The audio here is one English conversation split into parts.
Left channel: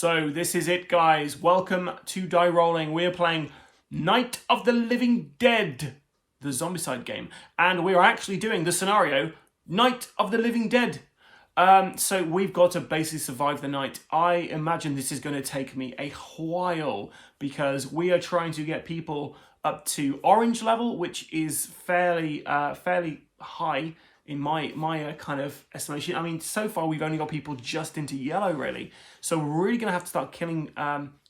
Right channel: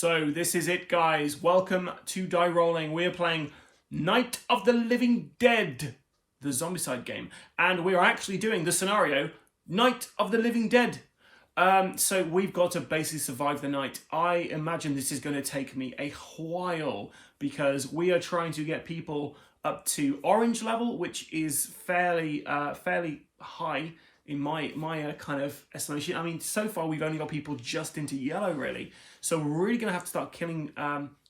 So this is it, guys. Welcome to Die Rolling. We are playing Night of the Living Dead, the Zombicide game. And we are actually doing the scenario, Night of the Living Dead. So we've got to basically survive the night. I imagine this is going to take me a while because we are trying to get people up to orange level, which is fairly high in my kind of estimation. I mean, so far we've only got people just into yellow, really. So we're really going to have to start killing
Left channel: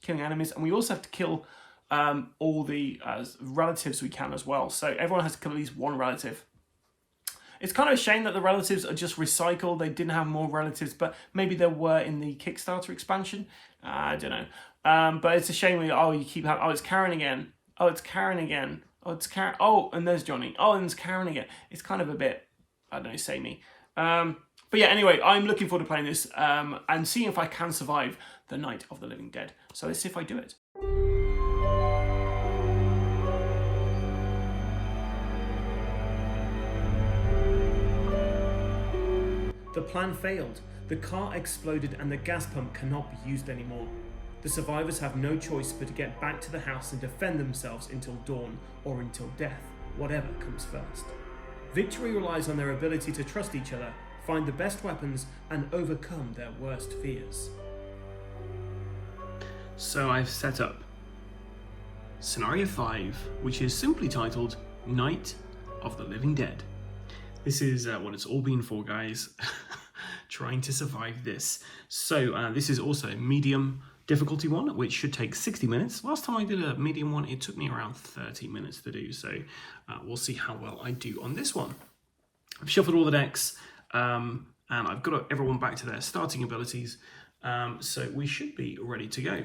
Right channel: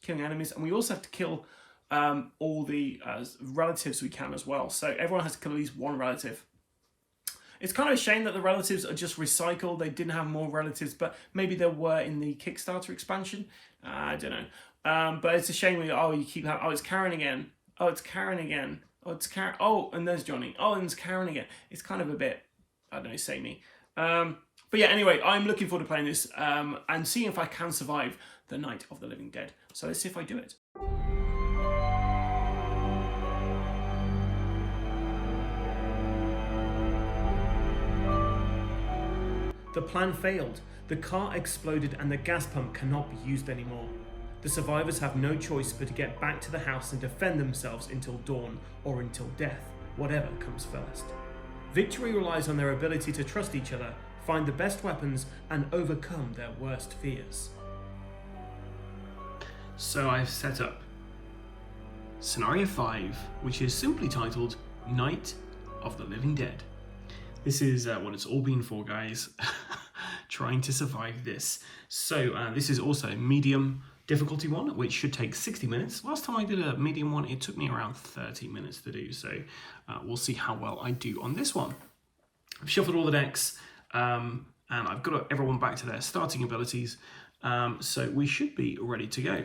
enemies, and we also have to kill all the relatives we can as well. So everyone has to kill at least one relative. It's kind of a shame that the relatives are just recycled. They didn't have more relatives, but maybe there were in the Kickstarter expansion. I don't know. But it's a shame. You keep having, it's Karen again. Oh, it's Karen again. Oh, it's Karen. Oh, and there's Johnny. Oh, and there's Karen again. It's kind of a bit, I don't know, samey. But yeah, anyway, I'm looking forward to playing this and seeing if I can survive the Night of the Living Dead. So let's see if I do it. The plan failed. The car exploded and the gas pump cannot be used anymore. The survivors have no choice but to get back to the house and defend themselves until dawn or until death, whatever comes first. Victory relies on their ability to trust each other, find the best weapons, and overcome their worst fears. So I've set up Scenario 5, which is simply titled Night of the Living Dead. This is what it's all been for, guys. Trying to survive this. So this is also a medium difficulty one, which should take 60 minutes. Last time I did a medium one, it took me around 30 minutes to do. So we'll see how well I do on this one. I've shuffled all the decks and I've got everyone back to their starting abilities. So we should be ready to go.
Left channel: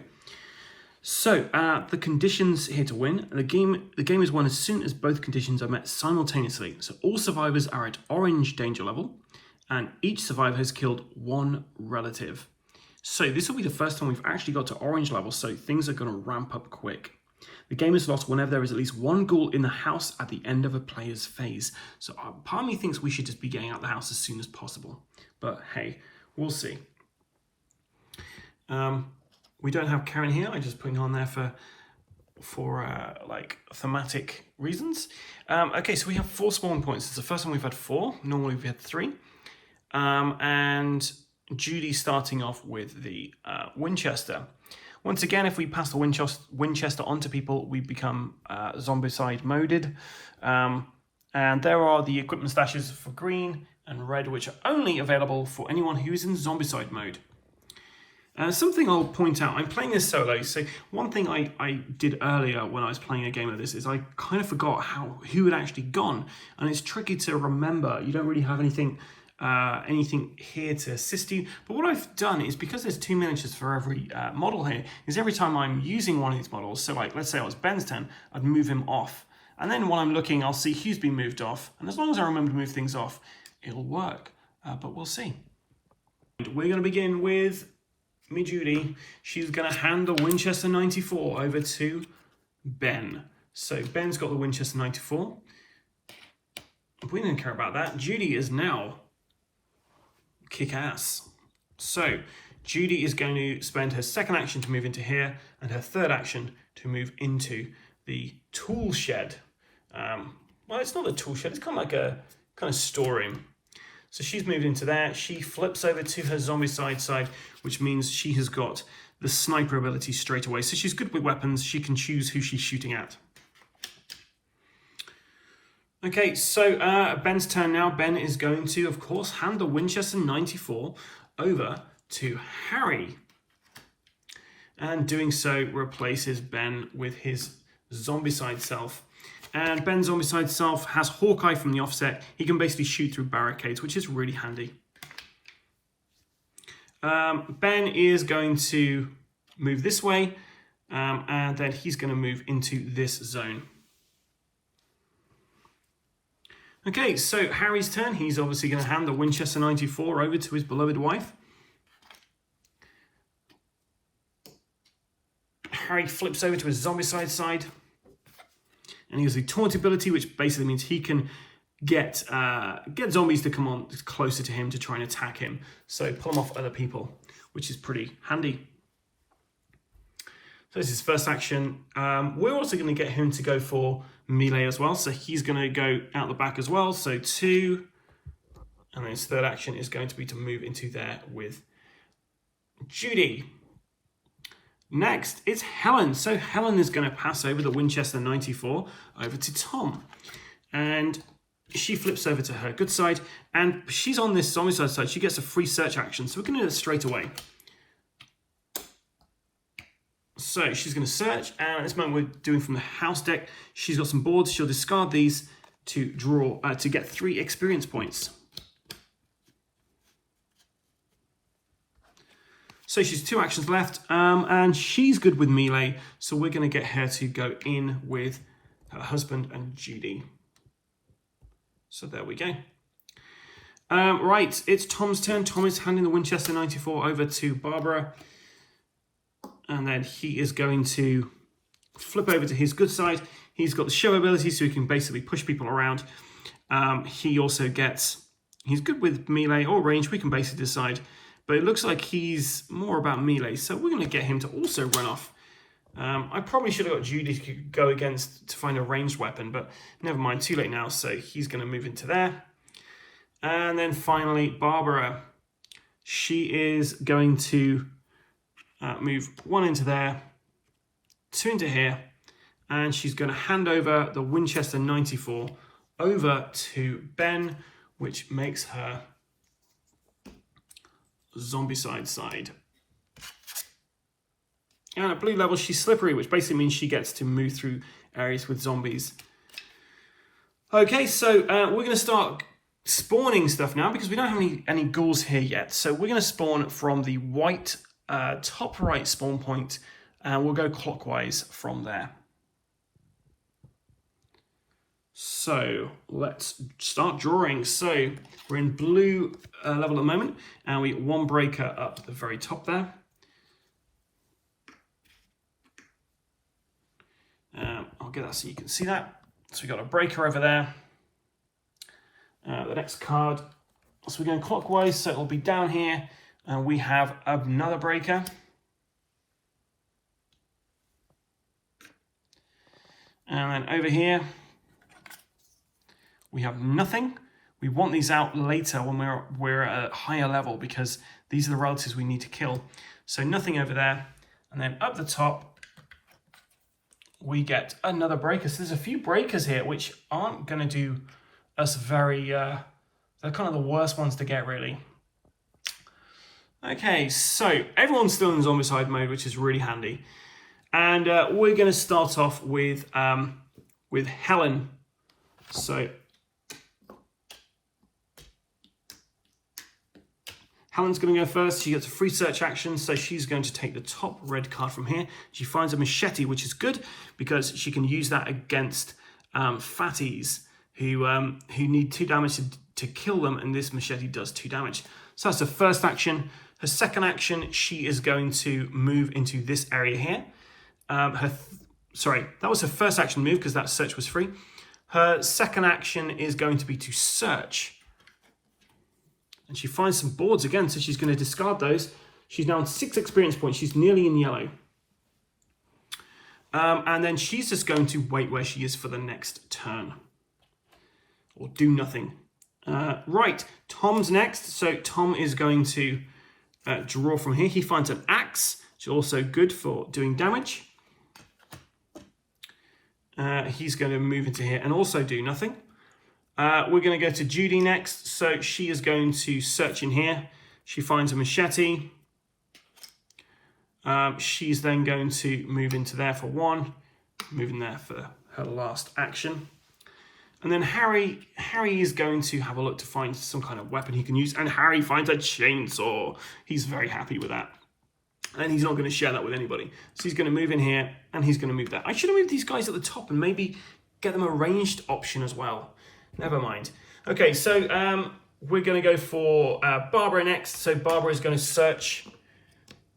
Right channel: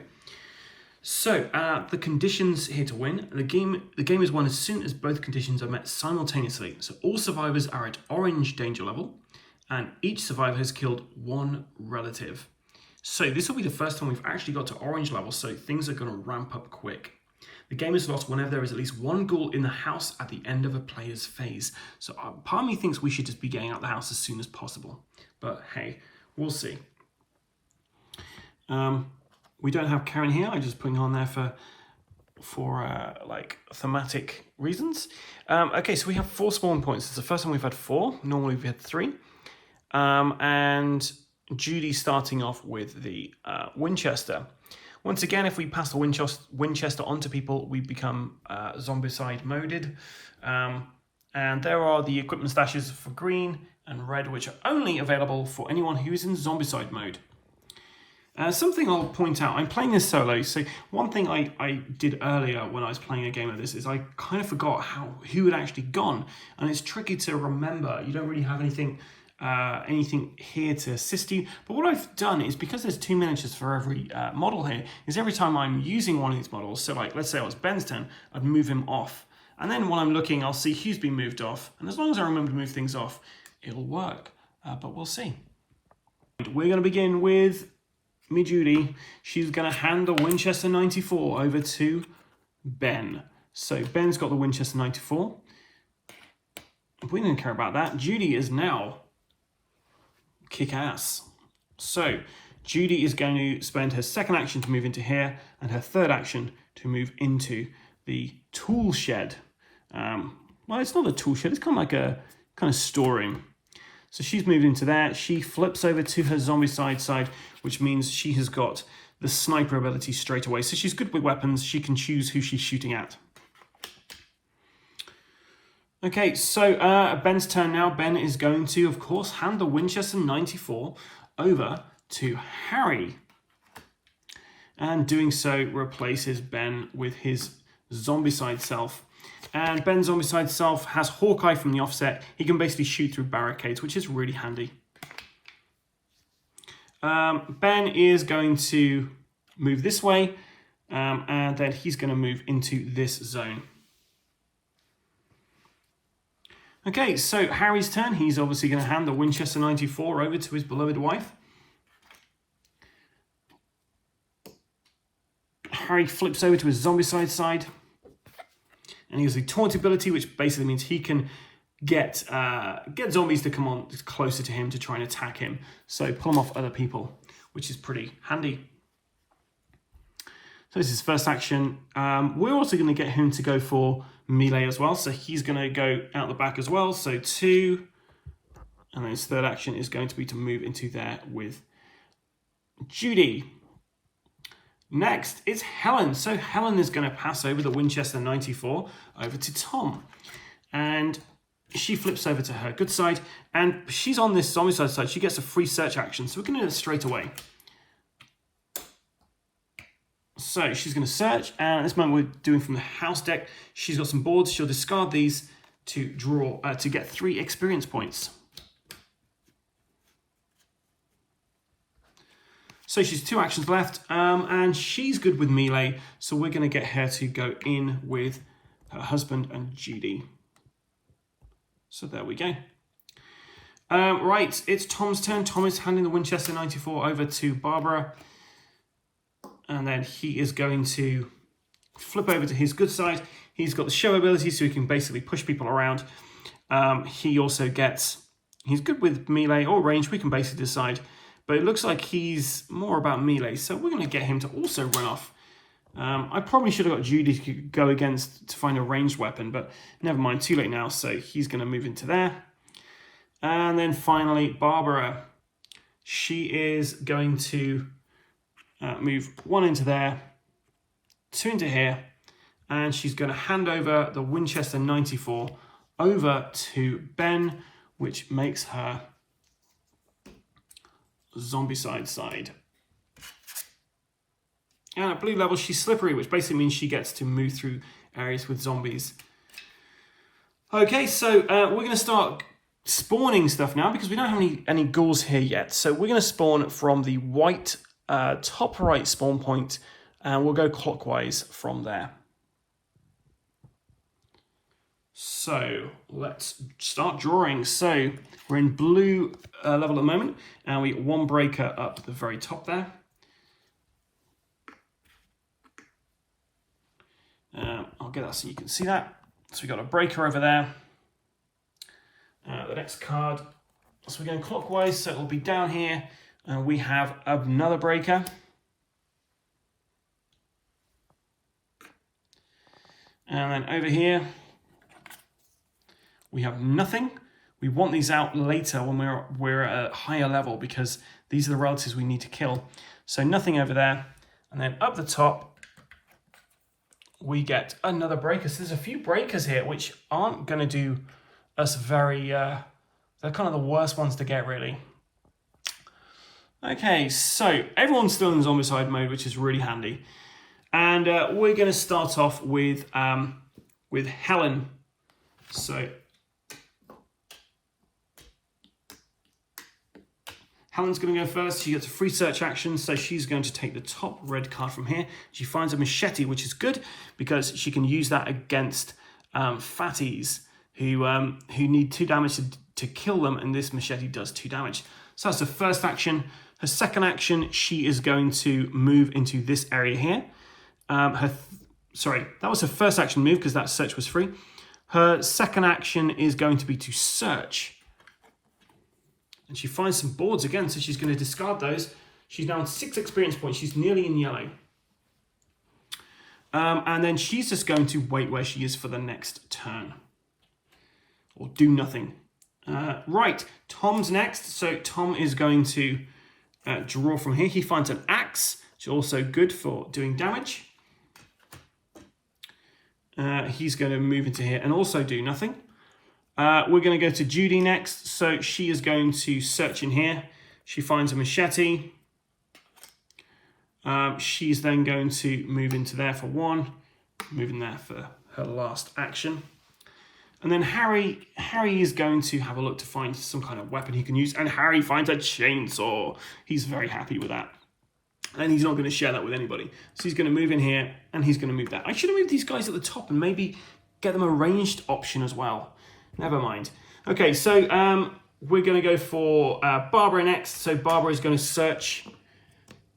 So the conditions here to win. The game is won as soon as both conditions are met simultaneously. So all survivors are at orange danger level, and each survivor has killed one relative. So this will be the first time we've actually got to orange level, so things are going to ramp up quick. The game is lost whenever there is at least one ghoul in the house at the end of a player's phase. So part of me thinks we should just be getting out the house as soon as possible. But hey, we'll see. We don't have Karen here. I'm just putting her on there for like thematic reasons. Okay, so we have 4 spawn points. It's the first time we've had 4. Normally we've had 3. And Judy starting off with the Winchester. Once again, if we pass the Winchester onto people, we become Zombicide moded. And there are the equipment stashes for green and red, which are only available for anyone who is in Zombicide mode. Something I'll point out, I'm playing this solo, so one thing I did earlier when I was playing a game of this is I kind of forgot who had actually gone, and it's tricky to remember. You don't really have anything here to assist you, but what I've done is, because there's 2 miniatures for every model here, is every time I'm using one of these models, so like let's say it was Ben's turn, I'd move him off, and then while I'm looking I'll see who's been moved off, and as long as I remember to move things off, it'll work, but we'll see. We're going to begin with me, Judy. She's going to hand the Winchester 94 over to Ben. So Ben's got the Winchester 94. We don't care about that. Judy is now kick ass. So Judy is going to spend her second action to move into here and her third action to move into the tool shed. Well, it's not a tool shed. It's kind of like a kind of storeroom. So she's moved into there. She flips over to her Zombicide side, which means she has got the sniper ability straight away. So she's good with weapons. She can choose who she's shooting at. Okay, so Ben's turn now. Ben is going to, of course, hand the Winchester 94 over to Harry. And doing so replaces Ben with his Zombicide self. And Ben's Zombicide self has Hawkeye from the offset. He can basically shoot through barricades, which is really handy. Ben is going to move this way, and then he's going to move into this zone. Okay, so Harry's turn. He's obviously going to hand the Winchester 94 over to his beloved wife. Harry flips over to his Zombicide side, and he has a taunt ability, which basically means he can get zombies to come on closer to him to try and attack him. So pull them off other people, which is pretty handy. So this is first action. We're also going to get him to go for melee as well. So he's going to go out the back as well. So 2. And then his third action is going to be to move into there with Judy. Next, it's Helen. So Helen is going to pass over the Winchester 94 over to Tom. And she flips over to her good side. And she's on this Zombicide side. She gets a free search action. So we're going to do it straight away. So she's going to search. And at this moment, we're doing from the house deck. She's got some boards. She'll discard these to draw to get 3 experience points. So she's 2 actions left, and she's good with melee, so we're going to get her to go in with her husband and Judy. So there we go. Right, it's Tom's turn. Tom is handing the Winchester 94 over to Barbara, and then he is going to flip over to his good side. He's got the show ability, so he can basically push people around. He also gets, he's good with melee or range. We can basically decide. But it looks like he's more about melee, so we're going to get him to also run off. I probably should have got Judy to go against to find a ranged weapon, but never mind, too late now, so he's going to move into there. And then finally, Barbara. She is going to move 1 into there, 2 into here, and she's going to hand over the Winchester 94 over to Ben, which makes her Zombicide side. And at blue level, she's slippery, which basically means she gets to move through areas with zombies. Okay, so we're going to start spawning stuff now because we don't have any ghouls here yet. So we're going to spawn from the white top right spawn point, and we'll go clockwise from there. So let's start drawing. So we're in blue level at the moment, and we get 1 breaker up at the very top there. I'll get that so you can see that. So we've got a breaker over there. The next card, so we're going clockwise, so it'll be down here, and we have another breaker. And then over here, we have nothing. We want these out later when we're at a higher level because these are the relatives we need to kill. So nothing over there. And then up the top, we get another breaker. So there's a few breakers here which aren't going to do us very... they're kind of the worst ones to get, really. Okay, so everyone's still in Zombicide mode, which is really handy. And we're going to start off with Helen. So... Helen's going to go first. She gets a free search action, so she's going to take the top red card from here. She finds a machete, which is good because she can use that against fatties who need 2 damage to kill them, and this machete does 2 damage. So that's the first action. Her second action, she is going to move into this area here. Sorry, that was her first action move because that search was free. Her second action is going to be to search. And she finds some boards again, so she's going to discard those. She's now on 6 experience points. She's nearly in yellow. And then she's just going to wait where she is for the next turn. Or do nothing. Right, Tom's next. So Tom is going to draw from here. He finds an axe, which is also good for doing damage. He's going to move into here and also do nothing. We're going to go to Judy next. So she is going to search in here. She finds a machete. She's then going to move into there for 1. Move in there for her last action. And then Harry is going to have a look to find some kind of weapon he can use. And Harry finds a chainsaw. He's very happy with that. And he's not going to share that with anybody. So he's going to move in here and he's going to move that. I should have moved these guys at the top and maybe get them a ranged option as well. Never mind. Okay, so we're going to go for Barbara next. So Barbara is going to search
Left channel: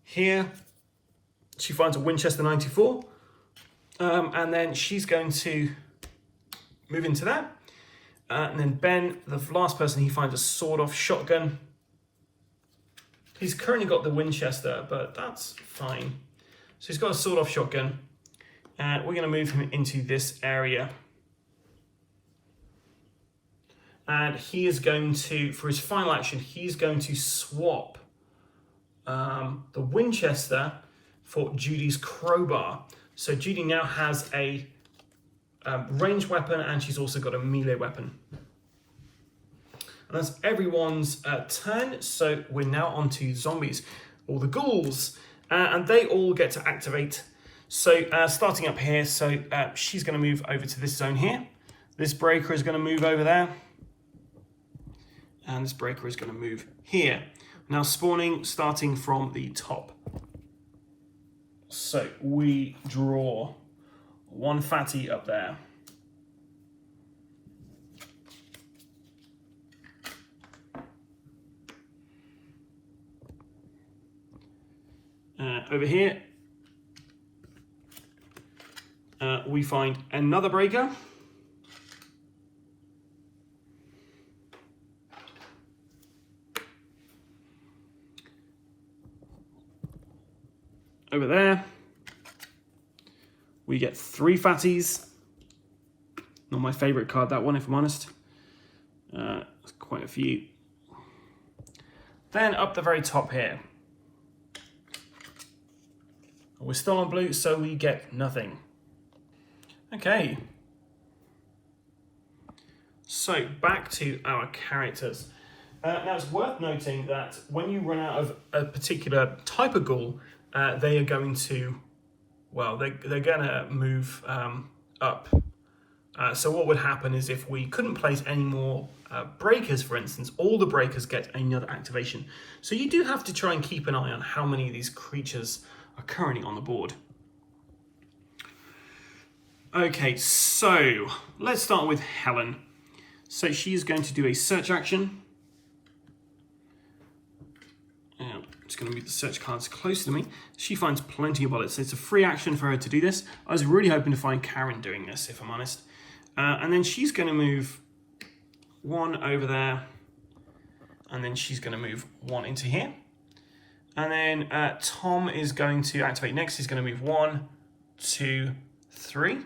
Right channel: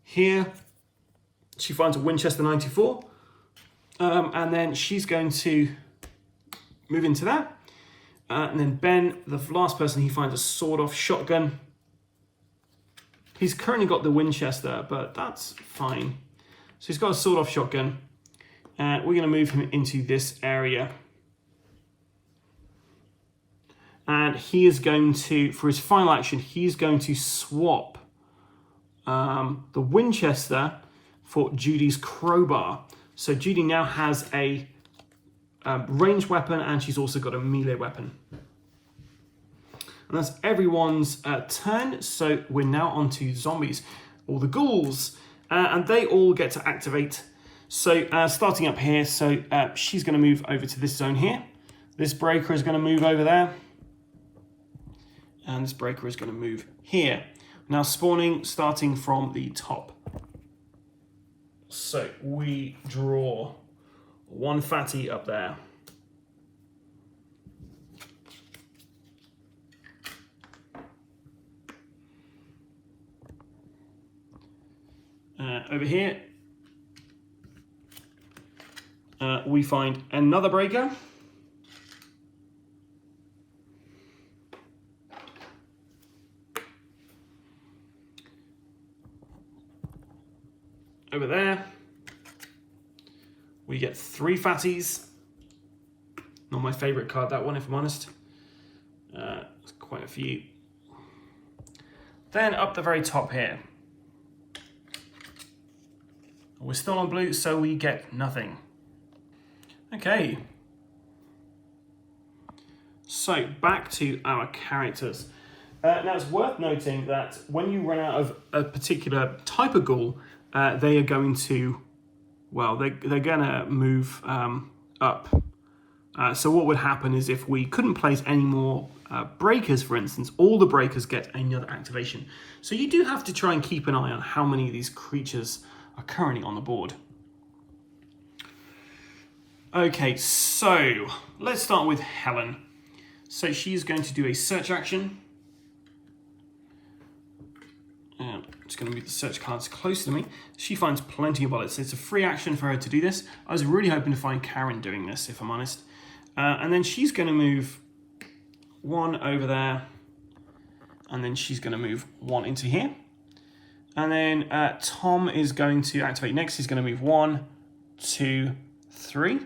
here. She finds a Winchester 94. And then she's going to move into that. And then Ben, the last person, he finds a sawed-off shotgun. He's currently got the Winchester, but that's fine. So he's got a sawed-off shotgun. We're going to move him into this area. And he is going to, for his final action, he's going to swap the Winchester for Judy's crowbar. So Judy now has a ranged weapon, and she's also got a melee weapon. And that's everyone's turn. So we're now on to zombies, or the ghouls, and they all get to activate. So starting up here, so she's going to move over to this zone here. This breaker is going to move over there. And this breaker is going to move here. Now spawning, starting from the top. So we draw one fatty up there. Over here, we find another breaker. Over there, we get 3 fatties. Not my favorite card, that one, if I'm honest. It's quite a few. Then up the very top here, we're still on blue, so we get nothing. Okay. So back to our characters. Now it's worth noting that when you run out of a particular type of ghoul, they are going to, well, they're going to move up. So what would happen is if we couldn't place any more breakers, for instance, all the breakers get another activation. So you do have to try and keep an eye on how many of these creatures are currently on the board. Okay, so let's start with Helen. So she's going to do a search action. I'm just going to move the search cards closer to me. She finds plenty of bullets. So it's a free action for her to do this. I was really hoping to find Karen doing this, if I'm honest. And then she's going to move 1 over there. And then she's going to move 1 into here. And then Tom is going to activate next. He's going to move 1, 2, 3.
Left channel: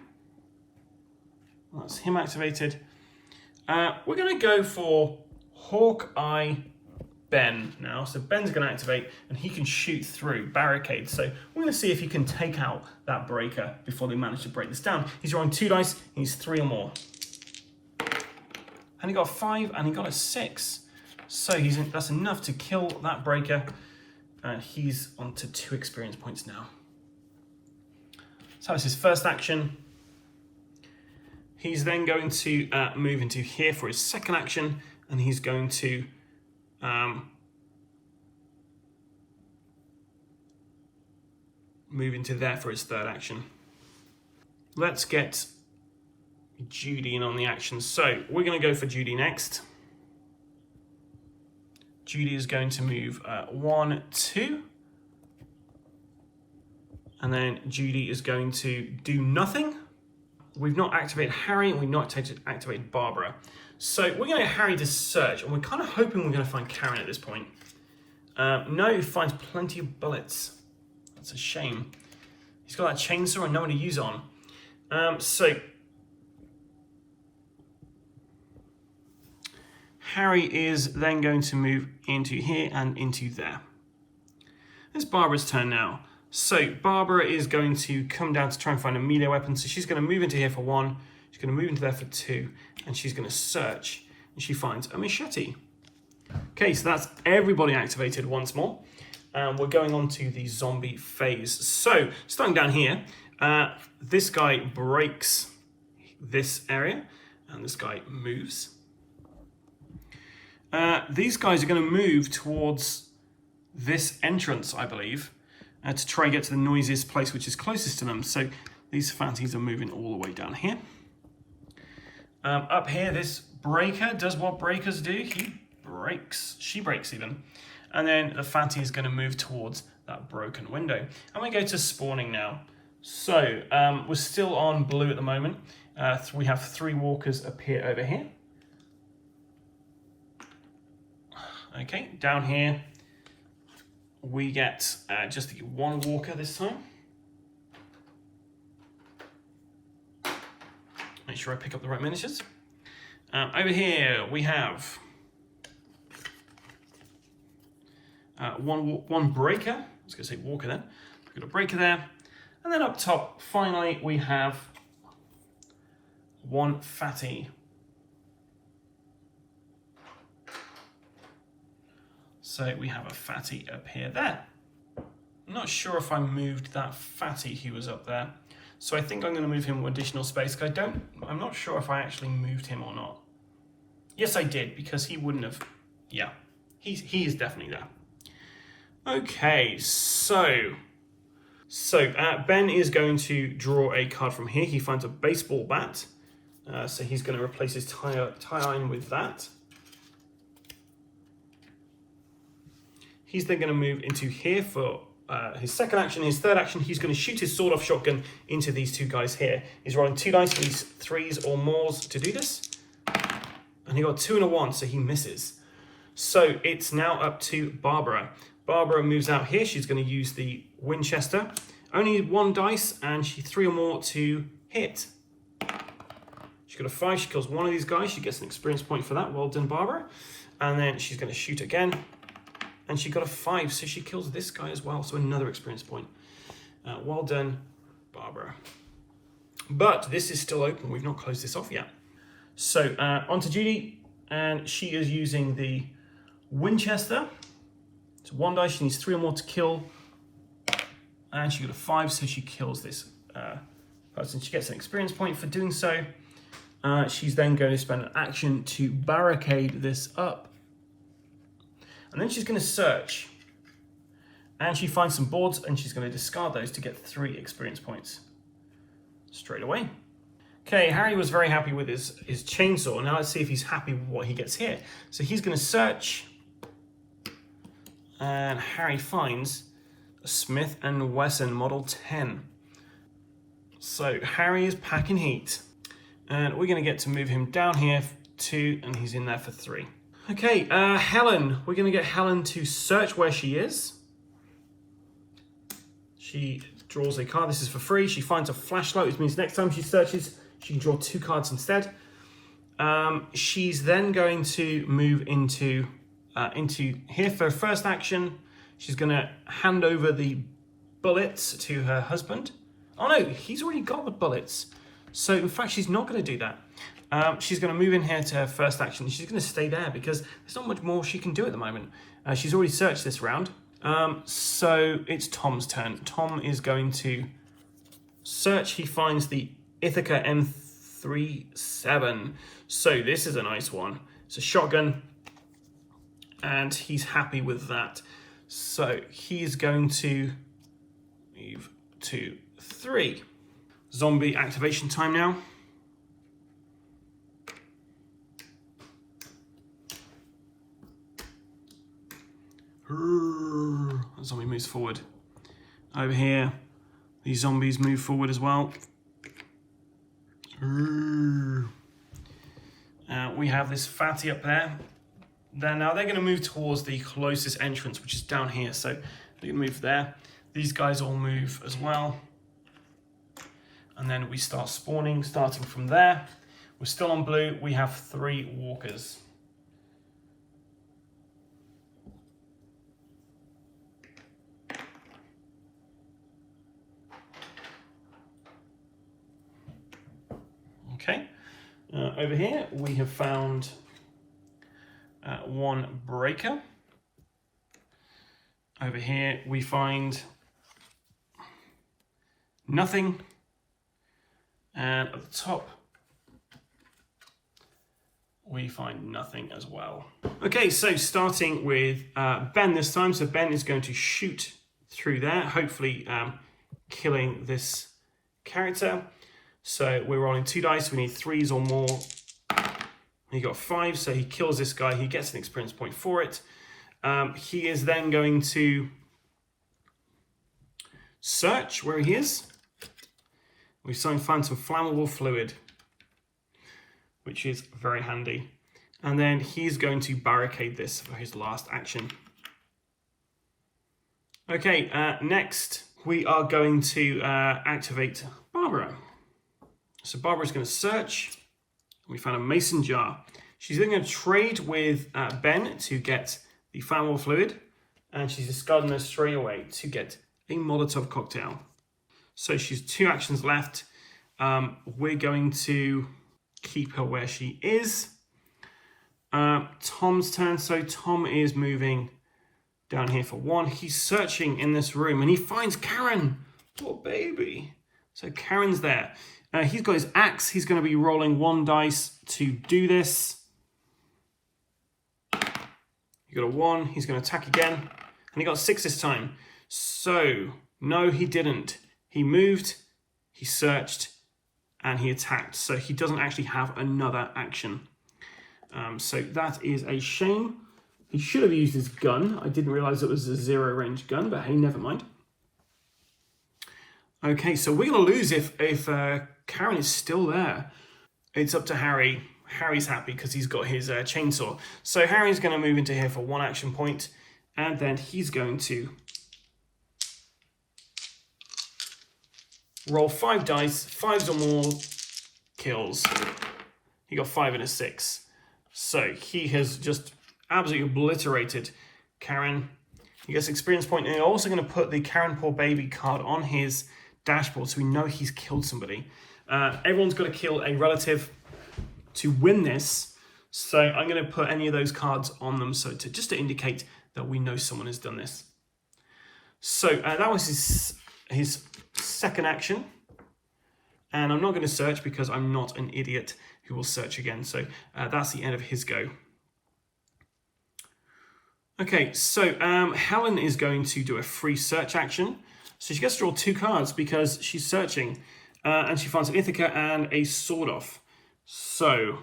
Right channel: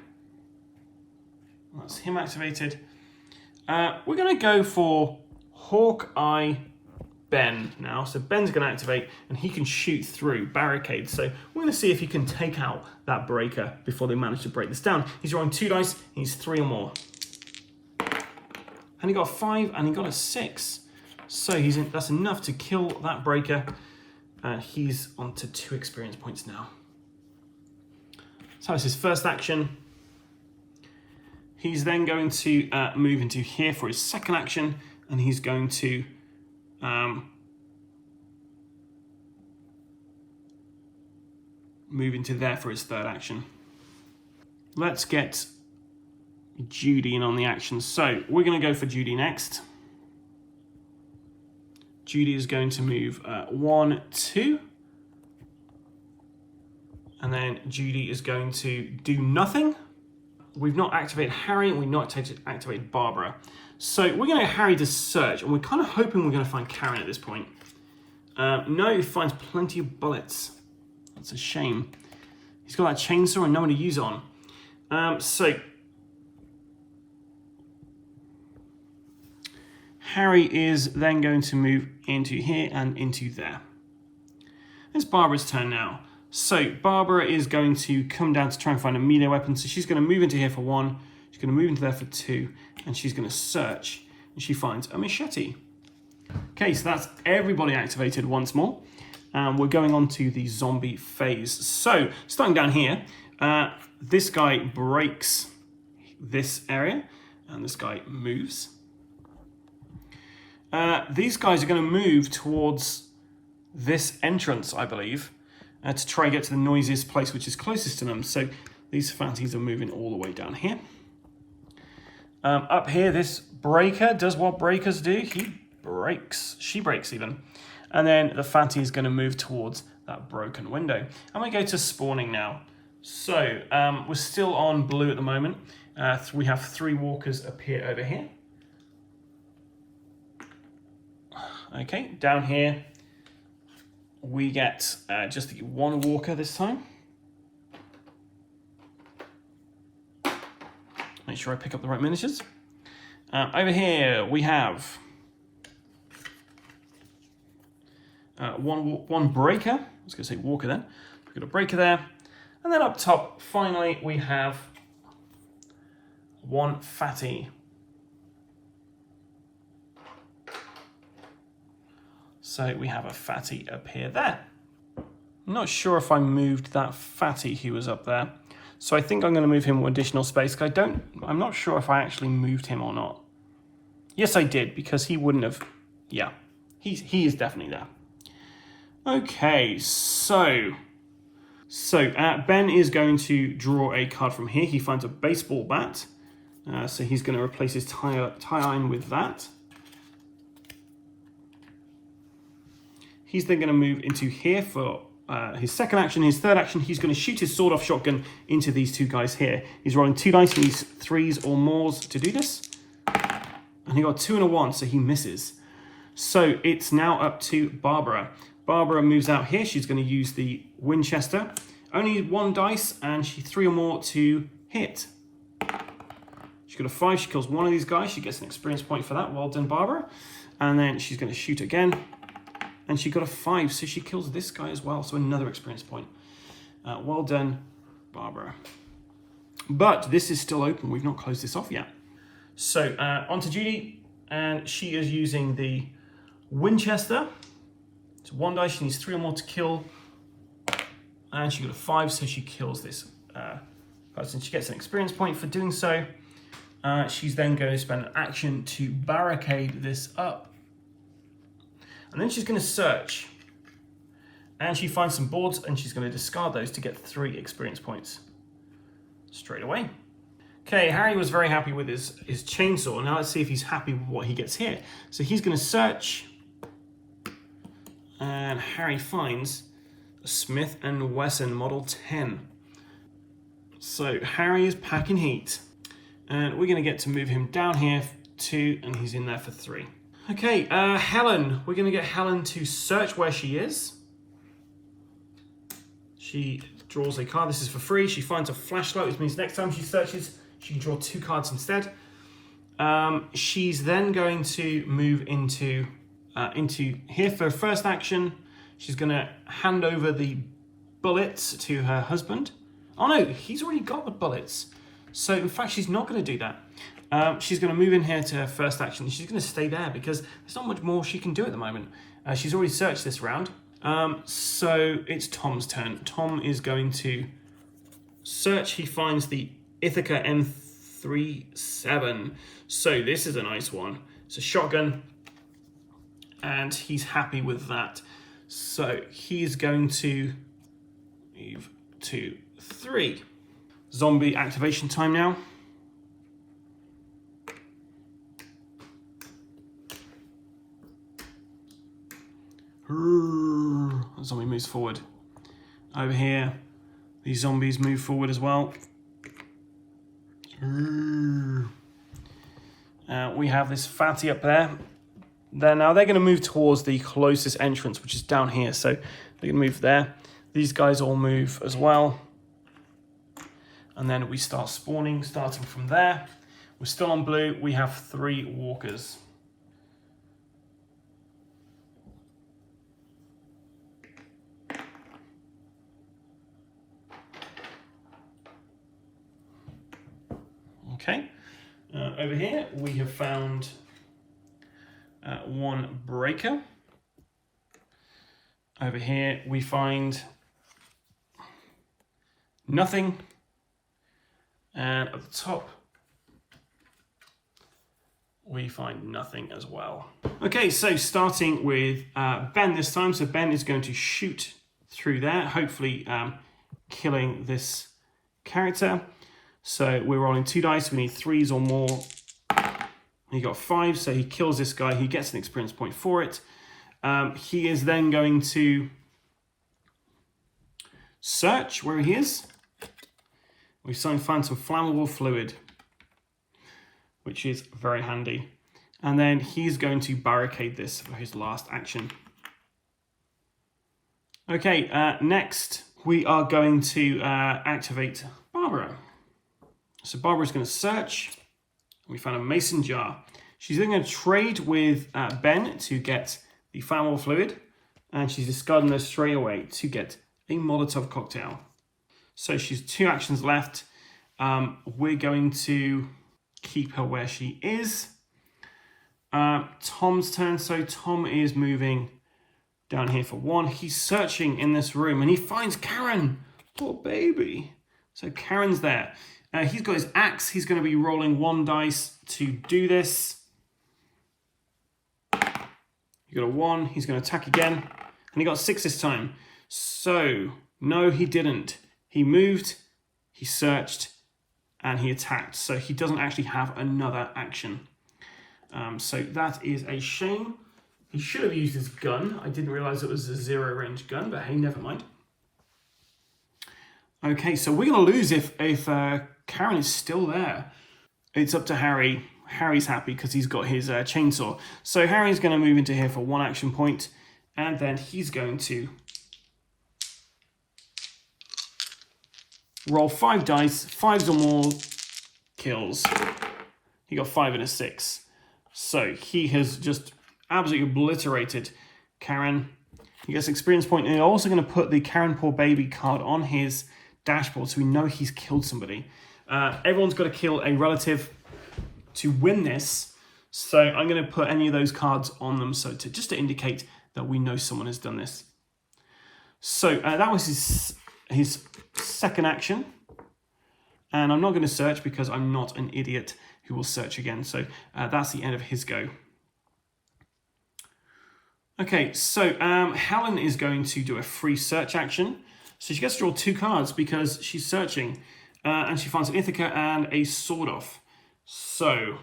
That's him activated. We're going to go for Hawkeye Ben now. So Ben's going to activate, and he can shoot through barricades. So we're going to see if he can take out that breaker before they manage to break this down. He's rolling 2 dice. He needs 3 or more. And he got a 5, and he got a 6. So that's enough to kill that breaker. He's on to 2 experience points now. So that's his first action. He's then going to move into here for his second action, and he's going to move into there for his third action. Let's get Judy in on the action. So we're going to go for Judy next. Judy is going to move 1, 2. And then Judy is going to do nothing. We've not activated Harry, and we've not activated Barbara. So we're going to get Harry to search, and we're kind of hoping we're going to find Karen at this point. No, he finds plenty of bullets. That's a shame. He's got that chainsaw and no one to use on. So Harry is then going to move into here and into there. It's Barbara's turn now. So Barbara is going to come down to try and find a melee weapon. So she's going to move into here for 1. She's going to move into there for 2. And she's going to search. And she finds a machete. Okay, so that's everybody activated once more. And we're going on to the zombie phase. So starting down here, this guy breaks this area. And this guy moves. These guys are going to move towards this entrance, I believe. To try and get to the noisiest place which is closest to them. So these fatties are moving all the way down here. Up here, this breaker does what breakers do. He breaks. She breaks even. And then the fatty is going to move towards that broken window. And we go to spawning now. So we're still on blue at the moment. We have 3 walkers appear over here. Okay, down here. We get just the 1 walker this time. Make sure I pick up the right miniatures. Over here we have one breaker. I was going to say walker then. We've got a breaker there. And then up top, finally, we have one fatty. So we have a fatty up here there. I'm not sure if I moved that fatty who was up there. So I think I'm going to move him with additional space. I'm not sure if I actually moved him or not. Yes, I did, because he wouldn't have. Yeah, he is definitely there. Okay, so Ben is going to draw a card from here. He finds a baseball bat. So he's going to replace his tie iron with that. He's then going to move into here for his second action. His third action, he's going to shoot his sawed-off shotgun into these two guys here. He's rolling 2 dice, he needs 3s or mores to do this. And he got 2 and a 1, so he misses. So it's now up to Barbara. Barbara moves out here. She's going to use the Winchester. Only 1 dice, and she 3 or more to hit. She's got a 5. She kills one of these guys. She gets an experience point for that. Well done, Barbara. And then she's going to shoot again. And she got a 5, so she kills this guy as well. So another experience point. Well done, Barbara. But this is still open. We've not closed this off yet. So on to Judy. And she is using the Winchester. So 1 dice. She needs 3 or more to kill. And she got a 5, so she kills this person. She gets an experience point for doing so. She's then going to spend an action to barricade this up. And then she's going to search. And she finds some boards, and she's going to discard those to get 3 experience points straight away. Okay, Harry was very happy with his chainsaw. Now let's see if he's happy with what he gets here. So he's going to search. And Harry finds a Smith & Wesson Model 10. So Harry is packing heat. And we're going to get to move him down here for 2, and he's in there for 3. Okay, Helen. We're going to get Helen to search where she is. She draws a card. This is for free. She finds a flashlight, which means next time she searches, she can draw 2 cards instead. She's then going to move into here for first action. She's going to hand over the bullets to her husband. Oh no, he's already got the bullets. So in fact, she's not going to do that. She's going to move in here to her first action. She's going to stay there because there's not much more she can do at the moment. She's already searched this round. So it's Tom's turn. Tom is going to search. He finds the Ithaca M37. So this is a nice one. It's a shotgun. And he's happy with that. So he's going to move to 3. Zombie activation time now. The zombie moves forward. Over here, these zombies move forward as well. We have this fatty up there. Now they're going to move towards the closest entrance, which is down here. So they're going to move there. These guys all move as well. And then we start spawning, starting from there. We're still on blue. We have 3 walkers. Okay. Over here, we have found 1 breaker. Over here, we find nothing. And at the top, we find nothing as well. Okay, so starting with Ben this time. So Ben is going to shoot through there, hopefully killing this character. So we're rolling 2 dice. We need 3s or more. He got 5, so he kills this guy. He gets an experience point for it. He is then going to search where he is. We find some flammable fluid, which is very handy. And then he's going to barricade this for his last action. Okay, next we are going to activate Barbara. So Barbara's going to search. We found a mason jar. She's then going to trade with Ben to get the flammable fluid, and she's discarding this straight away to get a Molotov cocktail. So she's 2 actions left. We're going to keep her where she is. Tom's turn. So Tom is moving down here for 1. He's searching in this room and he finds Karen. Poor baby. So Karen's there. He's got his axe. He's going to be rolling 1 dice to do this. He got a 1. He's going to attack again. And he got 6 this time. So, no, he didn't. He moved, he searched, and he attacked. So he doesn't actually have another action. So that is a shame. He should have used his gun. I didn't realize it was a 0 range gun, but hey, never mind. Okay, so we're going to lose if Karen is still there. It's up to Harry. Harry's happy because he's got his chainsaw. So Harry's going to move into here for 1 action point, and then he's going to roll 5 dice, 5s or more kills. He got 5 and a 6. So he has just absolutely obliterated Karen. He gets experience point, and I'm also going to put the Karen Poor Baby card on his dashboard so we know he's killed somebody. Everyone's got to kill a relative to win this. So I'm going to put any of those cards on them just to indicate that we know someone has done this. So that was his second action. And I'm not going to search because I'm not an idiot who will search again. So that's the end of his go. Okay, so Helen is going to do a free search action. So she gets to draw 2 cards because she's searching. And she finds an Ithaca and a sword off. So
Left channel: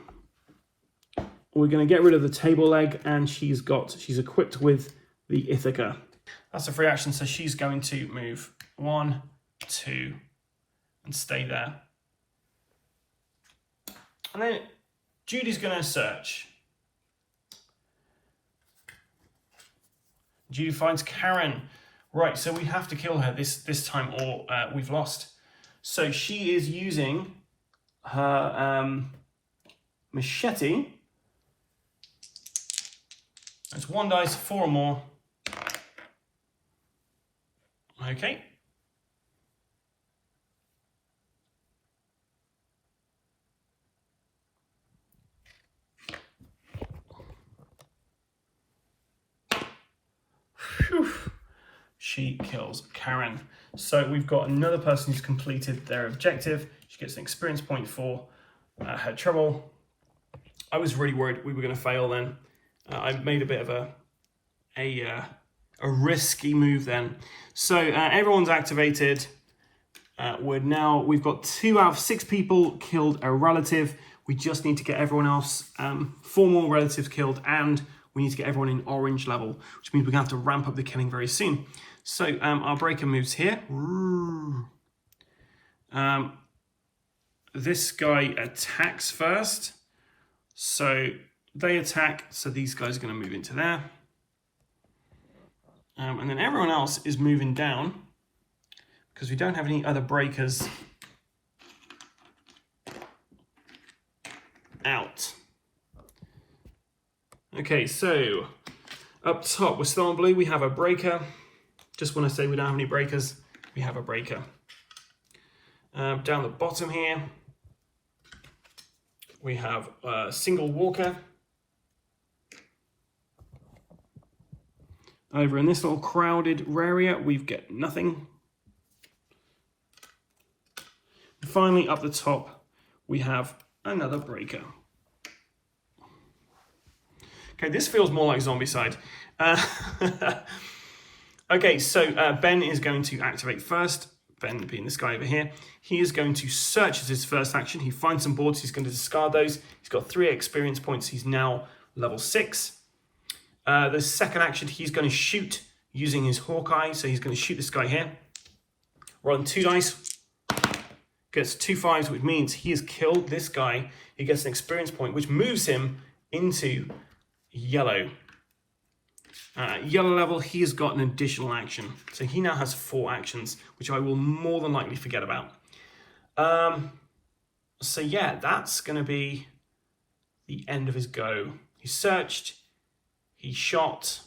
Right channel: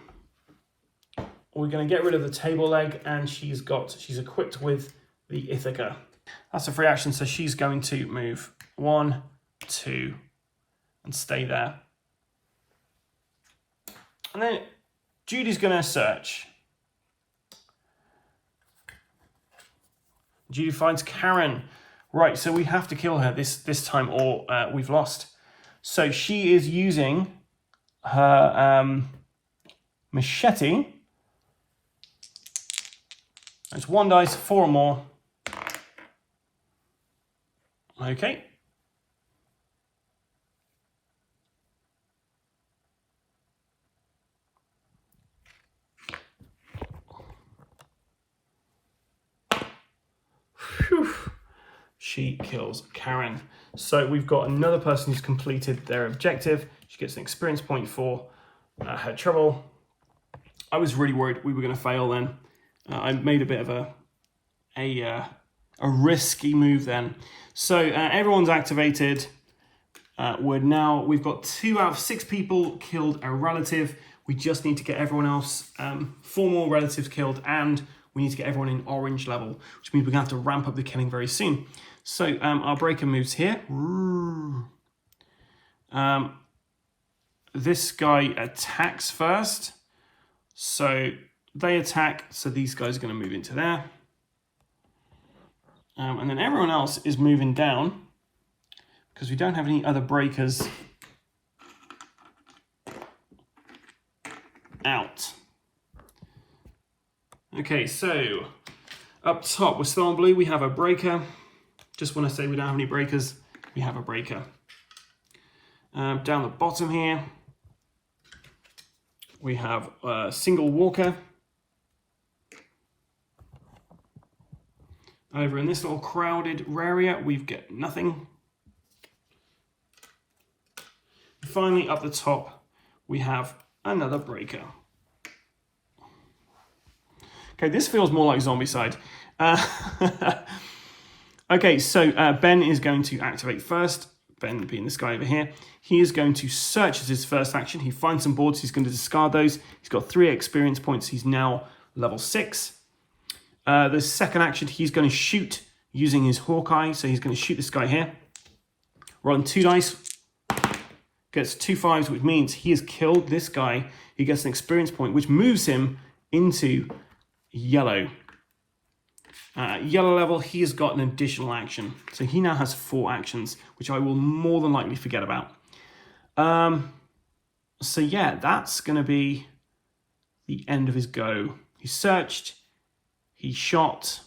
we're going to get rid of the table leg, and she's equipped with the Ithaca. That's a free action, so she's going to move 1, 2, and stay there. And then Judy's going to search. Judy finds Karen. Right, so we have to kill her this time, or we've lost. So she is using her machete. It's 1 dice, 4 or more. Okay. Whew. She kills Karen. So we've got another person who's completed their objective. She gets an experience point for her trouble. I was really worried we were going to fail then. I made a bit of a risky move then. So everyone's activated. We've got 2 out of 6 people killed a relative. We just need to get everyone else, 4 more relatives killed, and we need to get everyone in orange level, which means we're going to have to ramp up the killing very soon. So our breaker moves here. This guy attacks first. So they attack, so these guys are going to move into there. And then everyone else is moving down because we don't have any other breakers out. Okay, so up top, we're still on blue. We have a breaker. Just want to say we don't have any breakers. We have a breaker. Down the bottom here, we have a single walker. Over in this little crowded area, we've got nothing. Finally, up the top, we have another breaker. Okay, this feels more like Zombicide. Okay, so Ben is going to activate first. Ben being this guy over here. He is going to search as his first action. He finds some boards. He's going to discard those. He's got 3 experience points. He's now level 6. The second action, he's going to shoot using his Hawkeye. So he's going to shoot this guy here. Rolling 2 dice. Gets 2 5s, which means he has killed this guy. He gets an experience point, which moves him into yellow. Yellow level, he has got an additional action. So he now has 4 actions, which I will more than likely forget about. So yeah, that's going to be the end of his go. He searched, he shot.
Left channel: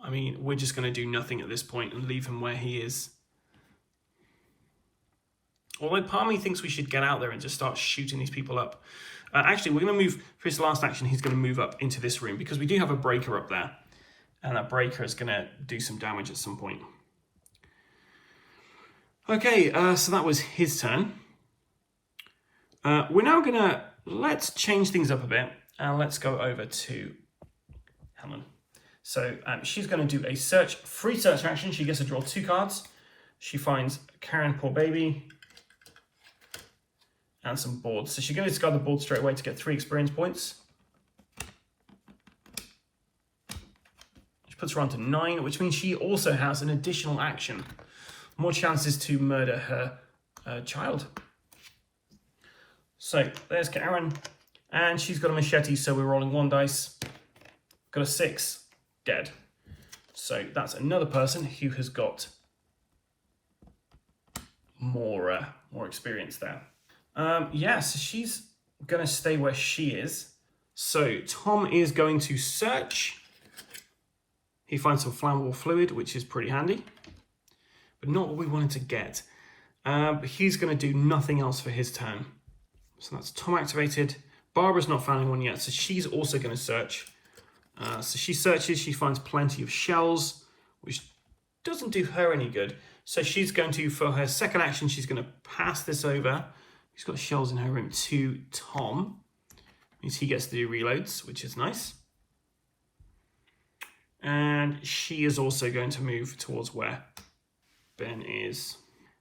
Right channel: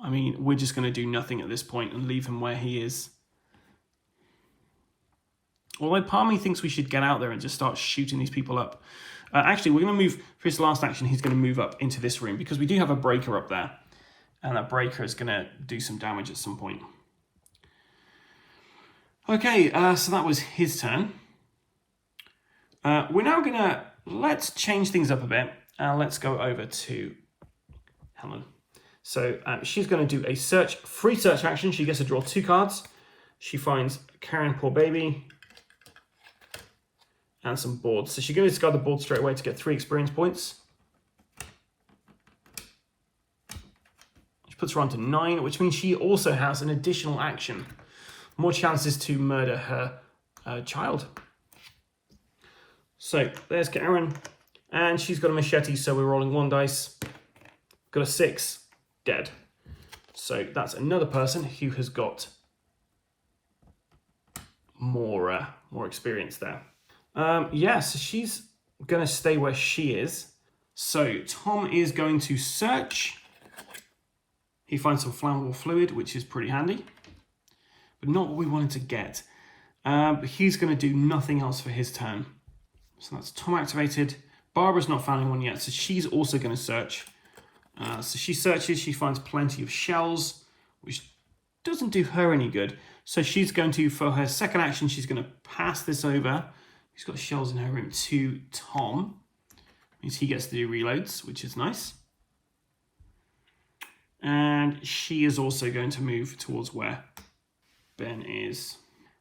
I mean, we're just going to do nothing at this point and leave him where he is. Although part of me thinks we should get out there and just start shooting these people up. Actually, we're going to move, for his last action, he's going to move up into this room because we do have a breaker up there. And that breaker is going to do some damage at some point. Okay, so that was his turn. We're now going to, let's change things up a bit. And let's go over to Helen. So she's going to do a search, free search action. She gets to draw 2 cards. She finds Karen, poor baby, and some boards. So she's going to discard the board straight away to get 3 experience points. Which puts her on to 9, which means she also has an additional action. More chances to murder her child. So there's Karen, and she's got a machete, so we're rolling 1 dice. Got a 6, dead. So that's another person who has got more experience there. Yeah, so she's going to stay where she is. So Tom is going to search. He finds some flammable fluid, which is pretty handy, but not what we wanted to get. But he's going to do nothing else for his turn. So that's Tom activated. Barbara's not found anyone yet, so she's also going to search. So she searches, she finds plenty of shells, which doesn't do her any good. So she's going to, for her second action, she's going to pass this over. She's got shells in her room to Tom. Means he gets to do reloads, which is nice. And she is also going to move towards where Ben is.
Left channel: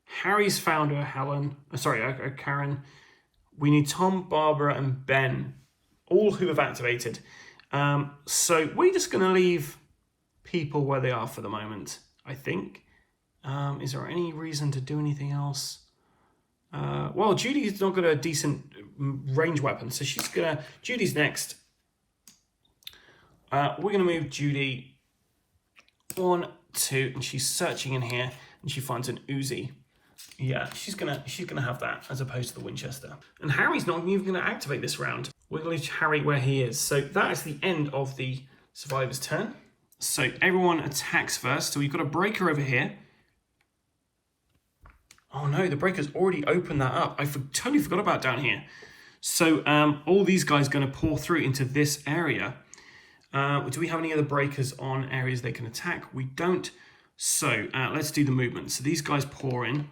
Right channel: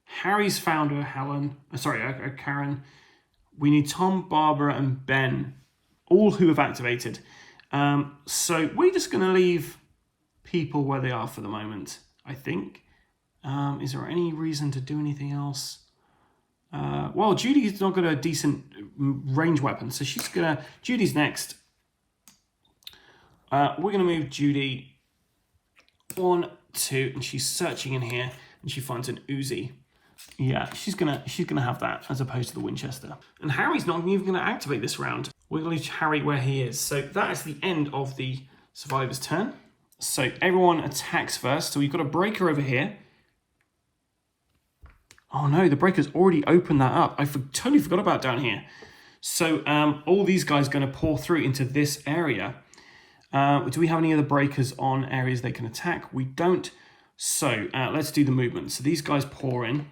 Harry's found her, Karen. We need Tom, Barbara, and Ben, all who have activated. So we're just going to leave people where they are for the moment, I think. Is there any reason to do anything else? Well, Judy's not got a decent range weapon, so Judy's next. We're going to move Judy 1, 2, and she's searching in here, and she finds an Uzi. Yeah, she's gonna have that as opposed to the Winchester. And Harry's not even gonna activate this round. We're gonna leave Harry where he is. So that is the end of the survivor's turn. So everyone attacks first. So we've got a breaker over here. Oh no, the breaker's already opened that up. I totally forgot about down here. So all these guys are gonna pour through into this area. Do we have any other breakers on areas they can attack? We don't. So let's do the movement. So these guys pour in.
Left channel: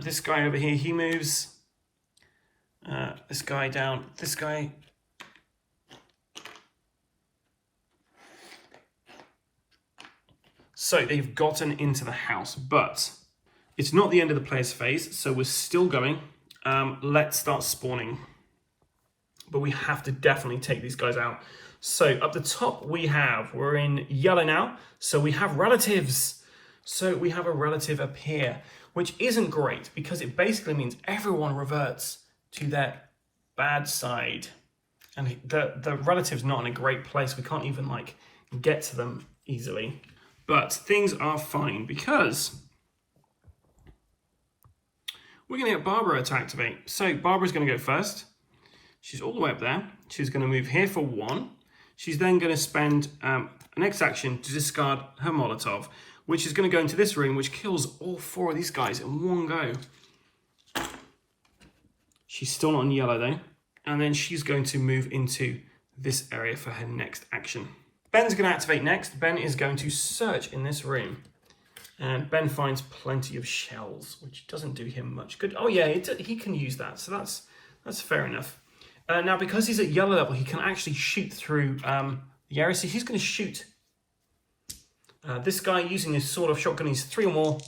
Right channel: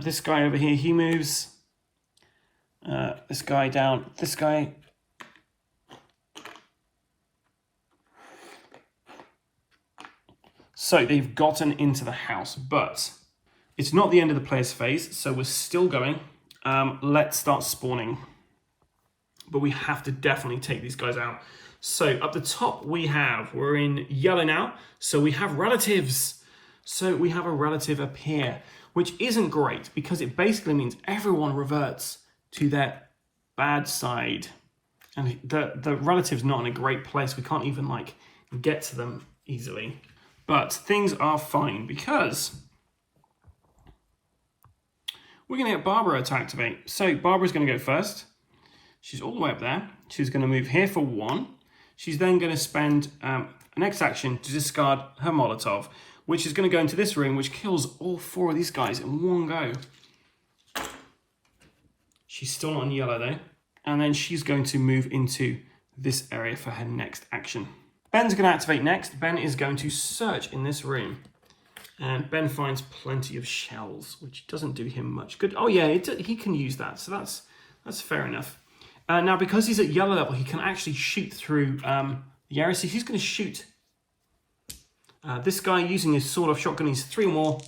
This guy over here, he moves. This guy down, this guy. So they've gotten into the house, but it's not the end of the player's phase, so we're still going. Let's start spawning. But we have to definitely take these guys out. So up the top we're in yellow now, so we have relatives. So we have a relative appear, which isn't great because it basically means everyone reverts to their bad side. And the relative's not in a great place. We can't even get to them easily. But things are fine because we're gonna get Barbara to activate. So Barbara's gonna go first. She's all the way up there. She's gonna move here for 1. She's then gonna spend a next action to discard her Molotov, which is going to go into this room, which kills all 4 of these guys in one go. She's still not on yellow though. And then she's going to move into this area for her next action. Ben's going to activate next. Ben is going to search in this room. And Ben finds plenty of shells, which doesn't do him much good. Oh yeah, he can use that, so that's fair enough. Now, because he's at yellow level, he can actually shoot through the area. So he's going to shoot this guy using his sword-off shotgun. He's 3 or more,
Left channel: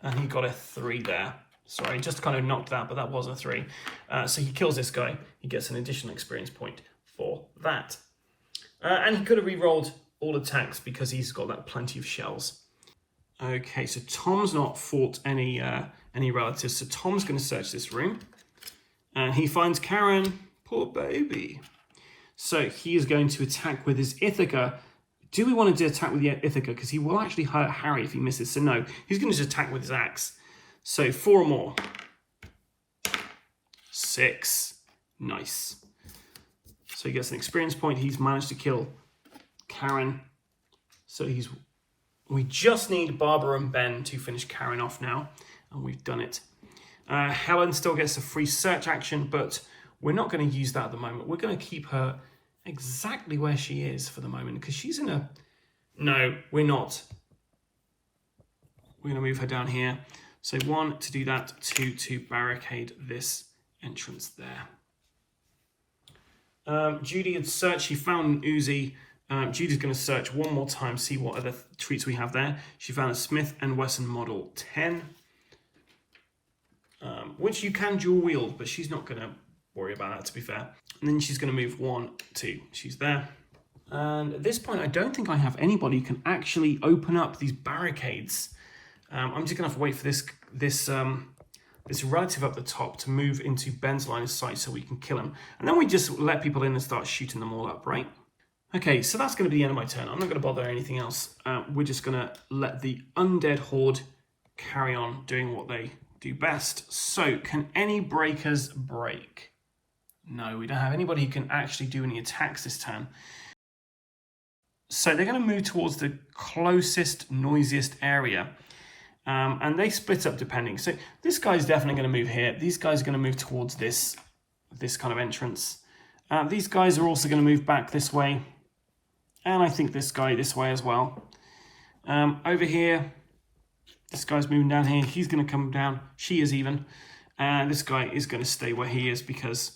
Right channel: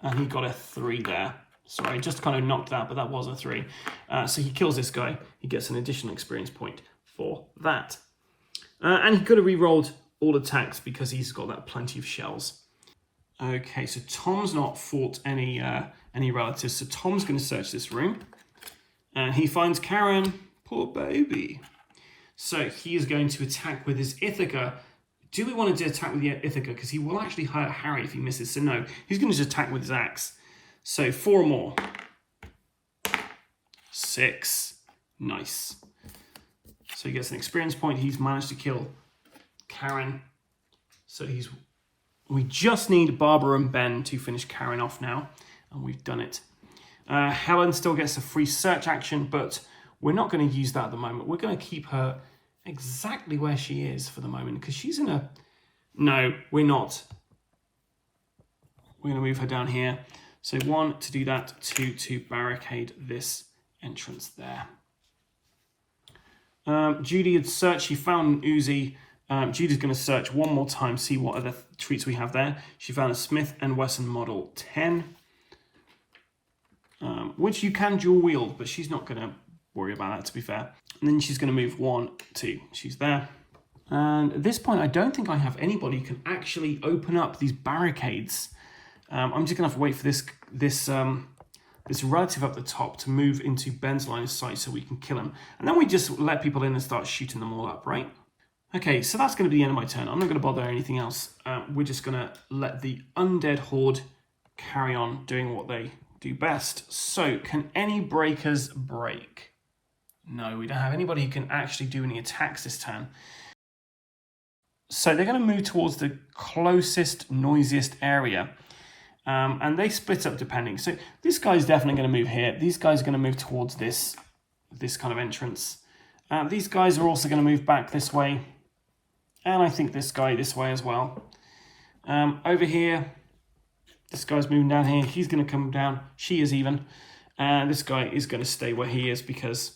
and he got a 3 there. Sorry, just kind of knocked that, but that was a 3. So he kills this guy. He gets an additional experience point for that. And he could have re-rolled all attacks because he's got that plenty of shells. Okay, so Tom's not fought any relatives, so Tom's going to search this room. And he finds Karen, poor baby. So he is going to attack with his Ithaca Do we want to attack with the Ithaca? Because he will actually hurt Harry if he misses. So no, he's going to just attack with his axe. So 4 or more. 6. Nice. So he gets an experience point. He's managed to kill Karen. So we just need Barbara and Ben to finish Karen off now. And we've done it. Helen still gets a free search action, but we're not going to use that at the moment. We're going to keep her exactly where she is for the moment, because she's in a... No, we're not. We're going to move her down here. So 1, to do that. 2, to barricade this entrance there. Judy had searched. She found an Uzi. Judy's going to search one more time, see what other treats we have there. She found a Smith & Wesson Model 10, which you can dual wield, but she's not going to worry about that, to be fair. And then she's going to move 1, 2. She's there. And at this point, I don't think I have anybody who can actually open up these barricades. I'm just going to have to wait for this relative up the top to move into Ben's line of sight so we can kill him. And then we just let people in and start shooting them all up, right? Okay, so that's going to be the end of my turn. I'm not going to bother anything else. We're just going to let the undead horde carry on doing what they do best. So, can any breakers break? No, we don't have anybody who can actually do any attacks this turn. So they're going to move towards the closest, noisiest area. And they split up depending. So this guy's definitely going to move here. These guys are going to move towards this kind of entrance. These guys are also going to move back this way. And I think this guy this way as well. Over here, this guy's moving down here. He's going to come down. She is even. And this guy is going to stay where he is because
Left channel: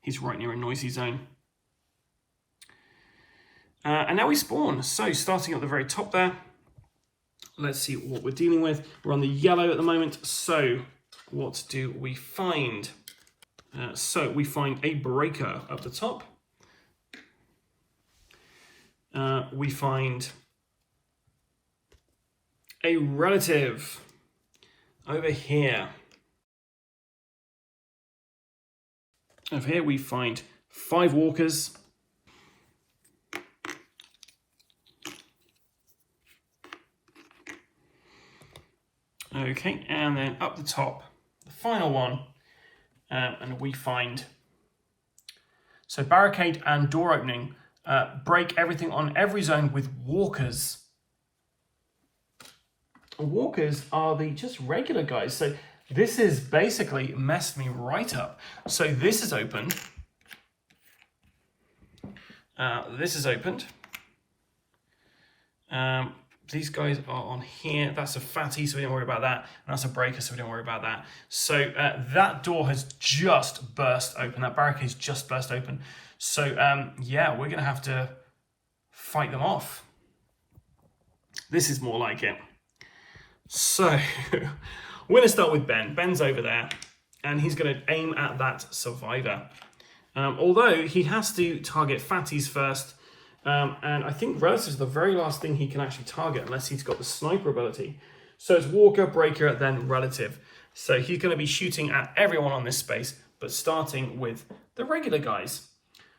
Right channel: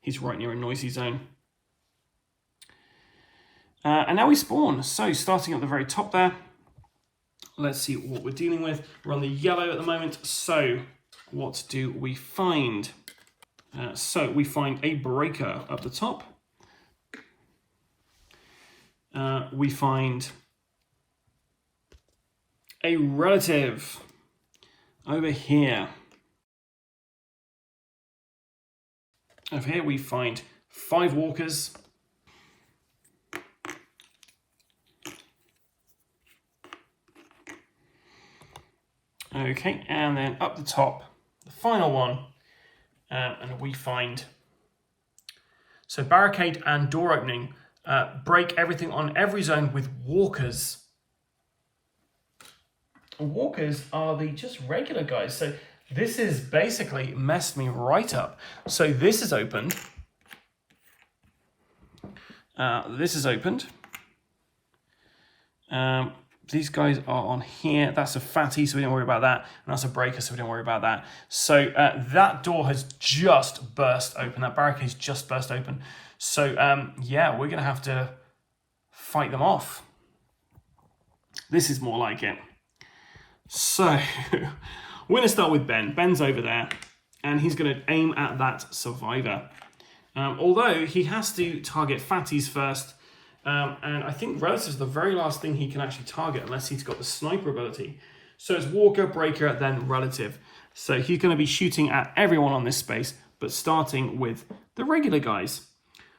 he's right near a noisy zone. And now we spawn. So starting at the very top there. Let's see what we're dealing with. We're on the yellow at the moment. So what do we find? So we find a breaker up the top. We find a relative over here. Over here we find 5 walkers. Okay, and then up the top, the final one, and we find, so barricade and door opening, break everything on every zone with walkers. Walkers are the just regular guys, so this is basically messed me right up. So this is opened. This is opened. These guys are on here. That's a fatty, so we don't worry about that. And that's a breaker, so we don't worry about that. So that door has just burst open. That barricade's just burst open. So yeah, we're going to have to fight them off. This is more like it. So we're going to start with Ben. Ben's over there, and he's going to aim at that survivor. Although he has to target fatties first. And I think relatives are the very last thing he can actually target unless he's got the sniper ability. So it's walker, breaker, then relative. So he's going to be shooting at everyone on this space, but starting with the regular guys.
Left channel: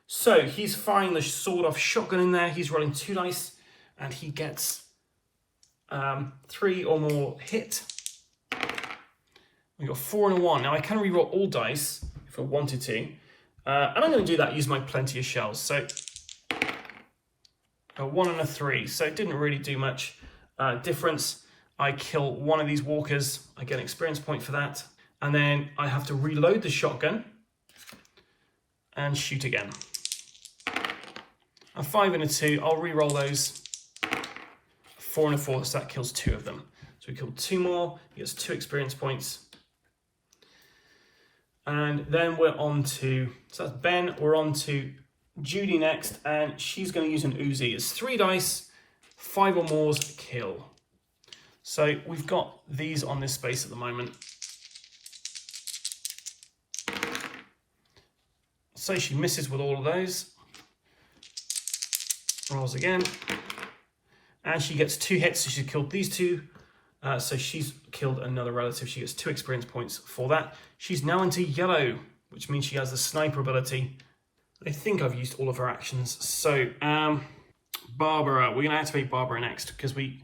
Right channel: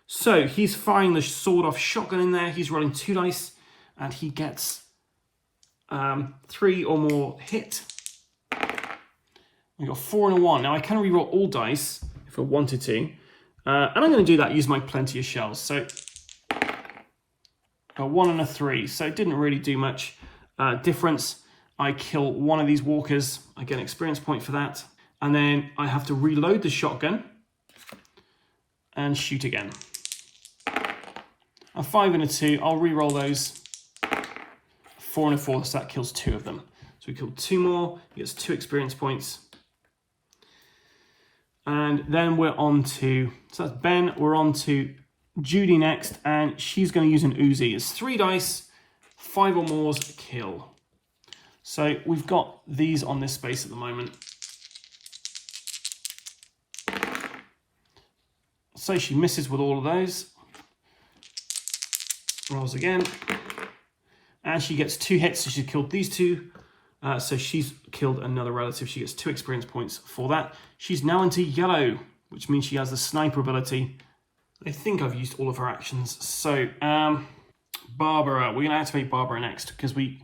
So he's firing the sawed-off shotgun in there. He's rolling 2 dice, and he gets 3 or more hit. We got 4 and a 1. Now I can reroll all dice if I wanted to. And I'm going to do that, use my plenty of shells. So a 1 and a 3, so it didn't really do much difference. I kill one of these walkers, I get an experience point for that, and then I have to reload the shotgun and shoot again. A 5 and a 2, I'll re-roll those. 4 and a 4, so that kills 2 of them. So we killed 2 more, he gets 2 experience points. And then we're on to, so that's Ben, we're on to Judy next, and she's going to use an Uzi. It's 3 dice, 5 or more's kill. So we've got these on this space at the moment. So she misses with all of those. Rolls again. And she gets 2 hits, so she's killed these 2. So she's killed another relative. She gets 2 experience points for that. She's now into yellow, which means she has the sniper ability. I think I've used all of her actions. So Barbara. We're going to activate Barbara next because we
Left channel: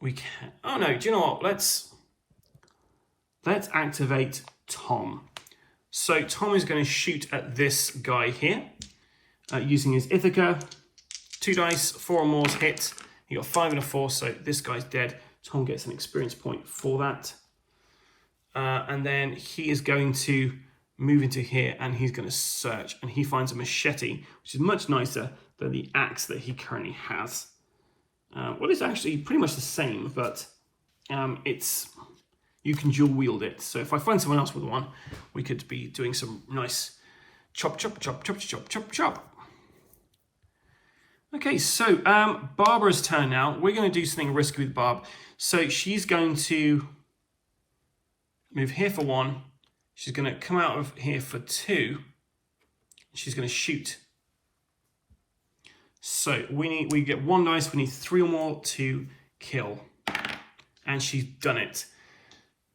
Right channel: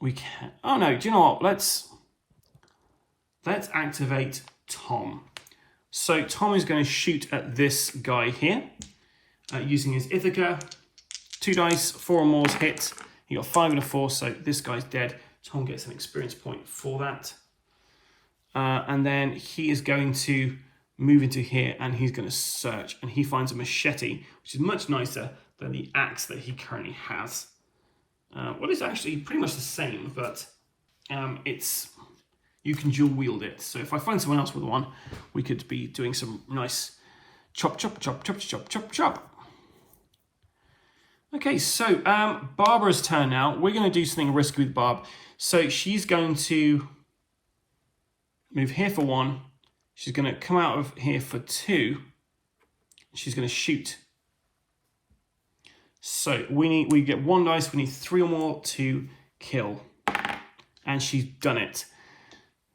can. Oh no, do you know what? Let's activate Tom. So Tom is going to shoot at this guy here using his Ithaca. 2 dice, 4 or more hit. He got 5 and a 4, so this guy's dead. Tom gets an experience point for that. And then he is going to move into here and he's going to search. And he finds a machete, which is much nicer than the axe that he currently has. Well, it's actually pretty much the same, but you can dual wield it. So if I find someone else with one, we could be doing some nice chop, chop, chop, chop, chop, chop, chop. Okay, so Barbara's turn now. We're going to do something risky with Barb. So she's going to move here for 1. She's going to come out of here for 2. She's going to shoot. So we get 1 dice. We need 3 or more to kill. And she's done it.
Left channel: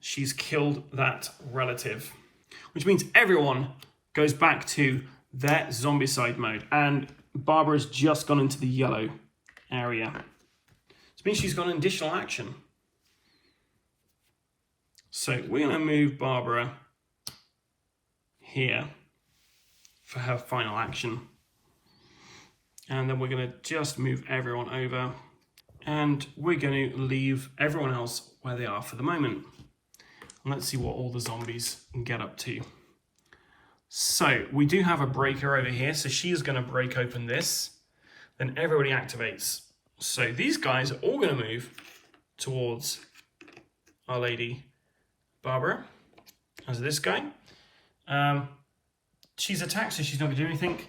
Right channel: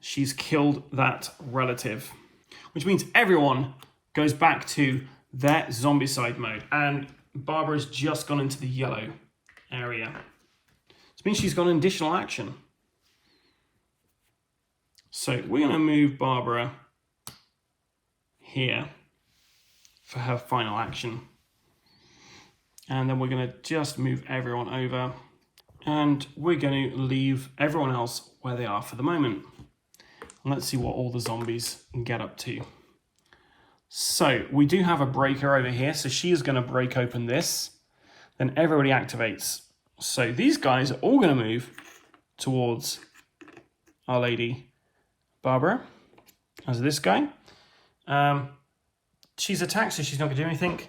She's killed that relative. Which means everyone goes back to their Zombicide mode. And Barbara's just gone into the yellow area. It means she's got an additional action. So we're going to move Barbara here for her final action. And then we're going to just move everyone over. And we're going to leave everyone else where they are for the moment. And let's see what all the zombies get up to. So we do have a breaker over here. So she is going to break open this. Then everybody activates. So these guys are all going to move towards Our Lady Barbara. As this guy. She's attacked, so she's not going to do anything.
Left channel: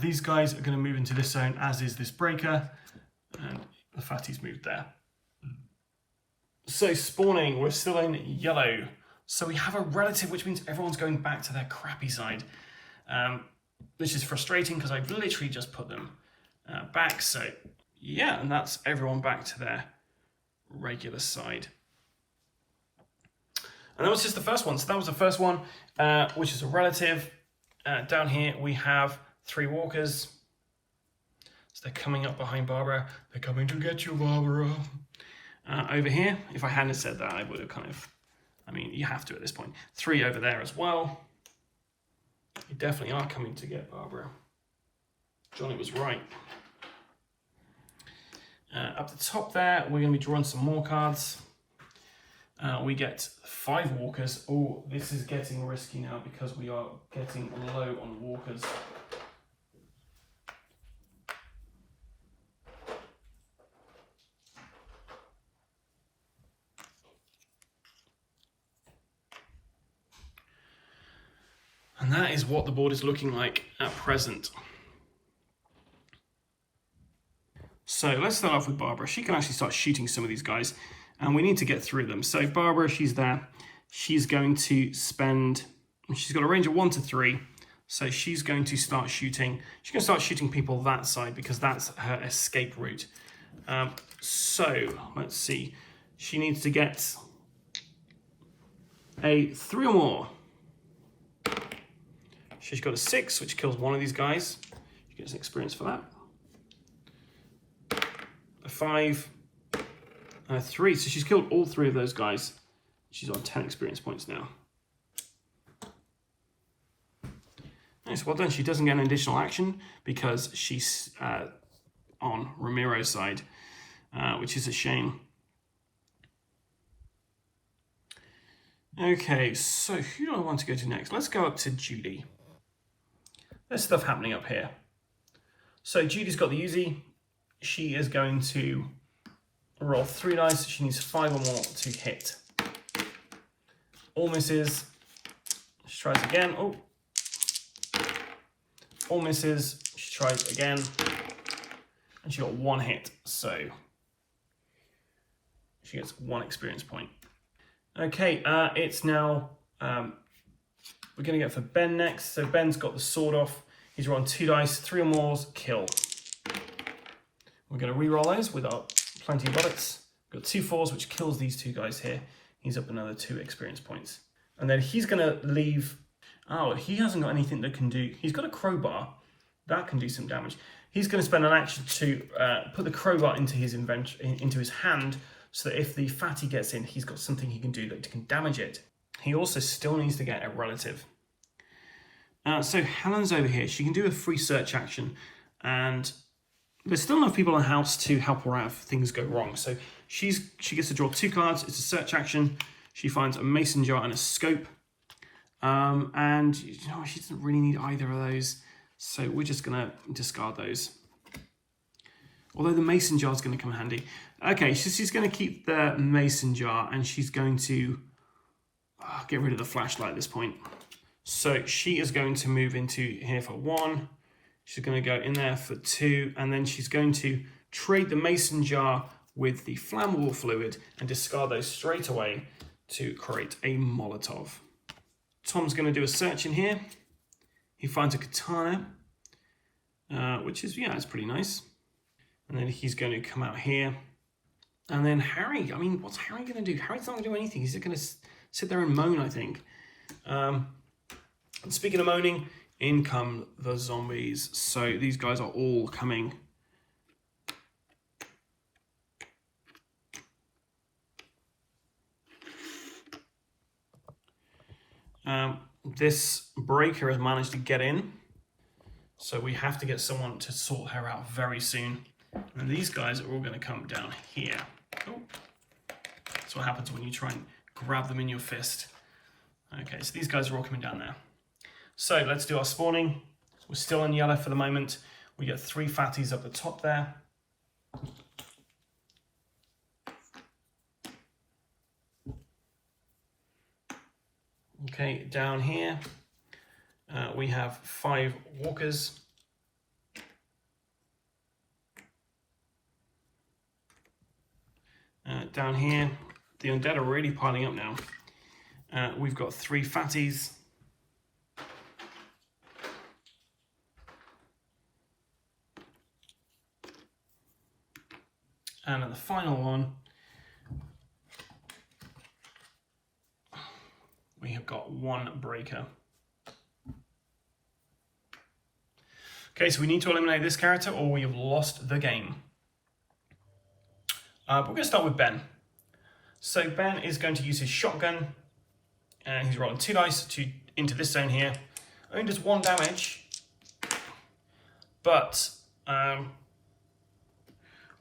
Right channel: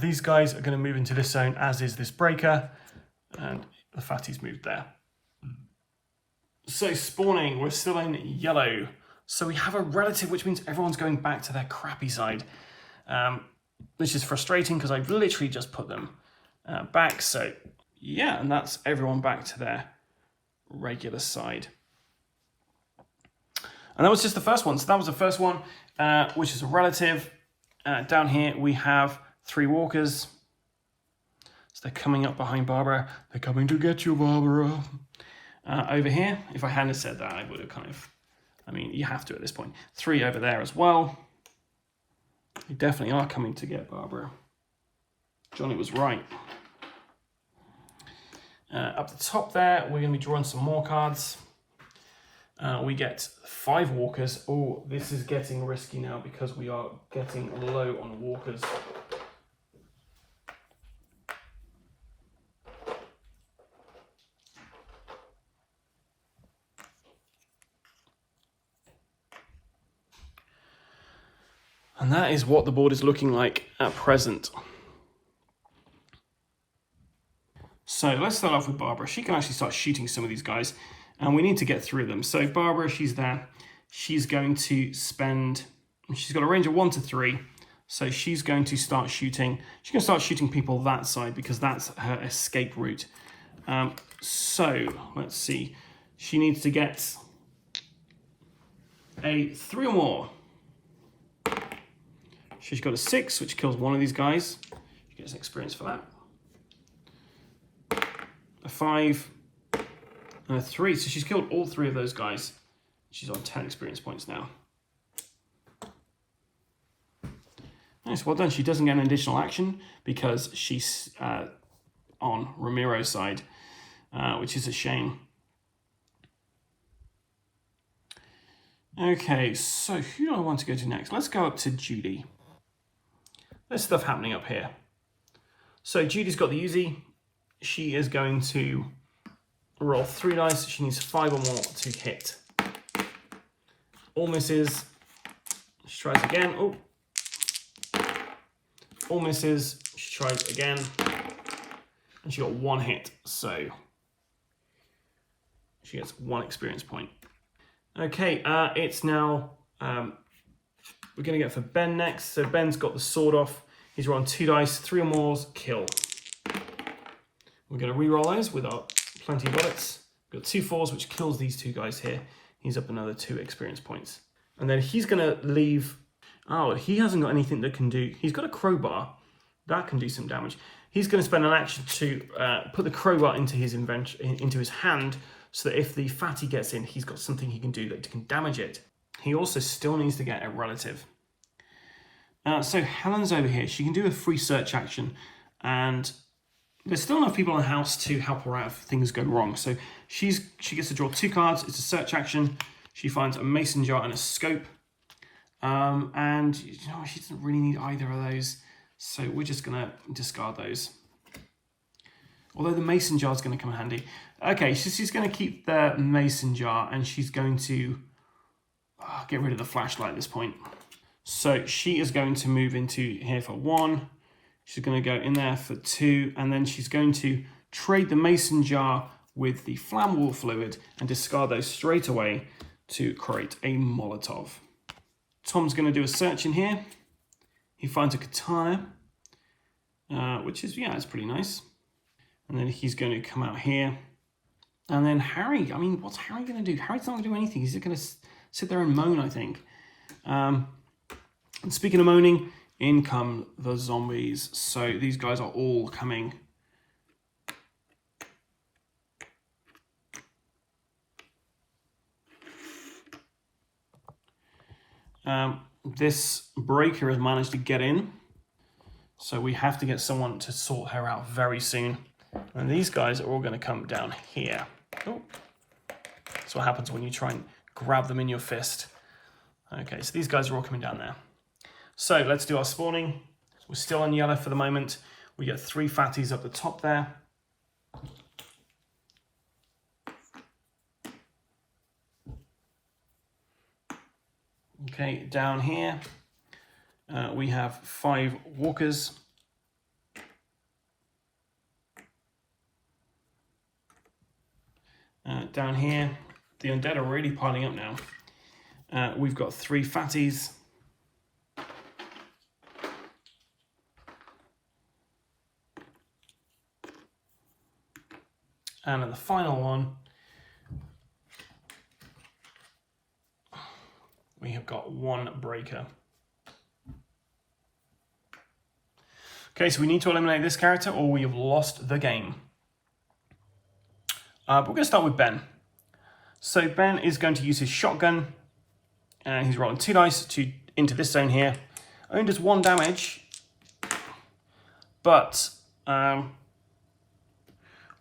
These guys are going to move into this zone, as is this breaker. And the fatty's moved there. So spawning, we're still in yellow. So we have a relative, which means everyone's going back to their crappy side. Which is frustrating because I've literally just put them back. So yeah, and that's everyone back to their regular side. And that was just the first one. So that was the first one, which is a relative. Down here we have 3 walkers. So they're coming up behind Barbara. They're coming to get you, Barbara. Over here, if I hadn't said that, I would have kind of, I mean, you have to at this point. 3 over there as well. You definitely are coming to get Barbara. Johnny was right. Up the top there, we're going to be drawing some more cards. We get 5 walkers. Oh, this is getting risky now because we are getting low on the walkers. And that is what the board is looking like at present. So let's start off with Barbara. She can actually start shooting some of these guys. And we need to get through them. So Barbara, she's there. She's going to spend, she's got a range of 1 to 3. So she's going to start shooting. She's going to start shooting people that side because that's her escape route. So let's see. She needs to get a 3 or more. She's got a 6, which kills one of these guys. She gets experience for that. A 5. And a 3, so she's killed all 3 of those guys. She's on 10 experience points now. Nice, well done. She doesn't get an additional action because she's on Ramiro's side, which is a shame. Okay, so who do I want to go to next? Let's go up to Judy. There's stuff happening up here. So Judy's got the Uzi. She is going to roll 3 dice. She needs 5 or more to hit. All misses. She tries again. Oh. All misses. She tries again. And she got 1 hit. So she gets 1 experience point. Okay, it's now, we're going to go for Ben next. So Ben's got the sword off. He's rolling 2 dice, 3 or more, kill. We're going to re-roll those with our plenty of bullets. We've got 2 4s, which kills these 2 guys here. He's up another 2 experience points. And then he's going to leave. Oh, he hasn't got anything that can do. He's got a crowbar. That can do some damage. He's going to spend an action to put the crowbar into his hand, so that if the fatty gets in, he's got something he can do that can damage it. He also still needs to get a relative. So Helen's over here. She can do a free search action, and there's still enough people in the house to help her out if things go wrong. So she gets to draw 2 cards. It's a search action. She finds a mason jar and a scope. And you know, she doesn't really need either of those. So we're just going to discard those. Although the mason jar is going to come in handy. Okay, she's going to keep the mason jar, and she's going to get rid of the flashlight at this point. So she is going to move into here for 1. She's going to go in there for 2. And then she's going to trade the mason jar with the flammable fluid and discard those straight away to create a Molotov. Tom's going to do a search in here. He finds a katana, which is, yeah, it's pretty nice. And then he's going to come out here. And then Harry, I mean, what's Harry going to do? Harry's not going to do anything. He's going to sit there and moan, I think. And speaking of moaning, in come the zombies. So these guys are all coming. This breaker has managed to get in. So we have to get someone to sort her out very soon. And these guys are all going to come down here. Oh. That's what happens when you try and grab them in your fist. Okay, so these guys are all coming down there. So let's do our spawning. We're still on yellow for the moment. We get 3 fatties up the top there. Okay, down here we have 5 walkers. Down here, the undead are really piling up now. We've got 3 fatties. And then the final one, we have got 1 breaker. Okay, so we need to eliminate this character or we have lost the game. But we're going to start with Ben. So Ben is going to use his shotgun. He's rolling 2 dice into this zone here. Only does 1 damage. But,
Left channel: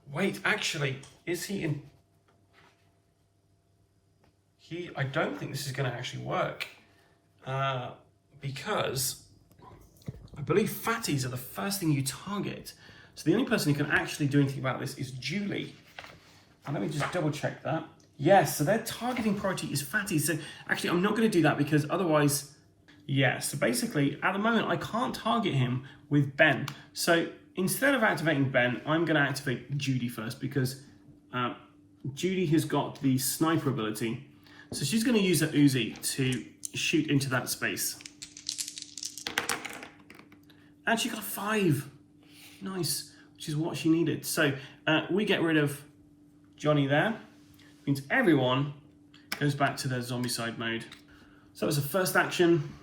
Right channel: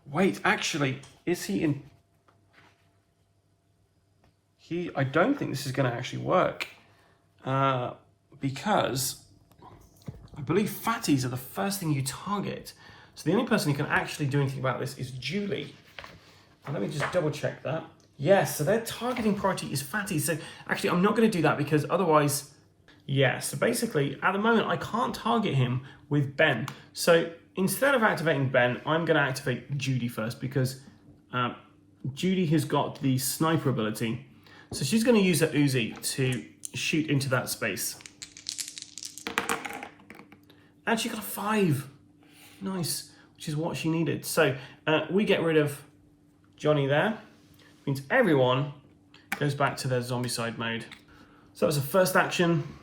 wait, actually, is he in... I don't think this is going to actually work. Because I believe fatties are the first thing you target. So the only person who can actually do anything about this is Julie. And let me just double check that. Yes, so their targeting priority is fatties. So actually, I'm not going to do that because otherwise... Yeah, so basically, at the moment, I can't target him with Ben. So instead of activating Ben, I'm going to activate Judy first because Judy has got the sniper ability. So she's going to use her Uzi to shoot into that space. And she got a 5. Nice, which is what she needed. So we get rid of Johnny there. Means everyone goes back to their Zombicide mode. So that was her first action.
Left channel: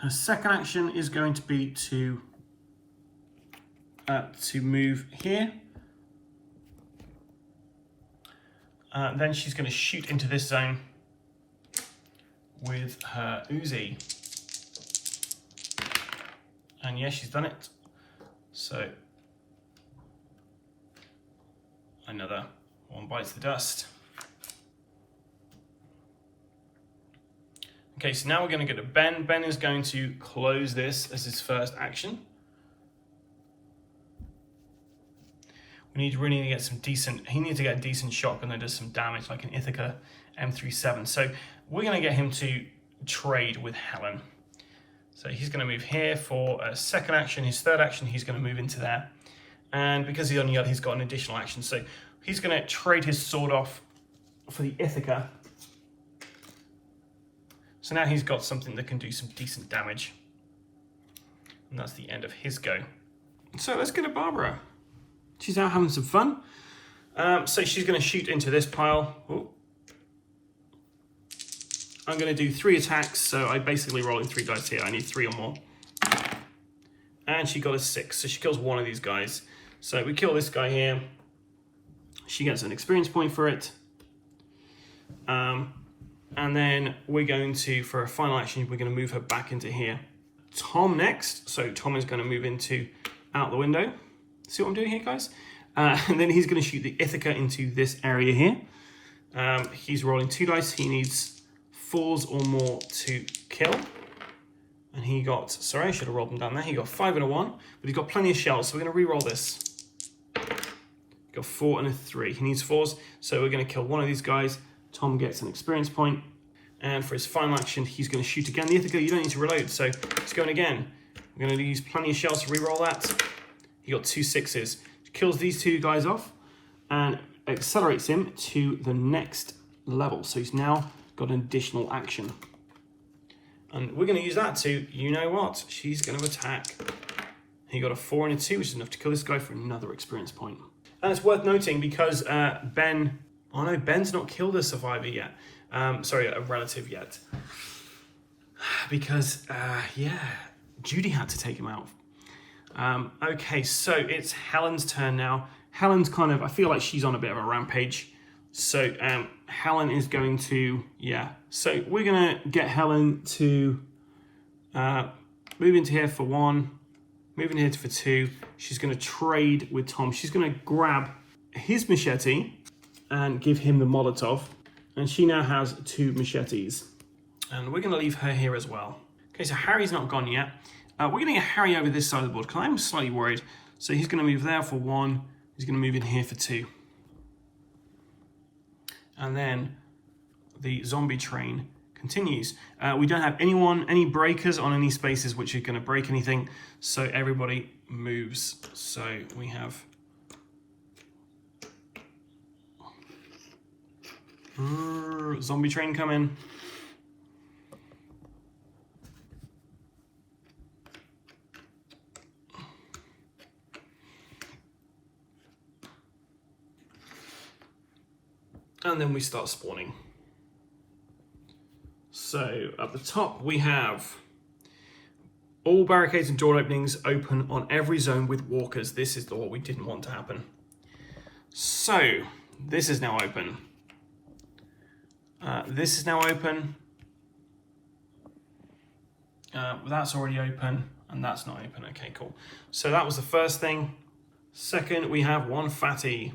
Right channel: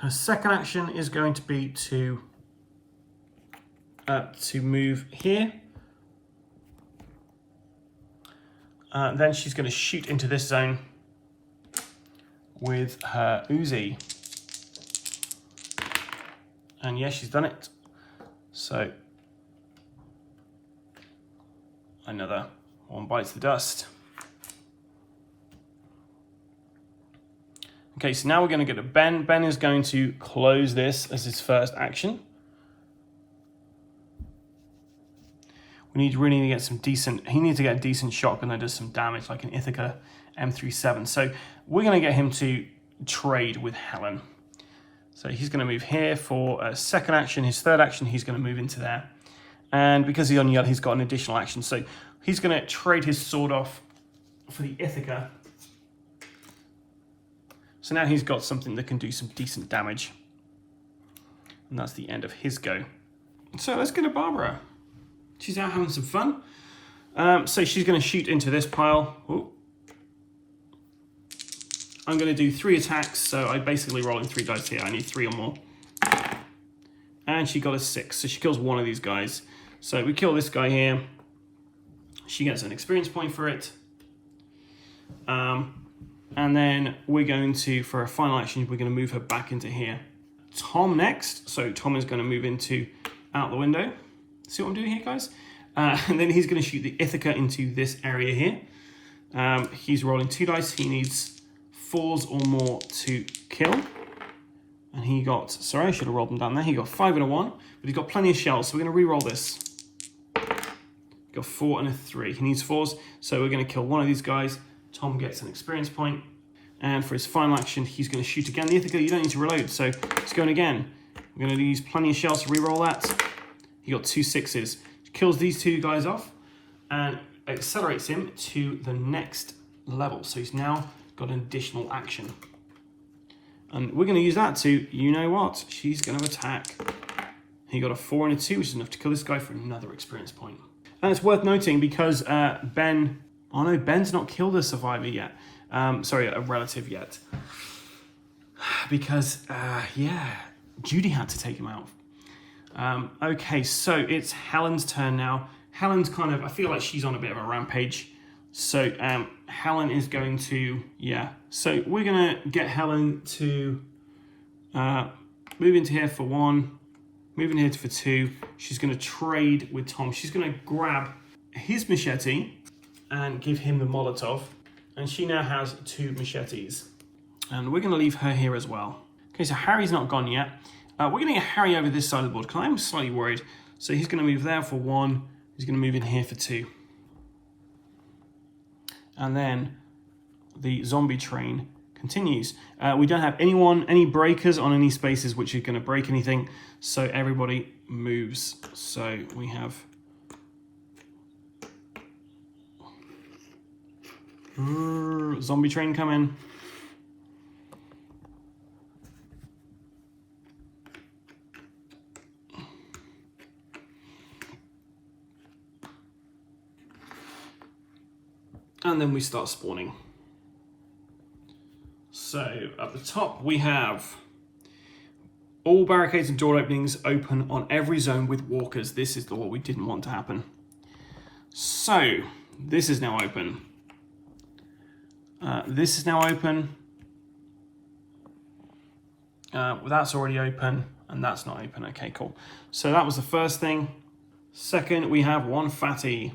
Her second action is going to be to move here. Then she's going to shoot into this zone with her Uzi. And yes, she's done it. So another 1 bites the dust. Okay, so now we're going to go to Ben. Ben is going to close this as his first action. We need to get some decent, he needs to get a decent shotgun that does some damage, like an Ithaca M37. So we're going to get him to trade with Helen. So he's going to move here for a second action. His third action, he's going to move into there. And because he's on yellow, he's got an additional action. So he's going to trade his sword off for the Ithaca. So now he's got something that can do some decent damage. And that's the end of his go. So let's go to Barbara. She's out having some fun. So she's going to shoot into this pile. Ooh. I'm going to do 3 attacks. So I basically roll in 3 dice here. I need 3 or more. and she got a 6. So she kills one of these guys. So we kill this guy here. She gets an experience point for it. And then we're going to, for a final action, we're going to move her back into here. Tom next. So Tom is going to move into out the window. See what I'm doing here, guys? And then he's going to shoot the Ithaca into this area here. He's rolling 2 dice. He needs 4s or more to kill. And he got, sorry, I should have rolled them down there. He got 5 and a 1, but he's got plenty of shells. So we're going to re-roll this. Got 4 and a 3. He needs 4s, so we're going to kill one of these guys. Tom gets an experience point. And for his final action, he's going to shoot again. The Ithaca, you don't need to reload, so it's going again. We're going to use plenty of shells to re-roll that. He got 2 6s. Kills these 2 guys off and accelerates him to the next level. So he's now got an additional action. And we're going to use that to, you know what, she's going to attack. He got a 4 and a 2, which is enough to kill this guy for another experience point. And it's worth noting because Ben, oh no, Ben's not killed a survivor yet. Sorry, a relative yet. Because, yeah, Judy had to take him out. Okay, so it's Helen's turn now. Helen's kind of, I feel like she's on a bit of a rampage. So Helen is going to, yeah. So we're going to get Helen to move into here for 1, move in here for 2. She's going to trade with Tom. She's going to grab his machete and give him the Molotov. And she now has 2 machetes. And we're going to leave her here as well. Okay, so Harry's not gone yet. We're going to get Harry over this side of the board because I'm slightly worried. So he's going to move there for 1. He's going to move in here for 2. And then the zombie train continues. We don't have any breakers on any spaces which are going to break anything. So everybody moves. So we have zombie train coming. And then we start spawning. So at the top we have all barricades and door openings open on every zone with walkers. This is what we didn't want to happen. So this is now open. This is now open. That's already open and that's not open. Okay, cool. So that was the first thing. Second, we have 1 fatty.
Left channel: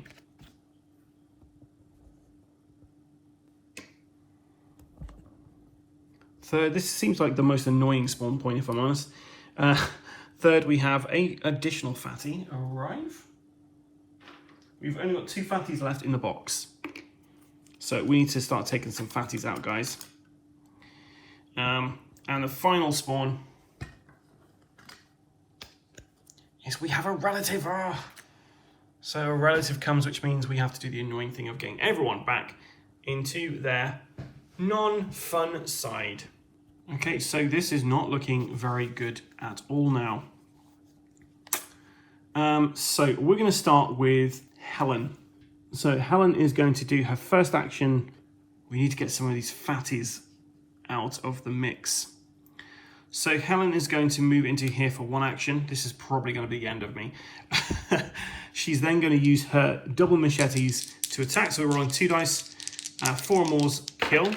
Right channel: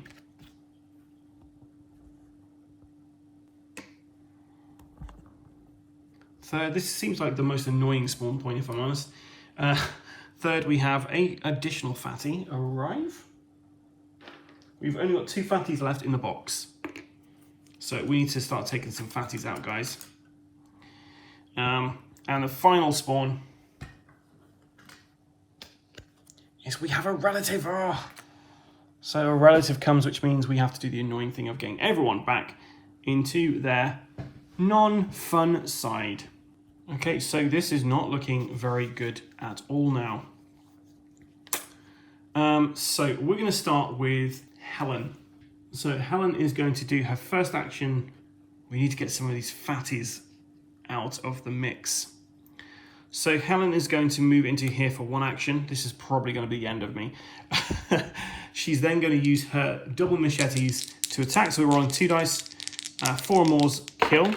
Third, this seems like the most annoying spawn point if I'm honest. Third, we have a additional fatty arrive. We've only got 2 fatties left in the box. So we need to start taking some fatties out, guys. And the final spawn is we have a relative. Oh. So a relative comes, which means we have to do the annoying thing of getting everyone back into their non-fun side. Okay, so this is not looking very good at all now. So we're going to start with Helen. So Helen is going to do her first action. We need to get some of these fatties out of the mix. So Helen is going to move into here for 1 action. This is probably going to be the end of me. She's then going to use her double machetes to attack. So we're rolling 2 dice. 4 more's kill.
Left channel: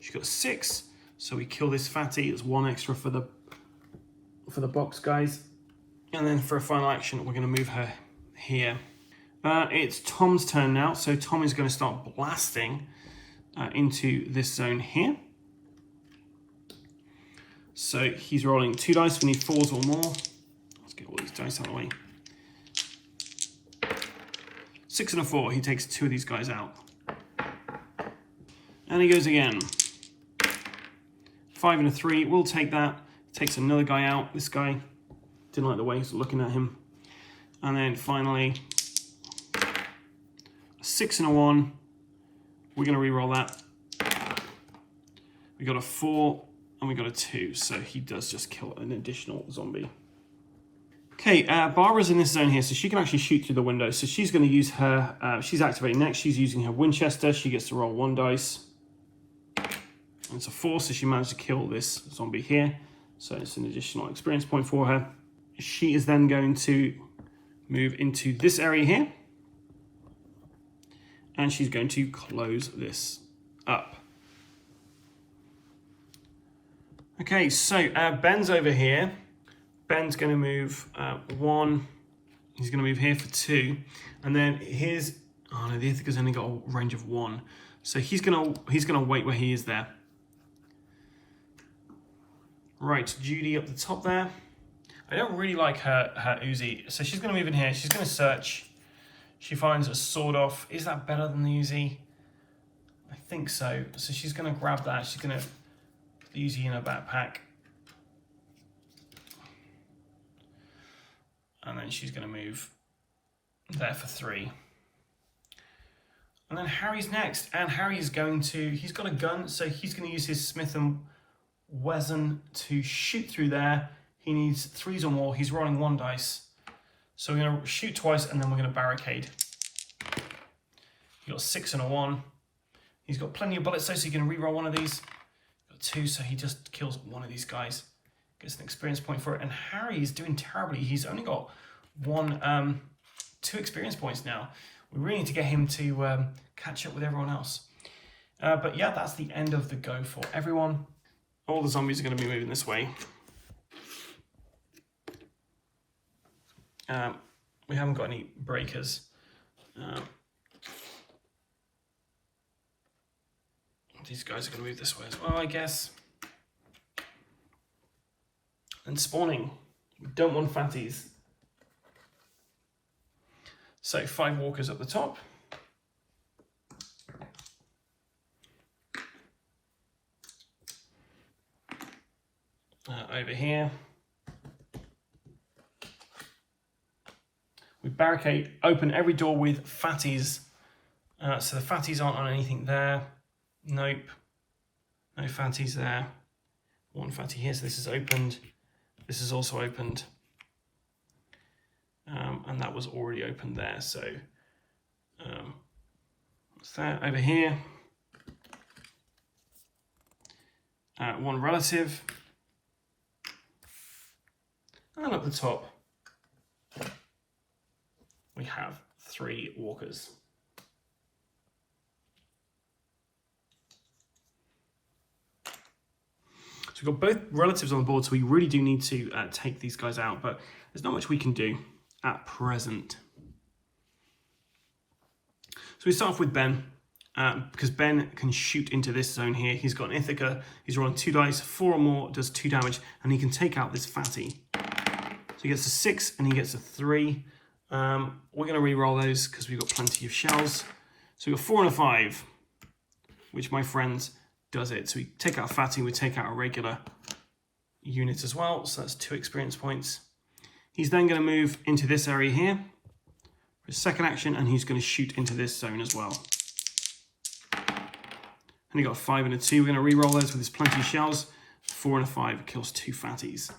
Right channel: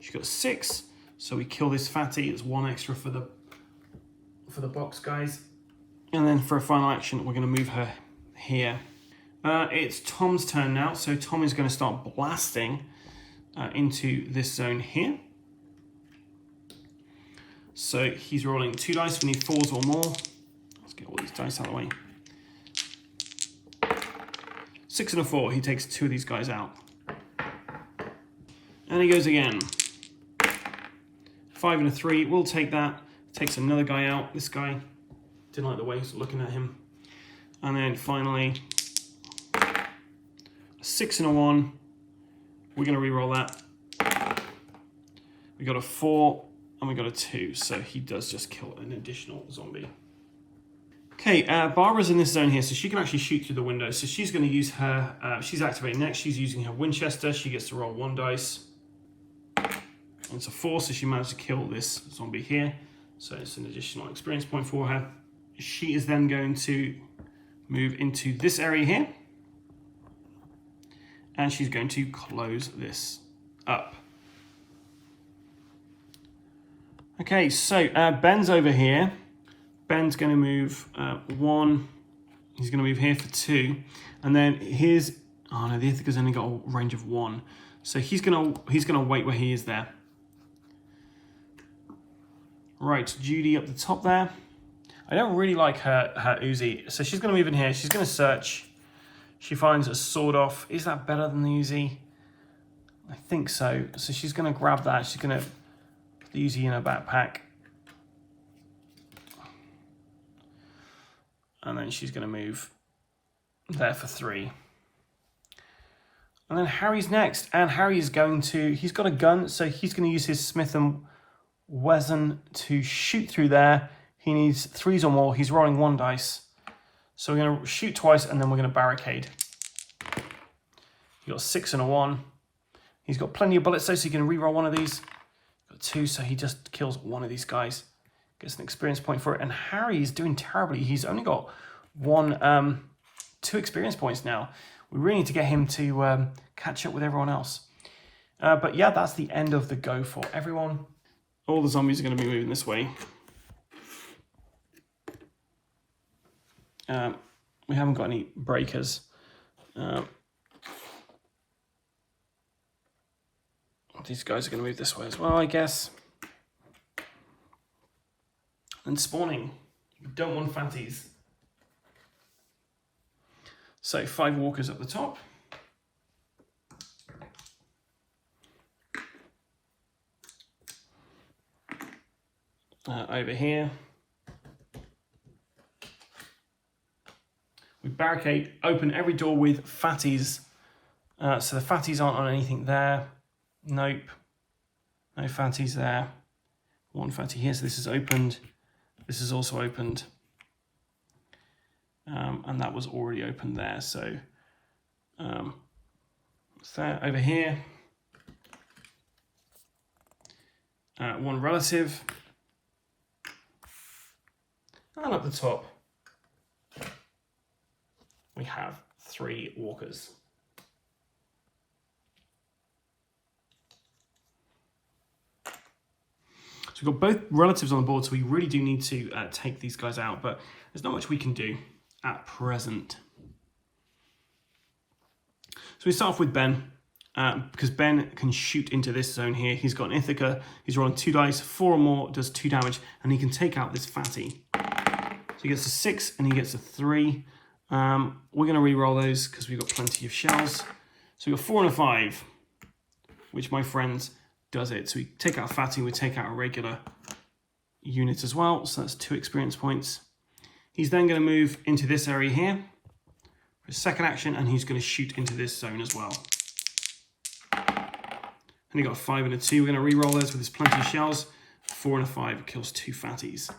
She got 6. So we kill this fatty. It's 1 extra for the box, guys. And then for a final action, we're going to move her here. It's Tom's turn now. So Tom is going to start blasting into this zone here. So he's rolling 2 dice. We need 4s or more. Let's get all these dice out of the way. 6 and a 4. He takes 2 of these guys out. And he goes again. 5 and a 3. We'll take that. Takes another guy out. This guy. Didn't like the way he's looking at him. And then finally, a 6 and a 1. We're going to re-roll that. We got a 4 and we got a 2. So he does just kill an additional zombie. Okay, Barbara's in this zone here, so she can actually shoot through the window. So she's going to use her, she's activating next. She's using her Winchester. She gets to roll 1 dice. And it's a 4, so she managed to kill this zombie here. So it's an additional experience point for her. she is then going to move into this area here. And she's going to close this up. Okay, so Ben's over here. Ben's going to move 1. He's going to move here for 2. And then here's, oh no, the Ithaca's only got a range of 1. So he's gonna wait where he is there. Right, Judy up the top there. I don't really like her Uzi. So she's gonna move in here. She's gonna search. She finds a sword off. Is that better than the Uzi? I think so. So she's gonna grab that. She's gonna put the Uzi in her backpack. And then she's gonna move there for 3. And then Harry's next, and Harry's going to, he's got a gun, so he's going to use his Smith & Wesson to shoot through there. He needs 3s or more. He's rolling 1 dice. So we're going to shoot twice, and then we're going to barricade. He got 6 and a 1. He's got plenty of bullets, so he can re-roll one of these. Got 2, so he just kills one of these guys. Gets an experience point for it. And Harry is doing terribly. He's only got 2 experience points now. We really need to get him to catch up with everyone else. But yeah, that's the end of the go for everyone. All the zombies are going to be moving this way. We haven't got any breakers. These guys are going to move this way as well, I guess. And spawning. We don't want fatties. So 5 walkers up the top. Over here. We barricade, open every door with fatties. So the fatties aren't on anything there. Nope. No fatties there. 1 fatty here, so this is opened. This is also opened. And that was already open there, so what's that over here? 1 relative, and at the top we have 3 walkers. So we've got both relatives on the board, so we really do need to take these guys out, but there's not much we can do at present. So we start off with Ben, because Ben can shoot into this zone here. He's got an Ithaca, he's rolling 2 dice, 4 or more, does 2 damage, and he can take out this fatty. So he gets a 6 and he gets a 3. We're going to re-roll those because we've got plenty of shells. So we've got 4 and a 5, which, my friends, does it. So we take out a fatty, we take out a regular unit as well, so that's 2 experience points. He's then going to move into this area here for his second action, and he's going to shoot into this zone as well. And he got a 5 and a 2. We're going to re-roll those with his plenty of shells. 4 and a 5 kills 2 fatties.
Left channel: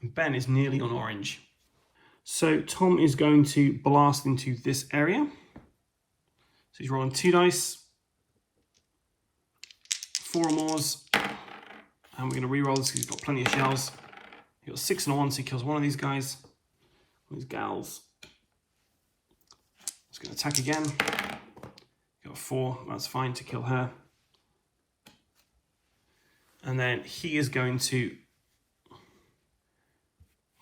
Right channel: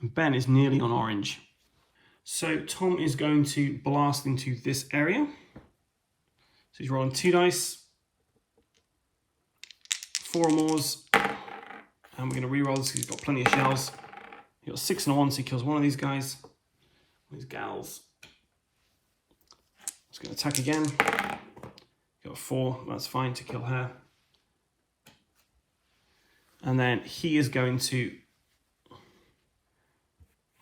And Ben is nearly on orange. So Tom is going to blast into this area. So he's rolling 2 dice. 4 or more. And we're going to re-roll this because he's got plenty of shells. He got 6 and a 1, so he kills one of these guys. These gals. He's going to attack again. Got a 4, that's fine to kill her. And then he is going to,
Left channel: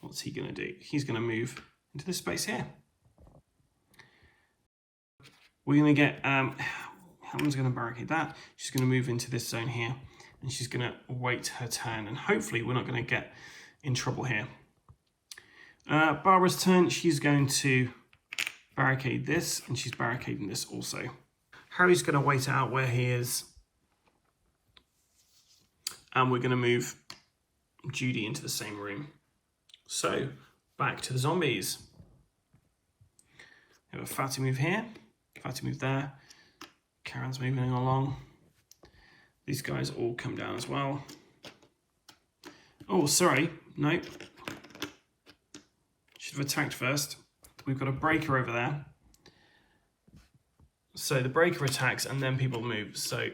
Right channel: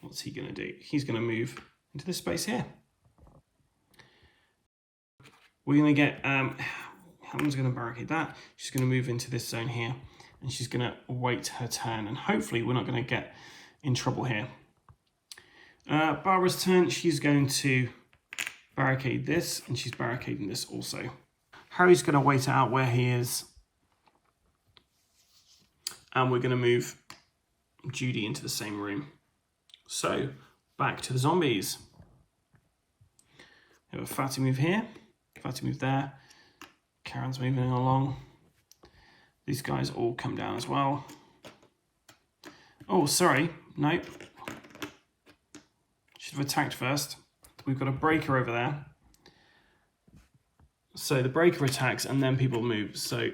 what's he going to do? He's going to move into this space here. We're going to get, Helen's going to barricade that. She's going to move into this zone here. And she's going to wait her turn. And hopefully we're not going to get in trouble here. Barbara's turn, she's going to barricade this, and she's barricading this also. Harry's going to wait out where he is. And we're going to move Judy into the same room. So, back to the zombies. We have a fatty move here, fatty move there. Karen's moving along. These guys all come down as well. Oh, sorry, nope. Should have attacked first. We've got a breaker over there. So the breaker attacks and then people move. So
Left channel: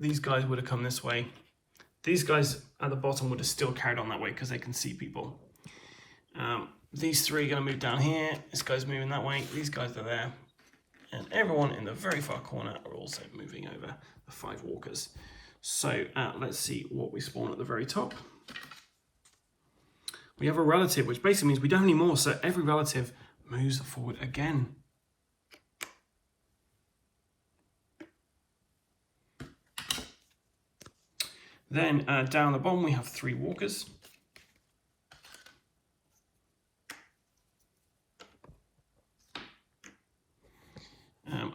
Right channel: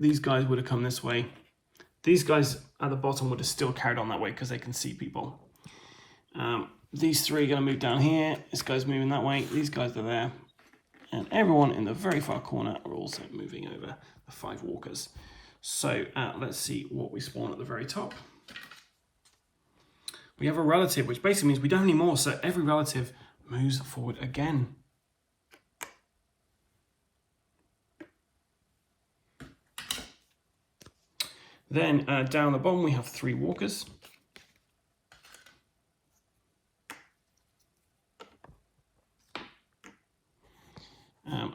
these guys would have come this way. These guys at the bottom would have still carried on that way because they can see people. These three are going to move down here. This guy's moving that way. These guys are there. And everyone in the very far corner are also moving over the 5 walkers. So let's see what we spawn at the very top. We have a relative, which basically means we don't have any more. So every relative moves forward again. Then down the bottom, we have 3 walkers.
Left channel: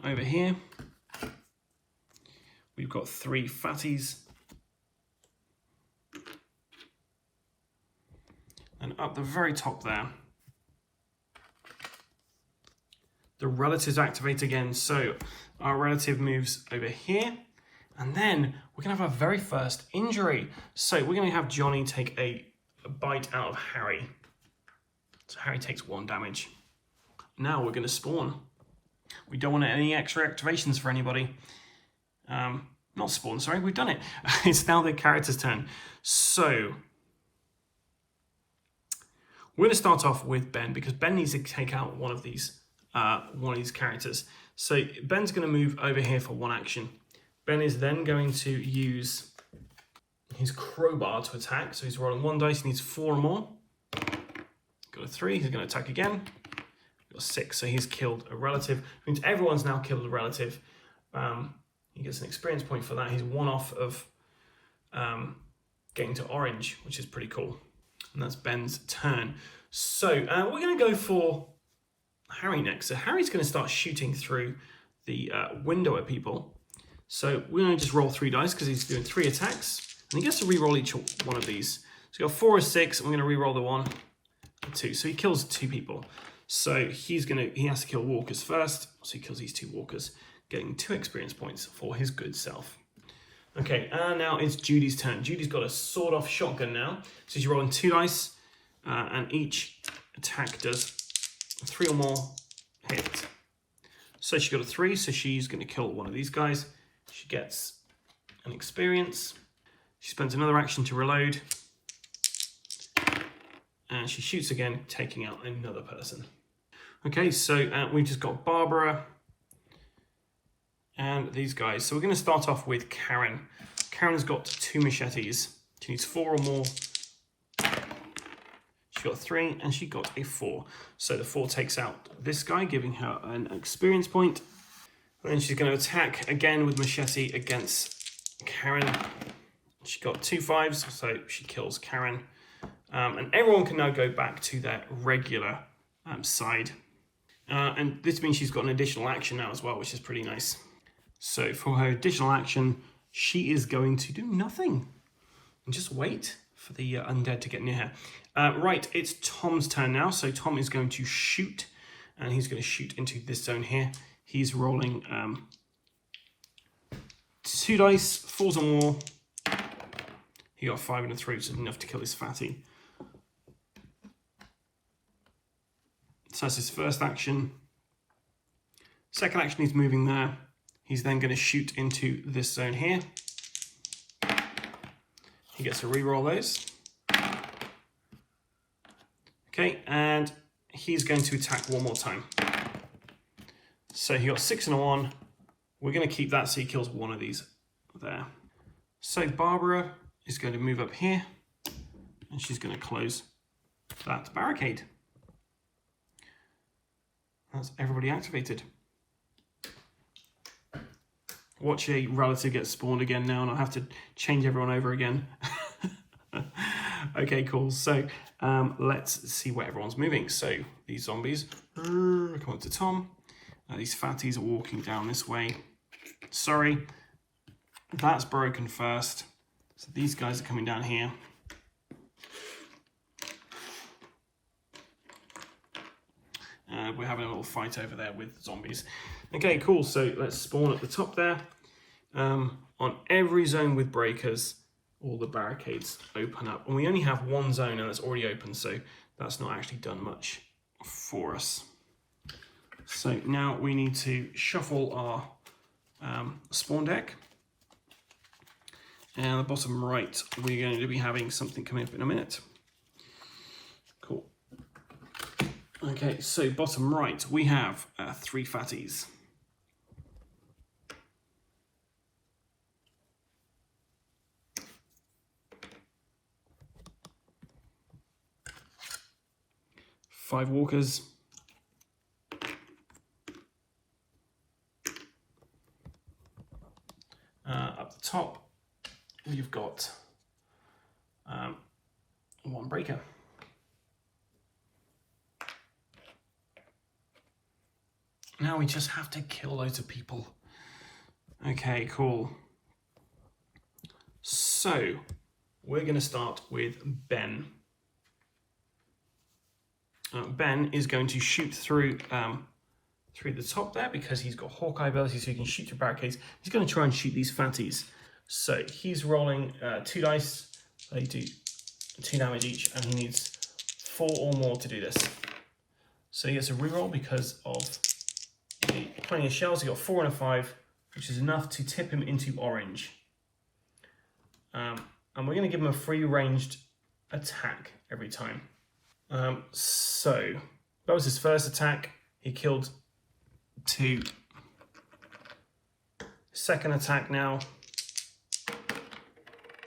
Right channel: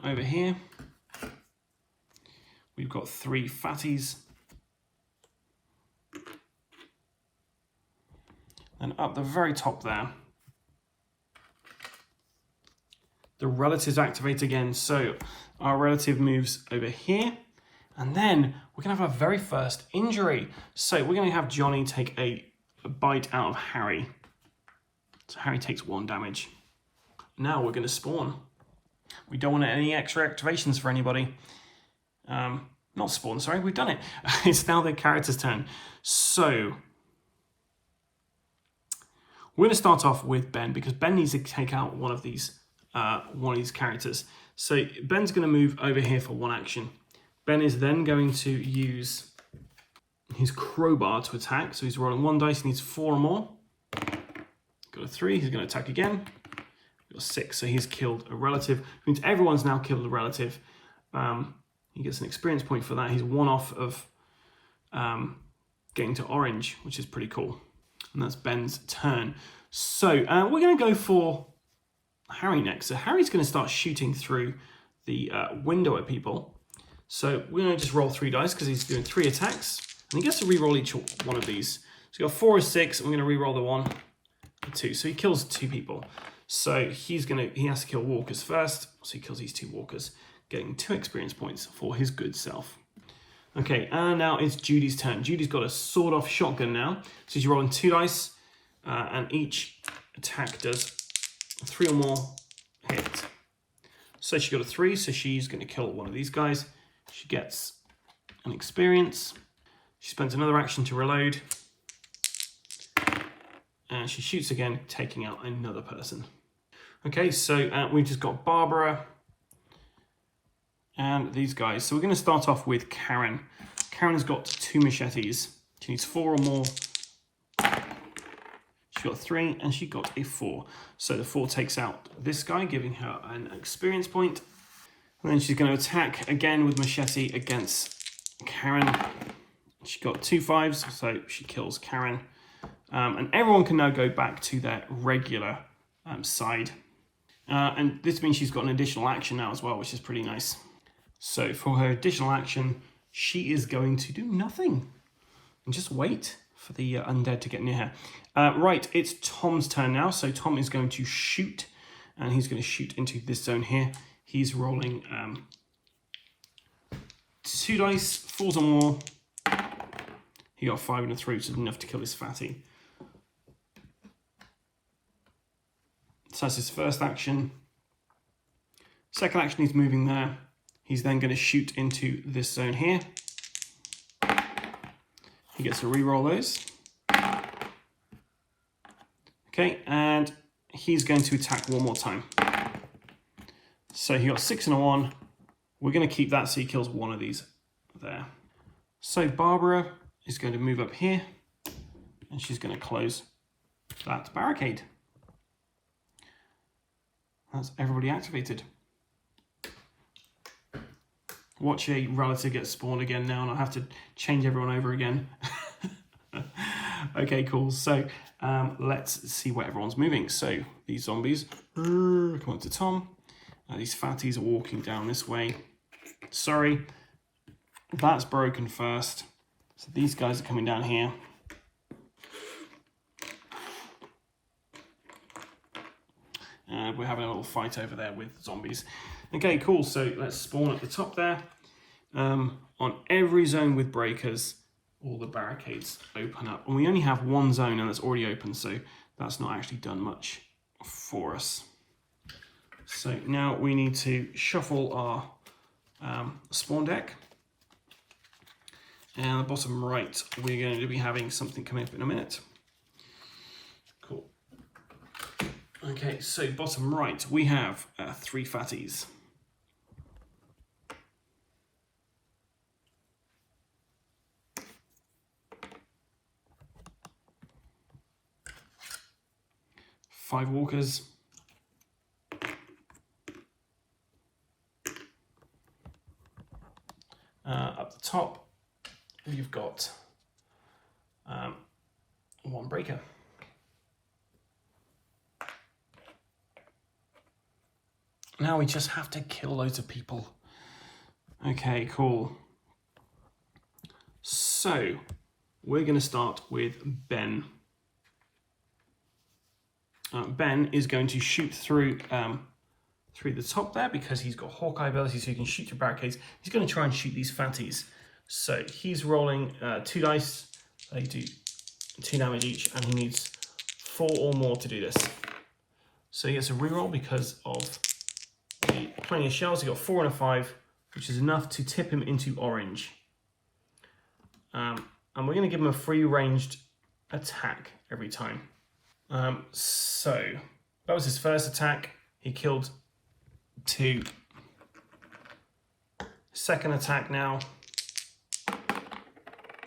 Over here, we've got 3 fatties. And up the very top there, the relatives activate again. So our relative moves over here. And then we're going to have our very first injury. So we're going to have Johnny take a bite out of Harry. So Harry takes 1 damage. Now we're going to spawn. We don't want any extra activations for anybody. Not spawn, sorry, we've done it. It's now the character's turn. So we're going to start off with Ben because Ben needs to take out one of these characters. So Ben's going to move over here for 1 action. Ben is then going to use his crowbar to attack. So he's rolling 1 dice, he needs 4 or more. Got a 3, he's going to attack again. Got 6, so he's killed a relative. It means everyone's now killed a relative. He gets an experience point for that. He's 1 off of getting to orange, which is pretty cool. And that's Ben's turn. So we're going to go for Harry next. So Harry's going to start shooting through the window at people. So we're going to just roll 3 dice because he's doing 3 attacks. And he gets to re-roll each one of these. So we got 4 or 6, and we're going to re-roll the 1 and 2. So he kills 2 people. So he has to kill walkers first. So he kills these 2 walkers, getting 2 experience points for his good self. Okay, and now it's Judy's turn. Judy's got a sawed-off shotgun now. So she's rolling 2 dice, and each attack does 3 or more hit. So she got a 3, so she's going to kill one of these guys. She gets an experience. She spends another action to reload. And she shoots again, taking out another person. Okay, so we've just got Barbara and these guys. So we're going to start off with Karen. Karen's got 2 machetes. She needs 4 or more. She got 3 and she got a 4. So the 4 takes out this guy, giving her an experience point. And then she's going to attack again with machete against Karen. She got 2 5s, so she kills Karen. And everyone can now go back to their regular side. And this means she's got an additional action now as well, which is pretty nice. So for her additional action, she is going to do nothing and just wait for the undead to get near her. Right, it's Tom's turn now. So Tom is going to shoot, and he's going to shoot into this zone here. He's rolling 2 dice, 4s or more. He got 5 and a 3, which is enough to kill this fatty. So that's his first action. Second action, he's moving there. He's then going to shoot into this zone here. He gets to re-roll those. Okay, and he's going to attack 1 more time. So he got 6 and a 1. We're going to keep that so he kills 1 of these there. So Barbara is going to move up here, and she's going to close that barricade. That's everybody activated. Watch a relative get spawned again now, and I'll have to change everyone over again. Okay, cool. So let's see where everyone's moving. So these zombies come up to Tom. These fatties are walking down this way. Sorry, that's broken first. So these guys are coming down here. We're having a little fight over there with zombies. Okay, cool. So let's spawn at the top there. On every zone with breakers, all the barricades open up. And we only have 1 zone and it's already open, so that's not actually done much for us. So now we need to shuffle our spawn deck. And at the bottom right, we're going to be having something coming up in a minute. Cool. Okay, so bottom right, we have 3 fatties. Five walkers. Up the top, we've got 1 breaker. Now we just have to kill loads of people. Okay, cool. So we're going to start with Ben. Ben is going to shoot through the top there because he's got Hawkeye ability, so he can shoot through barricades. He's going to try and shoot these fatties. So he's rolling 2 dice. They do 2 damage each, and he needs 4 or more to do this. So he gets a reroll because of the plenty of shells. He got 4 and a 5, which is enough to tip him into orange. And we're going to give him a free ranged attack every time. So that was his first attack. He killed 2. Second attack now.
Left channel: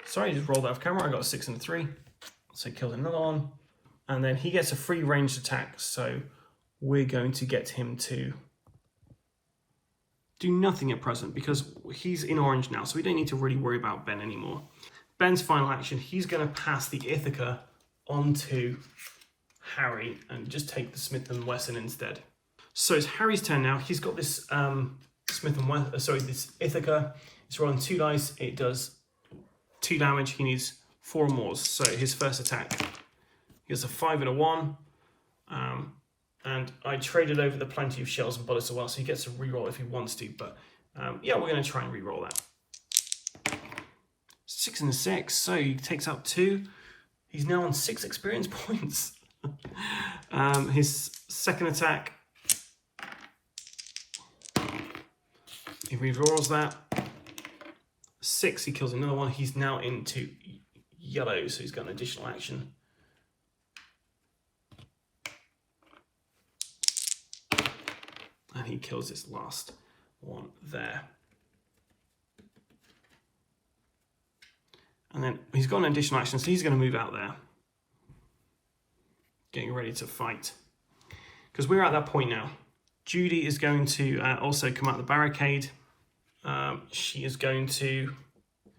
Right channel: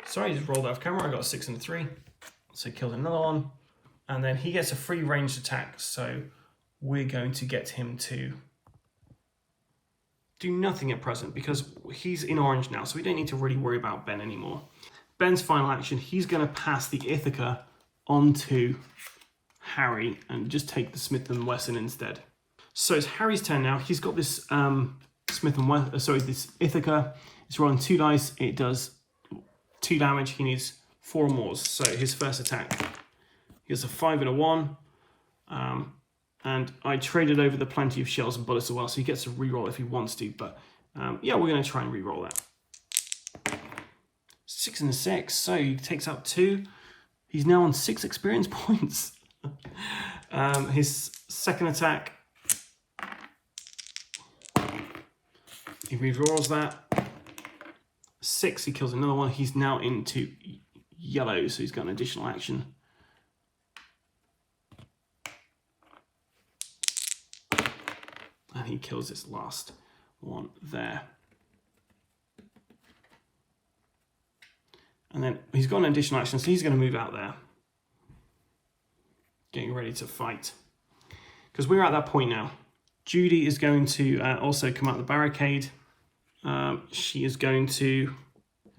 Sorry, I just rolled out of camera. I got a 6 and a 3. So he killed another one. And then he gets a free ranged attack. So we're going to get him to do nothing at present because he's in orange now. So we don't need to really worry about Ben anymore. Ben's final action, he's going to pass the Ithaca onto Harry and just take the Smith & Wesson instead. So it's Harry's turn now. He's got this this Ithaca. It's rolling 2 dice. It does 2 damage. He needs 4 more. So his first attack, he gets a 5 and a 1. And I traded over the plenty of shells and bullets as well, so he gets a reroll if he wants to. But yeah, we're going to try and reroll that. 6 and a 6. So he takes out 2. He's now on 6 experience points. His second attack, he rerolls that. 6, he kills another one. He's now into yellow, so he's got an additional action. And he kills this last one there. And then he's got an additional action, so he's going to move out there. Getting ready to fight. Because we're at that point now. Judy is going to also come out the barricade. She is going to...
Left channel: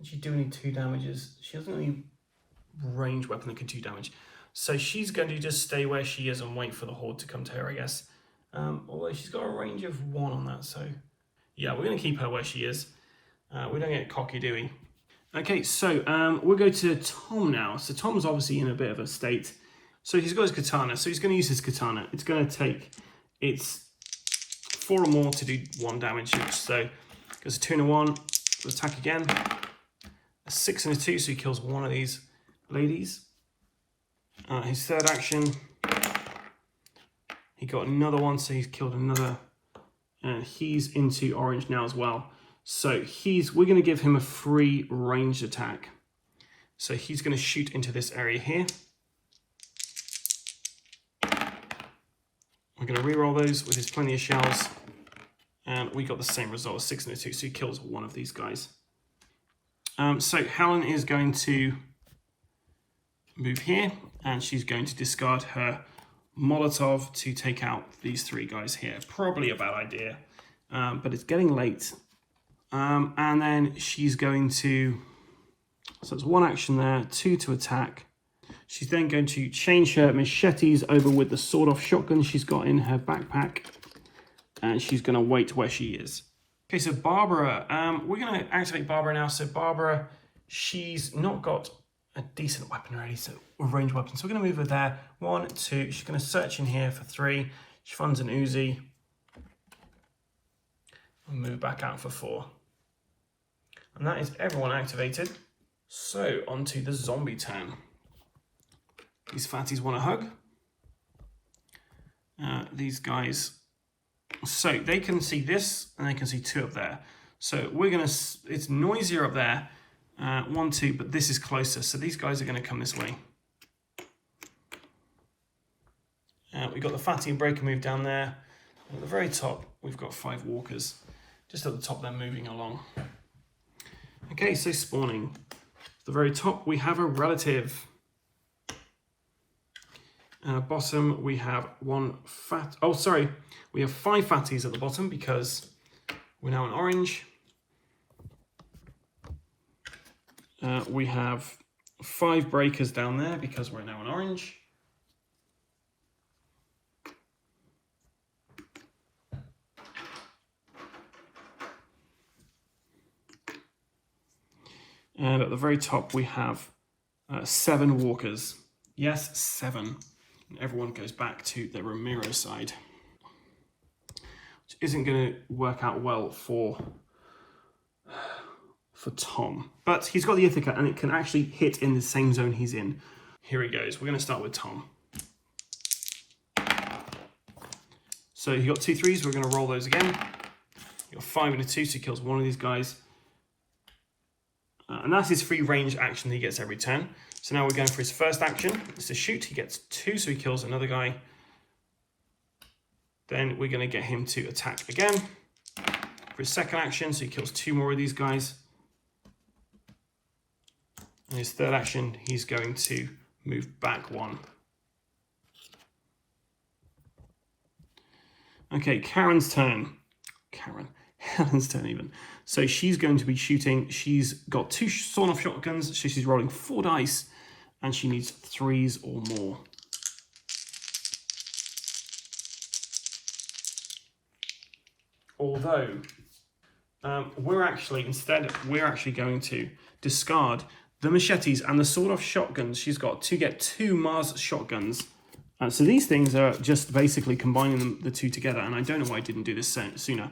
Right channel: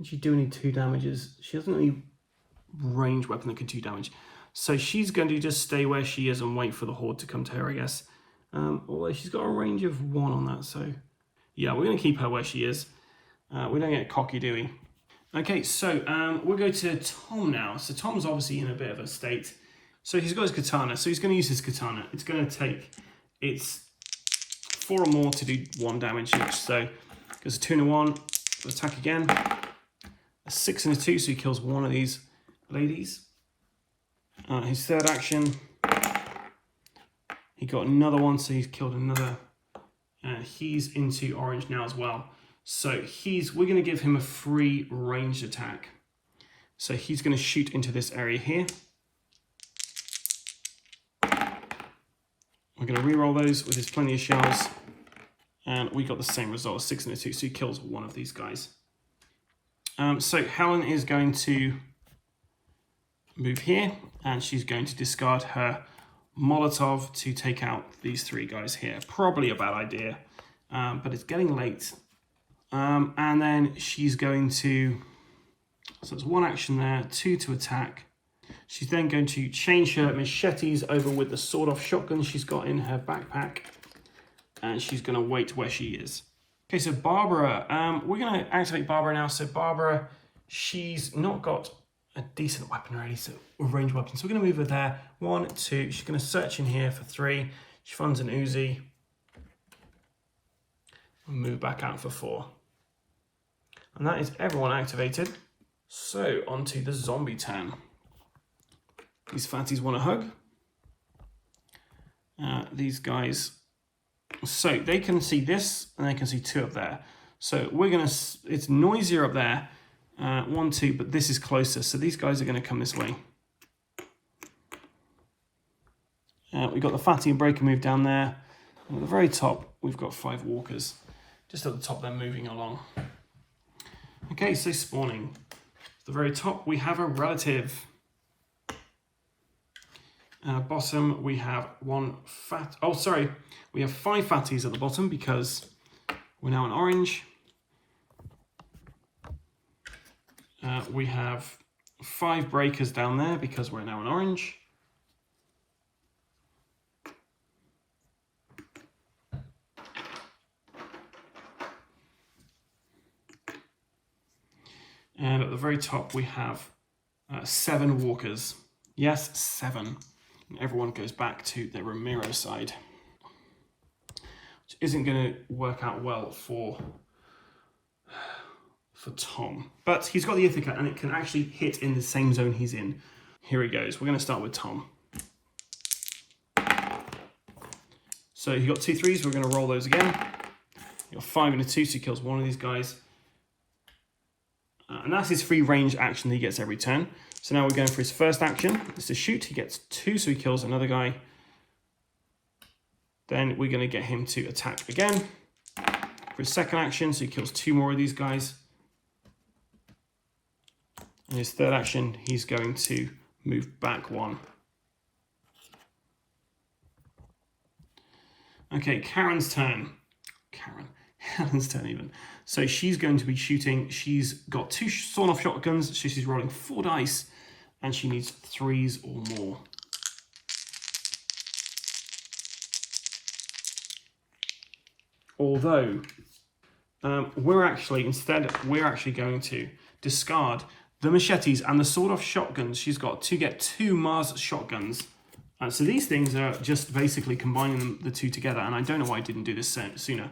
She do need 2 damages. She doesn't have any ranged weapon that can do damage. So she's going to just stay where she is and wait for the horde to come to her, I guess. Although she's got a range of 1 on that, so... Yeah, we're going to keep her where she is. We don't get cocky, do we? Okay, so we'll go to Tom now. So Tom's obviously in a bit of a state. So he's got his katana. So he's going to use his katana. It's going to take... It's 4 or more to do 1 damage each. So there's a 2 and a 1. Attack again. A 6 and a 2, so he kills one of these ladies. His third action... He got another one, so he's killed another. He's into orange now as well. So we're going to give him a free ranged attack. So he's going to shoot into this area here. We're going to reroll those with his plenty of shells. And we got the same result, a 6 and a 2, so he kills one of these guys. So Helen is going to move here, and she's going to discard her Molotov to take out these 3 guys here. Probably a bad idea, but it's getting late. And then she's going to... So it's 1 action there, 2 to attack. She's then going to change her machetes over with the sawed-off shotgun she's got in her backpack. And she's going to wait where she is. Okay, so Barbara. We're going to activate Barbara now. So Barbara, she's not got a decent weapon already, so a ranged weapon. So we're going to move her there. 1, 2. She's going to search in here for 3. She finds an Uzi. And move back out for 4. And that is everyone activated. So onto the zombie tan. These fatties want a hug. These guys. So they can see this, and they can see 2 up there. So we're going to. It's noisier up there. 1, 2, but this is closer, so these guys are going to come this way. We've got the fatty and breaker move down there. And at the very top, we've got 5 walkers. Just at the top, they're moving along. Okay, so spawning. At the very top, we have a relative. Bottom, we have we have 5 fatties at the bottom because we're now in orange. We have 5 breakers down there because we're now in orange. And at the very top, we have 7 walkers. Yes, 7. And everyone goes back to their Ramiro side, which isn't going to work out well for Tom. But he's got the Ithaca, and it can actually hit in the same zone he's in. Here he goes. We're going to start with Tom. So he got 2 3s. We're going to roll those again. He got 5 and a 2, so he kills one of these guys. And that's his free range action he gets every turn. So now we're going for his first action. It's to shoot. He gets 2, so he kills another guy. Then we're going to get him to attack again. For his second action, so he kills 2 more of these guys. And his third action, he's going to move back 1. Okay, Karen's turn. Helen's turn even. So she's going to be shooting. She's got 2 sawn-off shotguns. So she's rolling 4 dice, and she needs 3s or more. Although we're actually going to discard the machetes and the sawed-off shotguns she's got to get 2 Mars shotguns. So these things are just basically combining the 2 together, and I don't know why I didn't do this sooner.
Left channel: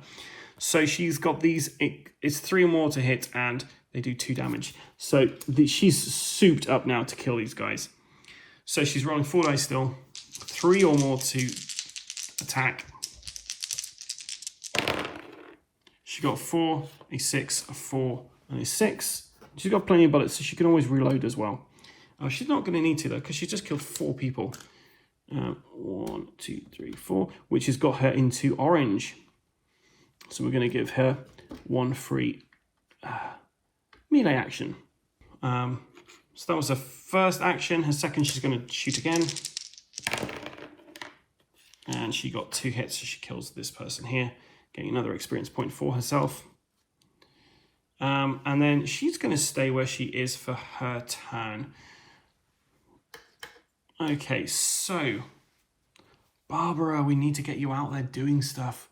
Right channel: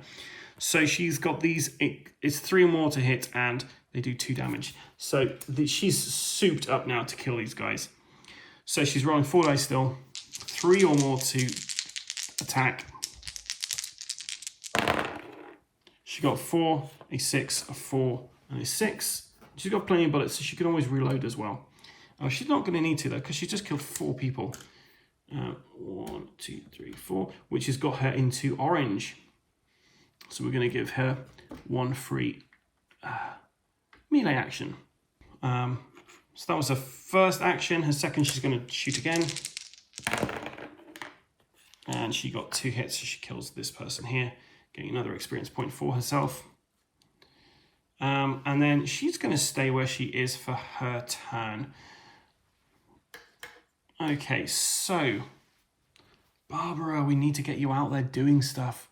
So she's got these, it's 3 or more to hit, and they do 2 damage. So she's souped up now to kill these guys. So she's rolling 4 dice still, 3 or more to attack. She got 4, a 6, a 4, and a 6. She's got plenty of bullets, so she can always reload as well. She's not going to need to, though, because she just killed 4 people. 1, 2, 3, 4, which has got her into orange. So we're going to give her 1 free melee action. So that was her first action. Her second, she's going to shoot again. And she got 2 hits, so she kills this person here, getting another experience point for herself. And then she's going to stay where she is for her turn. Okay, so Barbara, we need to get you out there doing stuff.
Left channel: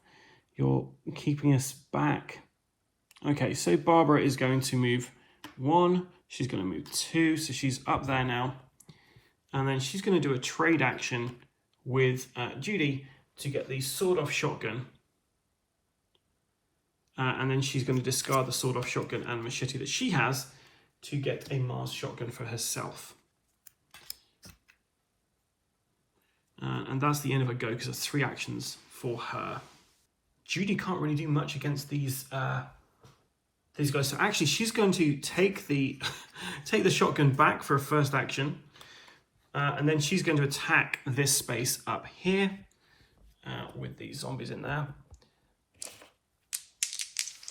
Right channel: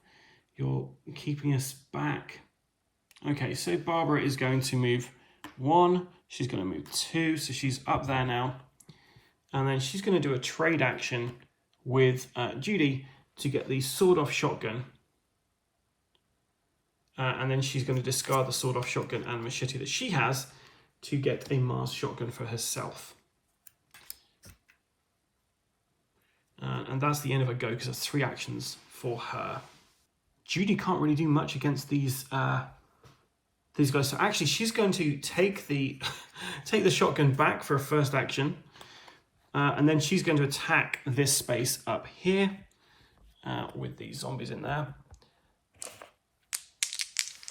You're keeping us back. Okay, so Barbara is going to move 1. She's going to move 2, so she's up there now. And then she's going to do a trade action with Judy to get the sawed-off shotgun. And then she's going to discard the sawed-off shotgun and machete that she has to get a Mars shotgun for herself. And that's the end of her go, because there's 3 actions for her. Judy can't really do much against these guys. So actually, she's going to take the shotgun back for a first action, and then she's going to attack this space up here with these zombies in there.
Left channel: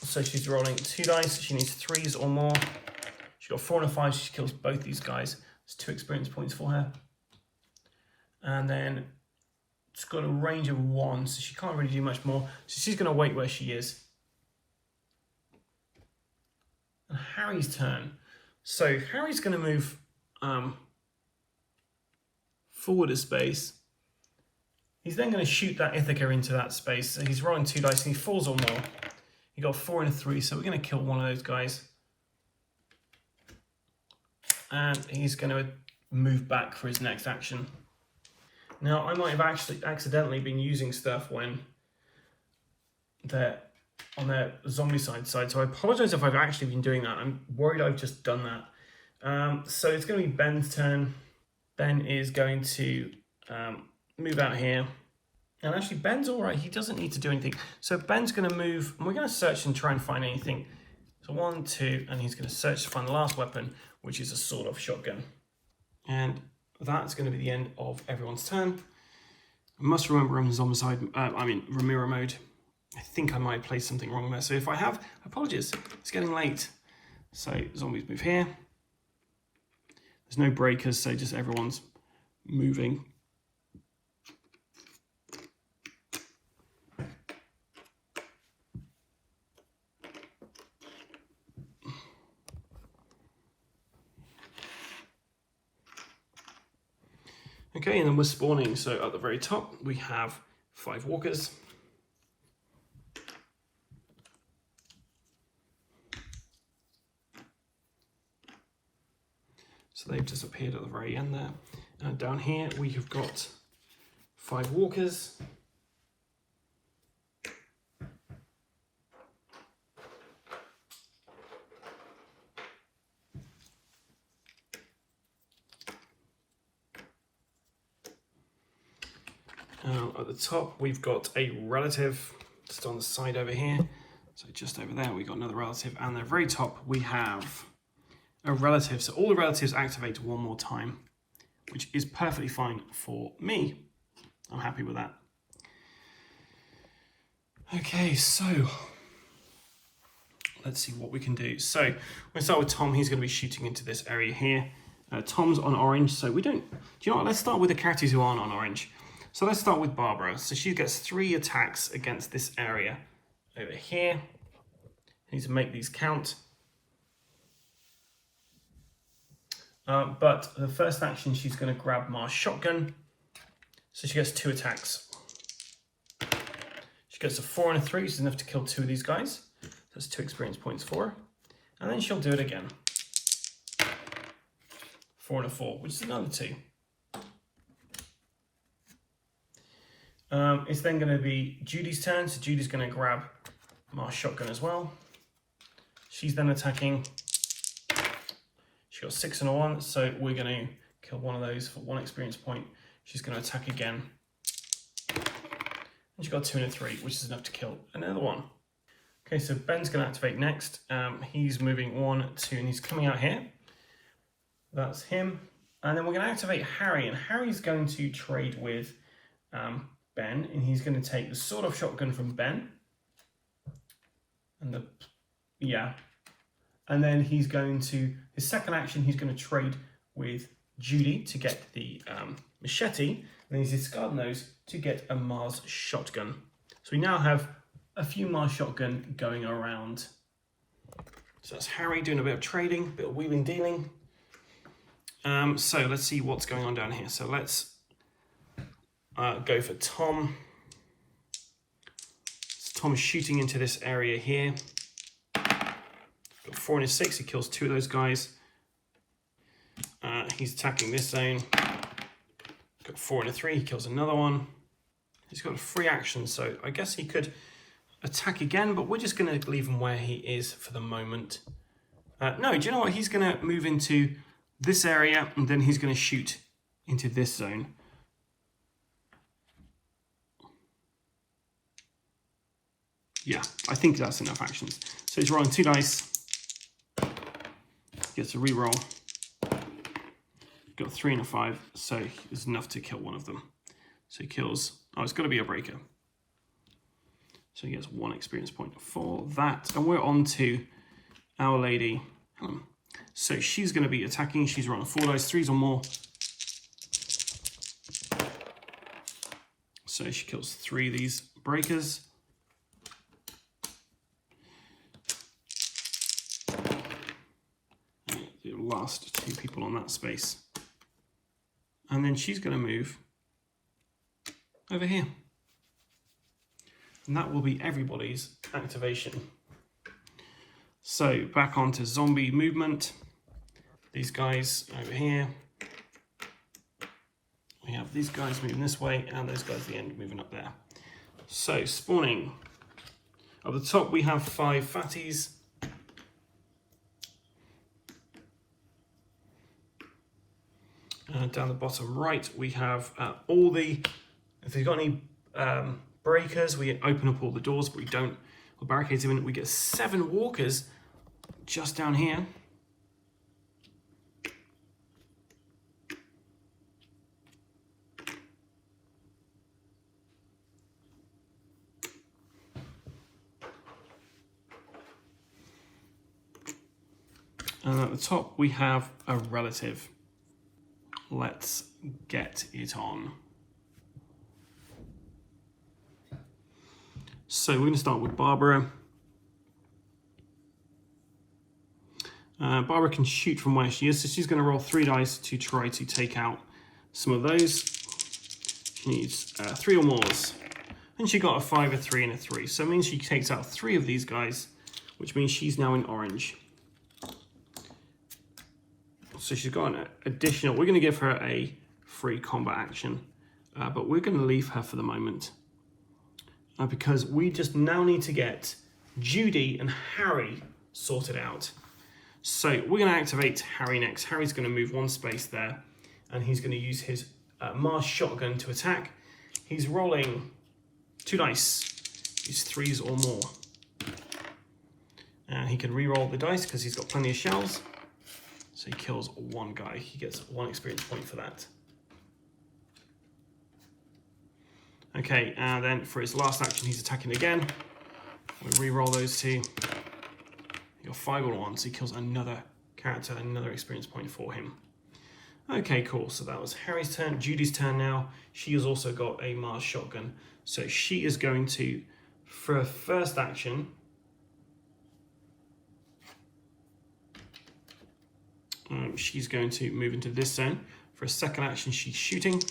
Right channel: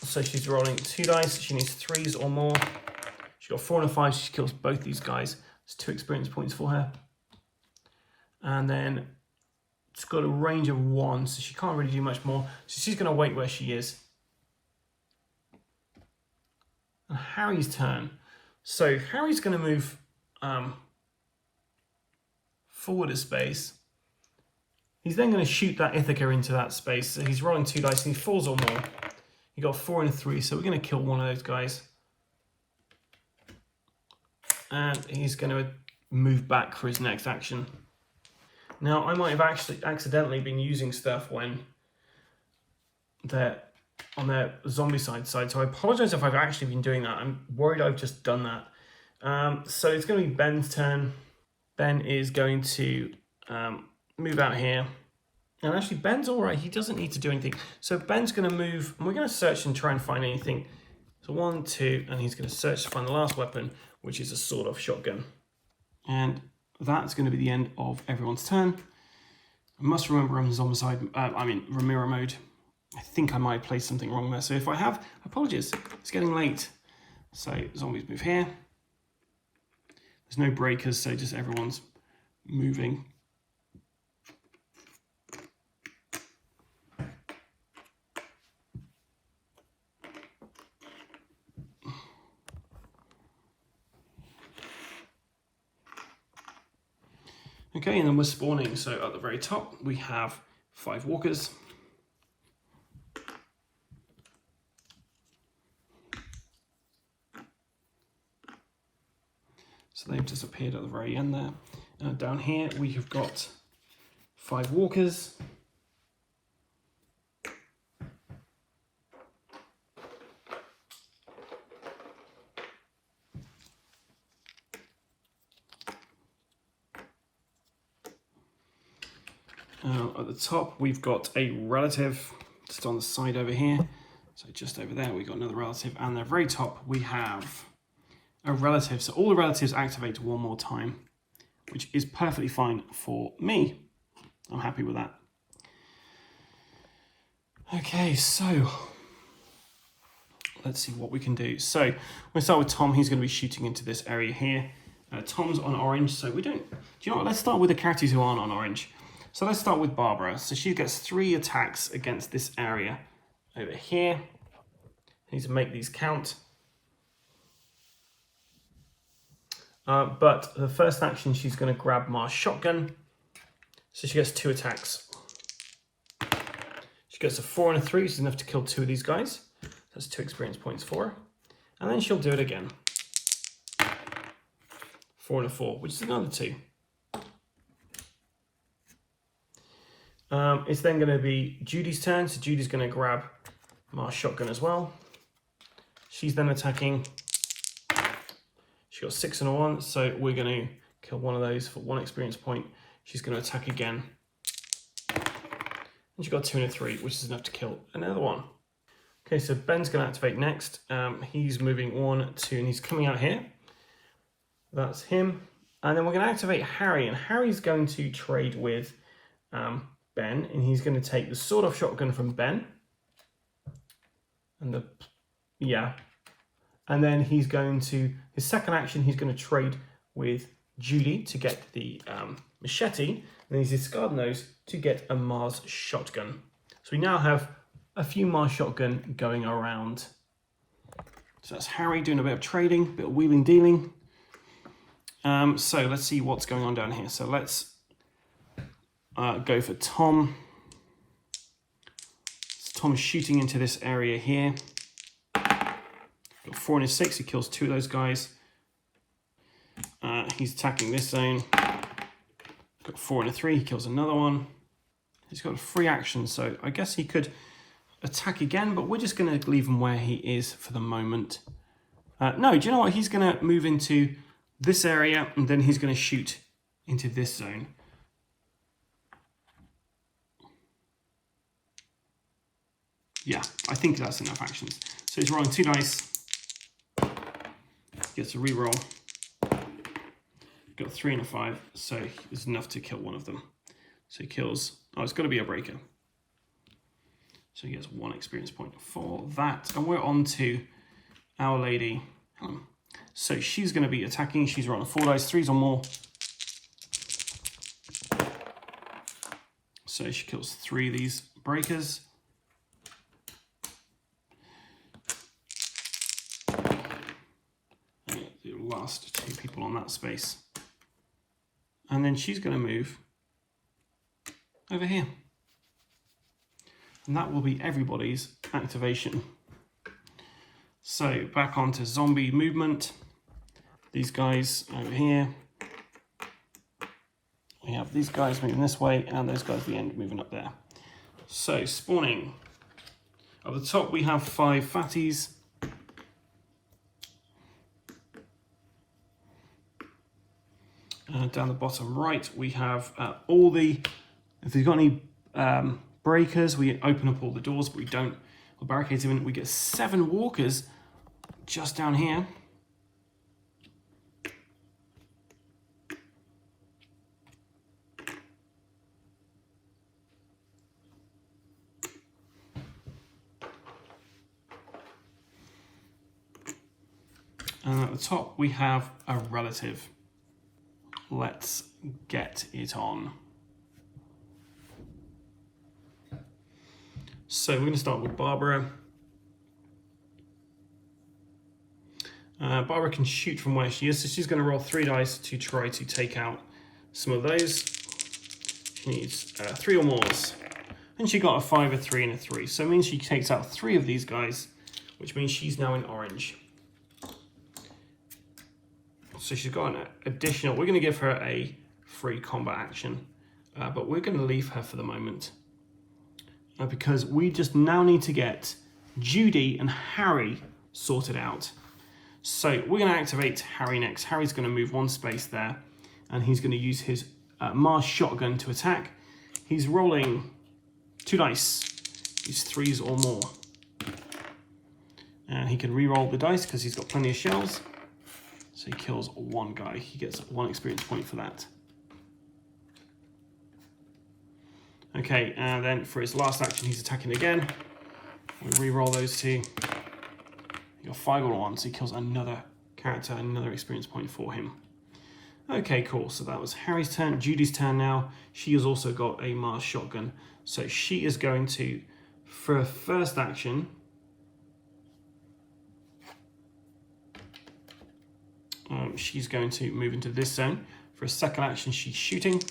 So she's rolling 2 dice. She needs 3s or more. She got 4 and a 5. She kills both these guys. It's 2 experience points for her. And then she's got a range of 1, so she can't really do much more. So she's going to wait where she is. And Harry's turn. So Harry's going to move forward a space. He's then going to shoot that Ithaca into that space. So he's rolling 2 dice and he 4s or more. He got 4 and a 3, so we're going to kill one of those guys. And he's going to move back for his next action. Now, I might have actually accidentally been using stuff when they're on their Zombicide side, so I apologize if I've actually been doing that. I'm worried I've just done that. So it's going to be Ben's turn. Ben is going to move out here. And actually, Ben's all right. He doesn't need to do anything. So Ben's going to move, and we're going to search and try and find anything. So 1, 2, and he's going to search to find the last weapon, which is a sawed-off shotgun. And that's going to be the end of everyone's turn. I must remember I'm Zombicide, Ramiro mode. I think I might play something wrong there. So if I have, apologies, it's getting late. So zombies move here. There's no breakers, so just everyone's moving. Okay, and then we're spawning. So at the very top, we have 5 walkers. So they've disappeared at the very end there. And down here, we have got 5 walkers. At the top, we've got a relative just on the side over here. So just over there, we've got another relative. And at the very top, we have a relative. So all the relatives activate one more time, which is perfectly fine for me. I'm happy with that. Okay, so let's see what we can do. So we'll start with Tom. He's going to be shooting into this area here. Tom's on orange, so we don't... Do you know what? Let's start with the characters who aren't on orange. So let's start with Barbara. So she gets 3 attacks against this area over here. I need to make these count. But the first action, she's going to grab Mars shotgun. So she gets 2 attacks. She gets a 4 and a 3, which is enough to kill 2 of these guys. That's 2 experience points for her. And then she'll do it again. 4 and a 4, which is another 2. It's then going to be Judy's turn. So Judy's going to grab Mars shotgun as well. She's then attacking. She got 6 and a 1, so we're going to kill one of those for 1 experience point. She's going to attack again. And she got 2 and a 3, which is enough to kill another one. Okay, so Ben's going to activate next. He's moving 1, 2, and he's coming out here. That's him. And then we're going to activate Harry, and Harry's going to trade with Ben, and he's going to take the sawed-off shotgun from Ben. And and then he's going to, his second action, he's going to trade with Judy to get the machete, and he's discarding those to get a Mars shotgun. So we now have a few Mars shotgun going around. So that's Harry doing a bit of trading, a bit of wheeling dealing. So let's see what's going on down here. So let's go for Tom. So Tom is shooting into this area here. Got 4 and a 6, he kills 2 of those guys. He's attacking this zone. Got 4 and a 3, he kills another one. He's got a free action, so I guess he could attack again, but we're just going to leave him where he is for the moment. No, do you know what? He's going to move into this area, and then he's going to shoot into this zone. Yeah, I think that's enough actions. So he's rolling 2 dice. Gets a reroll. Got 3 and a 5, so it's enough to kill one of them. So he kills... Oh, it's got to be a breaker. So he gets 1 experience point for that. And we're on to Our Lady. So she's going to be attacking. She's rolling 4 dice, 3s or more. So she kills 3 of these breakers. And the last 2 people on that space. And then she's going to move over here. And that will be everybody's activation. So back onto zombie movement. These guys over here. We have these guys moving this way and those guys at the end moving up there. So spawning. At the top we have 5 fatties. Down the bottom right we have all the, if we've got any breakers, we open up all the doors, but we don't, we'll barricade them in. We get 7 walkers just down here. And at the top, we have a relative. Let's get it on. So we're going to start with Barbara. Barbara can shoot from where she is, so she's going to roll 3 dice to try to take out some of those. She needs 3 or more. And she got a 5, a 3, and a 3. So it means she takes out 3 of these guys, which means she's now in orange. So she's got an additional, we're going to give her a free combat action, but we're going to leave her for the moment. Because we just now need to get Judy and Harry sorted out. So we're going to activate Harry next. Harry's going to move 1 space there, and he's going to use his Mars shotgun to attack. He's rolling 2 dice. He's 3s or more. And he can re-roll the dice because he's got plenty of shells. So he kills 1 guy. He gets 1 experience point for that. Okay, and then for his last action, he's attacking again. We re-roll those 2. He got 5 or 1, so he kills another character, another experience point for him. Okay, cool. So that was Harry's turn. Judy's turn now. She has also got a Mars shotgun. So she is going to, for her first action, she's going to move into this zone. For a second action, she's shooting.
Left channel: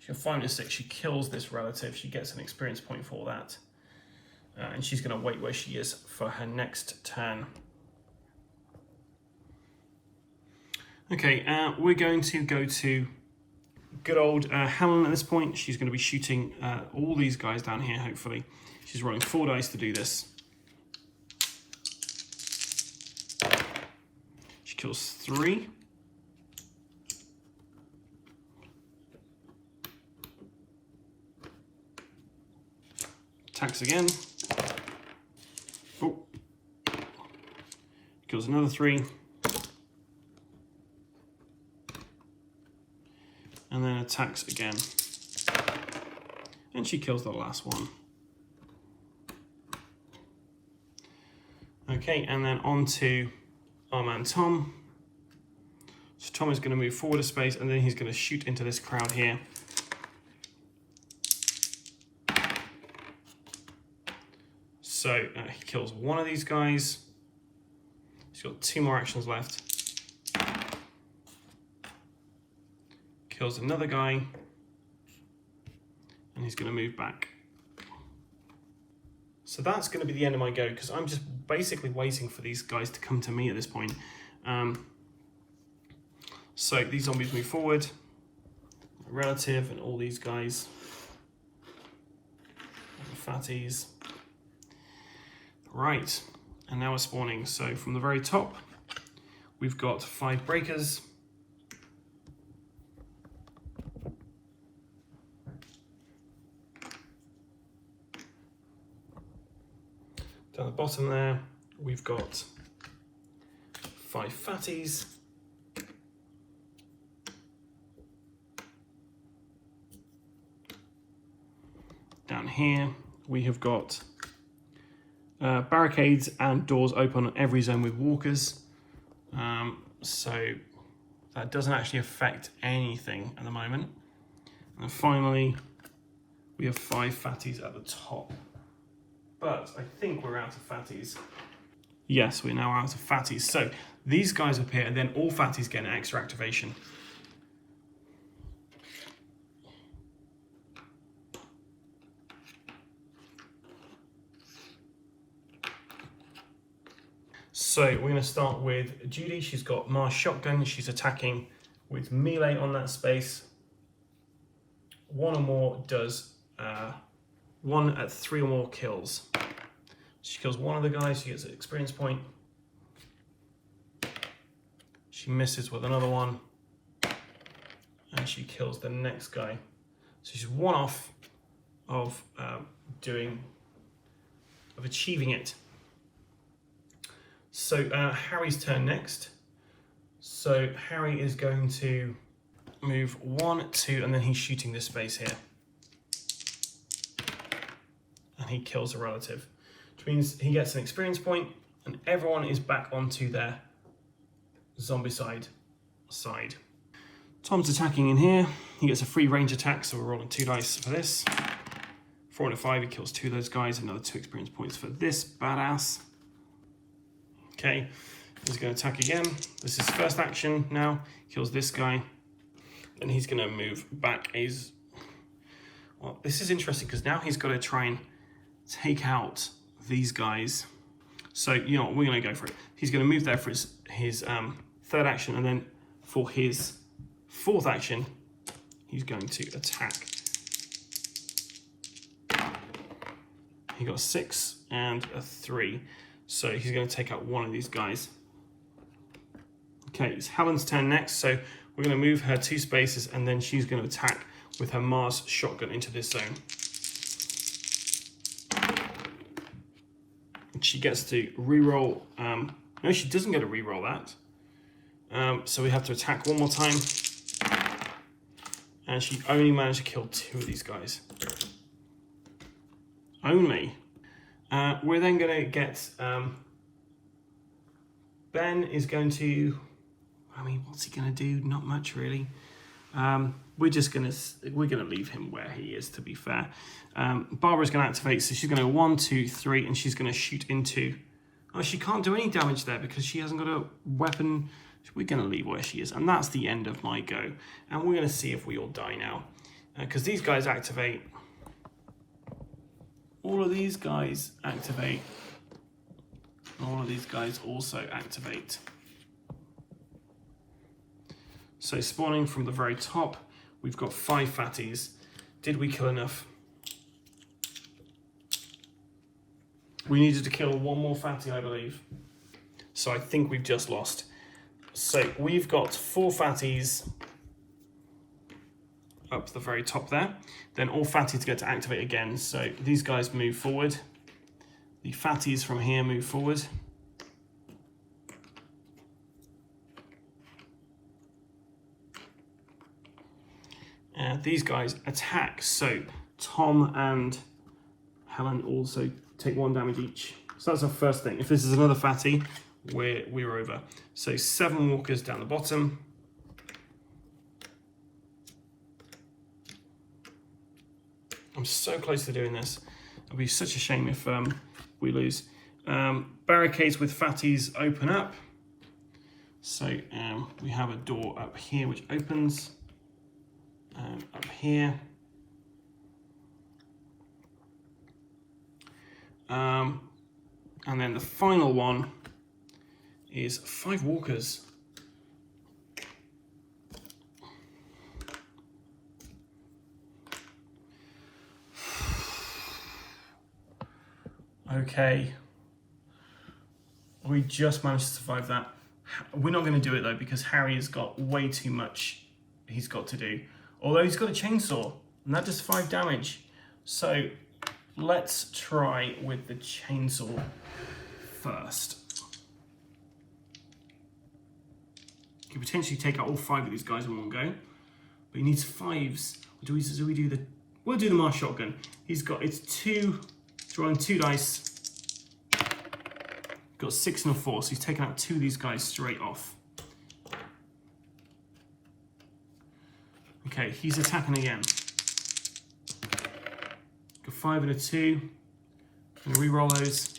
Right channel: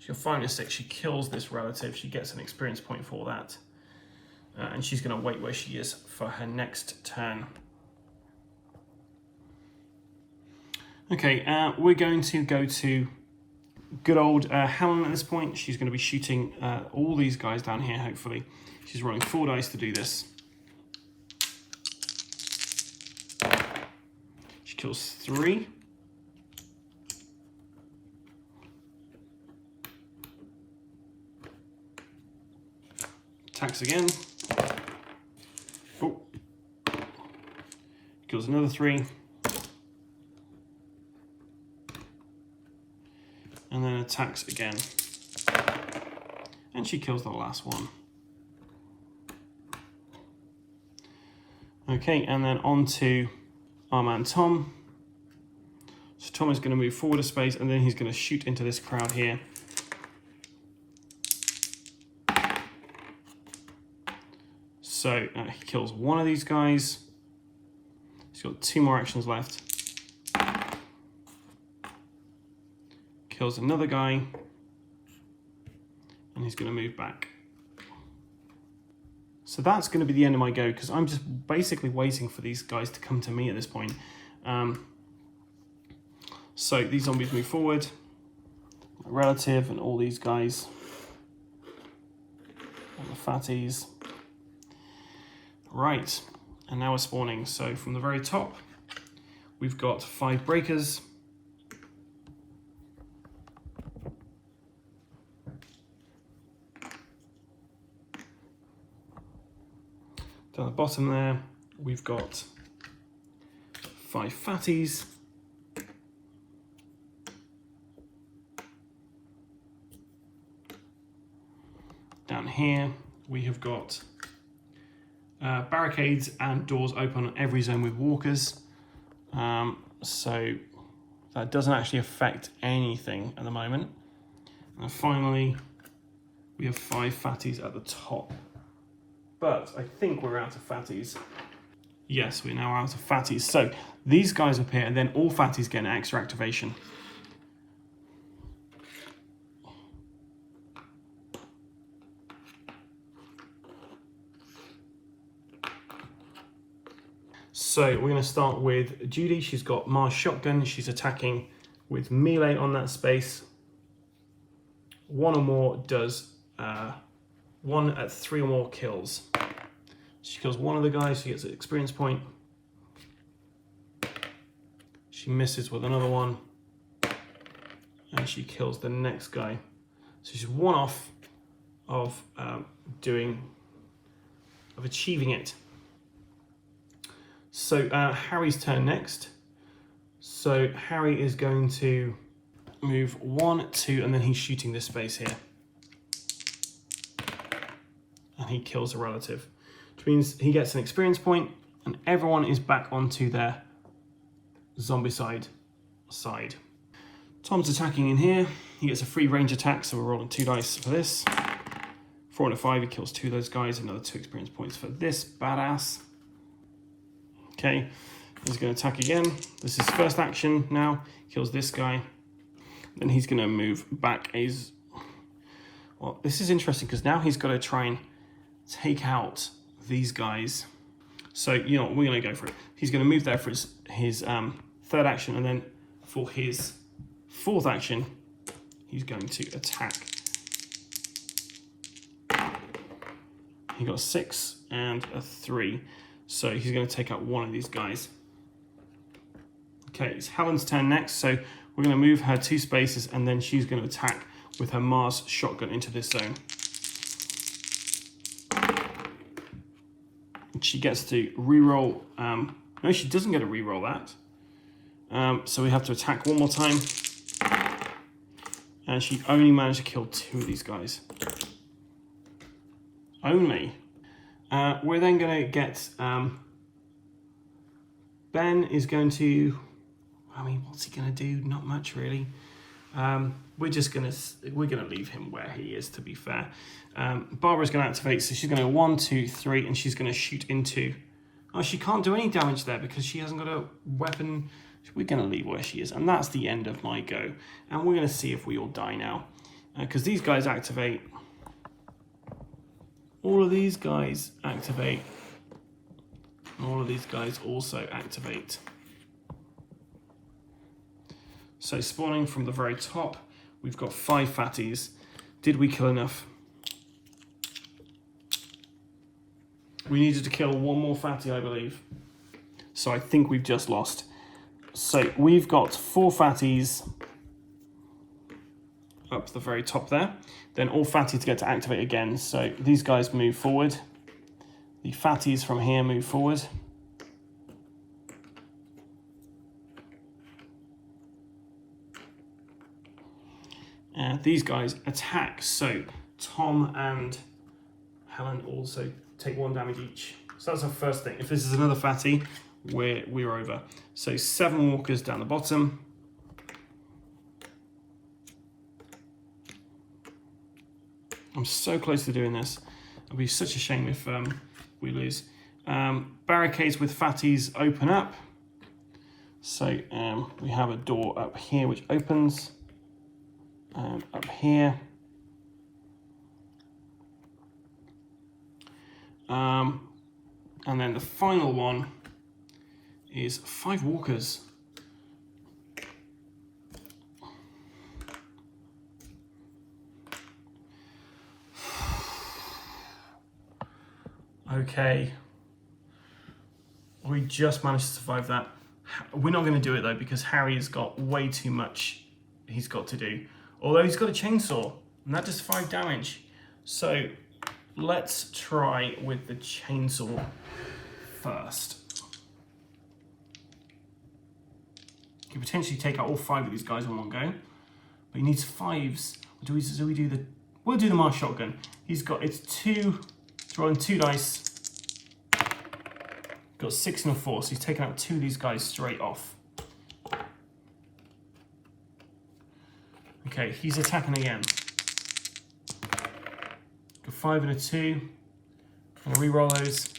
She got 5 and 6. She kills this relative. She gets an experience point for that. And she's going to wait where she is for her next turn. Okay, we're going to go to good old Helen at this point. She's going to be shooting all these guys down here, hopefully. She's rolling 4 dice to do this. She kills 3. Attacks again. Oh. Kills another 3. And then attacks again. And she kills the last one. Okay, and then on to our man Tom. So Tom is going to move forward a space, and then he's going to shoot into this crowd here. So he kills 1 of these guys. He's got 2 more actions left. Kills another guy. And he's going to move back. So that's going to be the end of my go, because I'm just basically waiting for these guys to come to me at this point. So these zombies move forward. My relative and all these guys. And the fatties. Right, and now we're spawning. So from the very top, we've got 5 breakers. Down the bottom there, we've got 5 fatties. Down here, we have got barricades and doors open on every zone with walkers. So that doesn't actually affect anything at the moment. And finally, we have 5 fatties at the top. But I think we're out of fatties. Yes, we're now out of fatties. So these guys appear, and then all fatties get an extra activation. So we're going to start with Judy. She's got Mars shotgun. She's attacking with melee on that space. 1 or more does 1 at 3 or more kills. She kills 1 of the guys. She gets an experience point. She misses with another one, and she kills the next guy. So she's 1 off of achieving it. So Harry's turn next. So Harry is going to move 1, 2, and then he's shooting this space here. And he kills a relative. To which means he gets an experience point, and everyone is back onto their Zombicide side. Tom's attacking in here. He gets a free range attack, so we're rolling 2 dice for this. 4 and a 5, he kills 2 of those guys, another 2 experience points for this badass. Okay, he's going to attack again. This is first action now. Kills this guy. And he's going to move back his... Well, this is interesting because now he's got to try and take out these guys. So, you know what, we're going to go for it. He's going to move there for his third action, and then for his fourth action, he's going to attack. He got a 6 and a 3. So he's going to take out one of these guys. Okay, it's Helen's turn next. So we're going to move her 2 spaces, and then she's going to attack with her Mars shotgun into this zone. She gets to reroll. No, she doesn't get to reroll that. So we have to attack one more time. And she only managed to kill 2 of these guys. Only. We're then going to get... Ben is going to... I mean, what's he going to do? Not much, really. We're gonna leave him where he is, to be fair. Barbara's going to activate, so she's going to go 1, 2, 3, and she's going to shoot into... Oh, she can't do any damage there because she hasn't got a weapon. We're going to leave where she is, and that's the end of my go. And we're going to see if we all die now. Because these guys activate... All of these guys activate. All of these guys also activate. So spawning from the very top, we've got 5 fatties. Did we kill enough? We needed to kill 1 more fatty, I believe. So I think we've just lost. So we've got 4 fatties up to the very top there. Then all fatties get to activate again. So these guys move forward. The fatties from here move forward. These guys attack. So Tom and Helen also take 1 damage each. So that's our first thing. If this is another fatty, we're over. So 7 walkers down the bottom. I'm so close to doing this. It'll be such a shame if we lose. Barricades with fatties open up. So we have a door up here which opens. And up here. And then the final one is 5 walkers. Okay. We just managed to survive that. We're not going to do it though because Harry has got way too much he's got to do. Although he's got a chainsaw, and that does 5 damage. So let's try with the chainsaw first. You can potentially take out all 5 of these guys in one go, but he needs 5s. We'll do the Mars shotgun. It's 2, throwing 2 dice. Got 6 and a 4, so he's taken out 2 of these guys straight off. Okay, he's attacking again. Got 5 and a 2. Gonna re-roll those.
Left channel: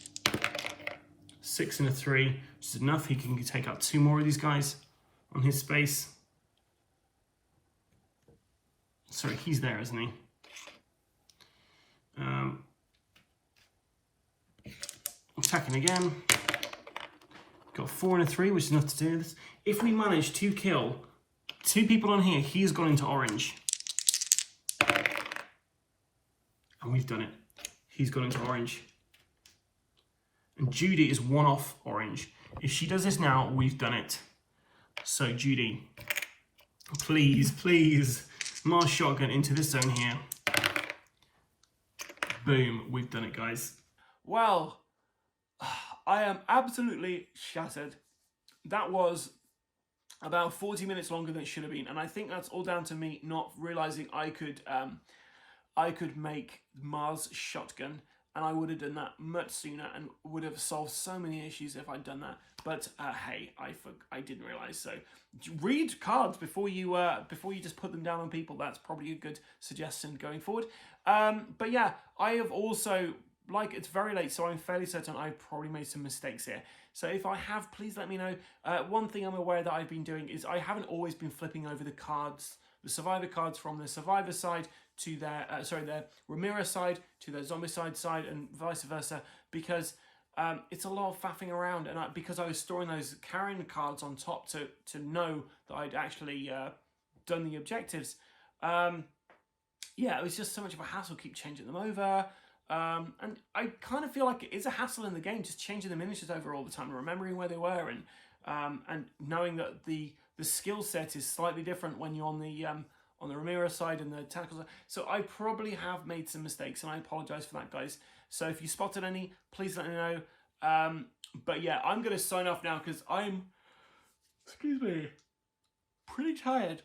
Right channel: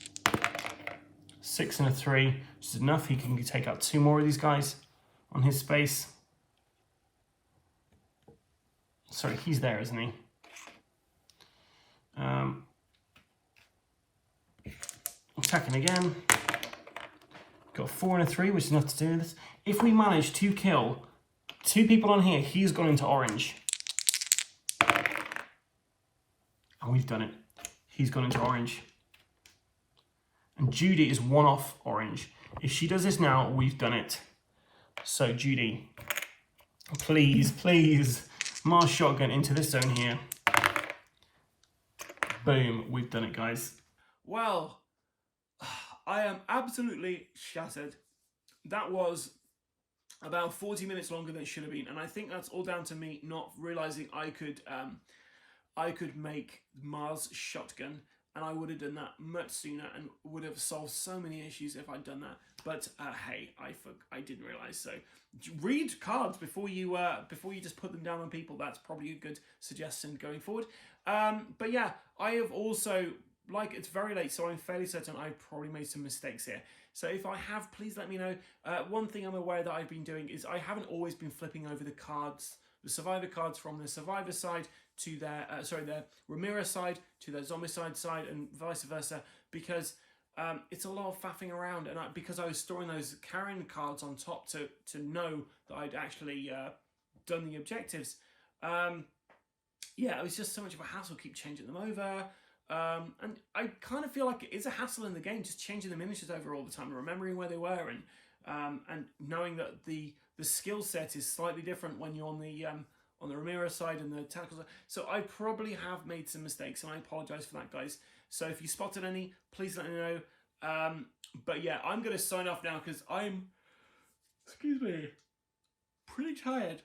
6 and a 3, which is enough. He can take out 2 more of these guys on his space. Sorry, he's there, isn't he? Attacking again. Got 4 and a 3, which is enough to do this. If we manage to kill 2 people on here, he's gone into orange. And we've done it. He's gone into orange. And Judy is 1 off orange. If she does this now, we've done it. So Judy, please, please, Mars shotgun into this zone here. Boom, we've done it, guys. Well, I am absolutely shattered. That was about 40 minutes longer than it should have been, and I think that's all down to me not realizing I could make Mars shotgun and I would have done that much sooner and would have solved so many issues if I'd done that. But hey, I didn't realize. So read cards before you just put them down on people. That's probably a good suggestion going forward. But yeah, I have also, like, it's very late, so I'm fairly certain I've probably made some mistakes here. So if I have, please let me know. One thing I'm aware that I've been doing is I haven't always been flipping over the cards, the survivor cards, from the survivor side to their their Ramira side to their Zombicide side, and vice versa, because it's a lot of faffing around, and because I was storing those carrying cards on top to know that I'd actually done the objectives. Yeah, it was just so much of a hassle, keep changing them over. And I kind of feel like it is a hassle in the game, just changing the miniatures over all the time, remembering where they were, and knowing that the skill set is slightly different when you're on the Ramira side and the tactical side. So I probably have made some mistakes, and I apologize for that, guys. So if you spotted any, please let me know. But yeah, I'm going to sign off now because I'm, excuse me, pretty tired.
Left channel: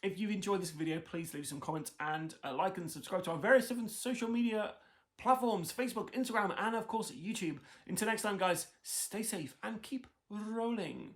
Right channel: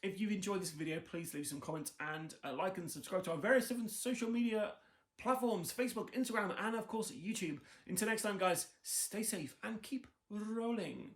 If you've enjoyed this video, please leave some comments and like and subscribe to our various different social media platforms, Facebook, Instagram, and of course YouTube. Until next time, guys, stay safe and keep rolling.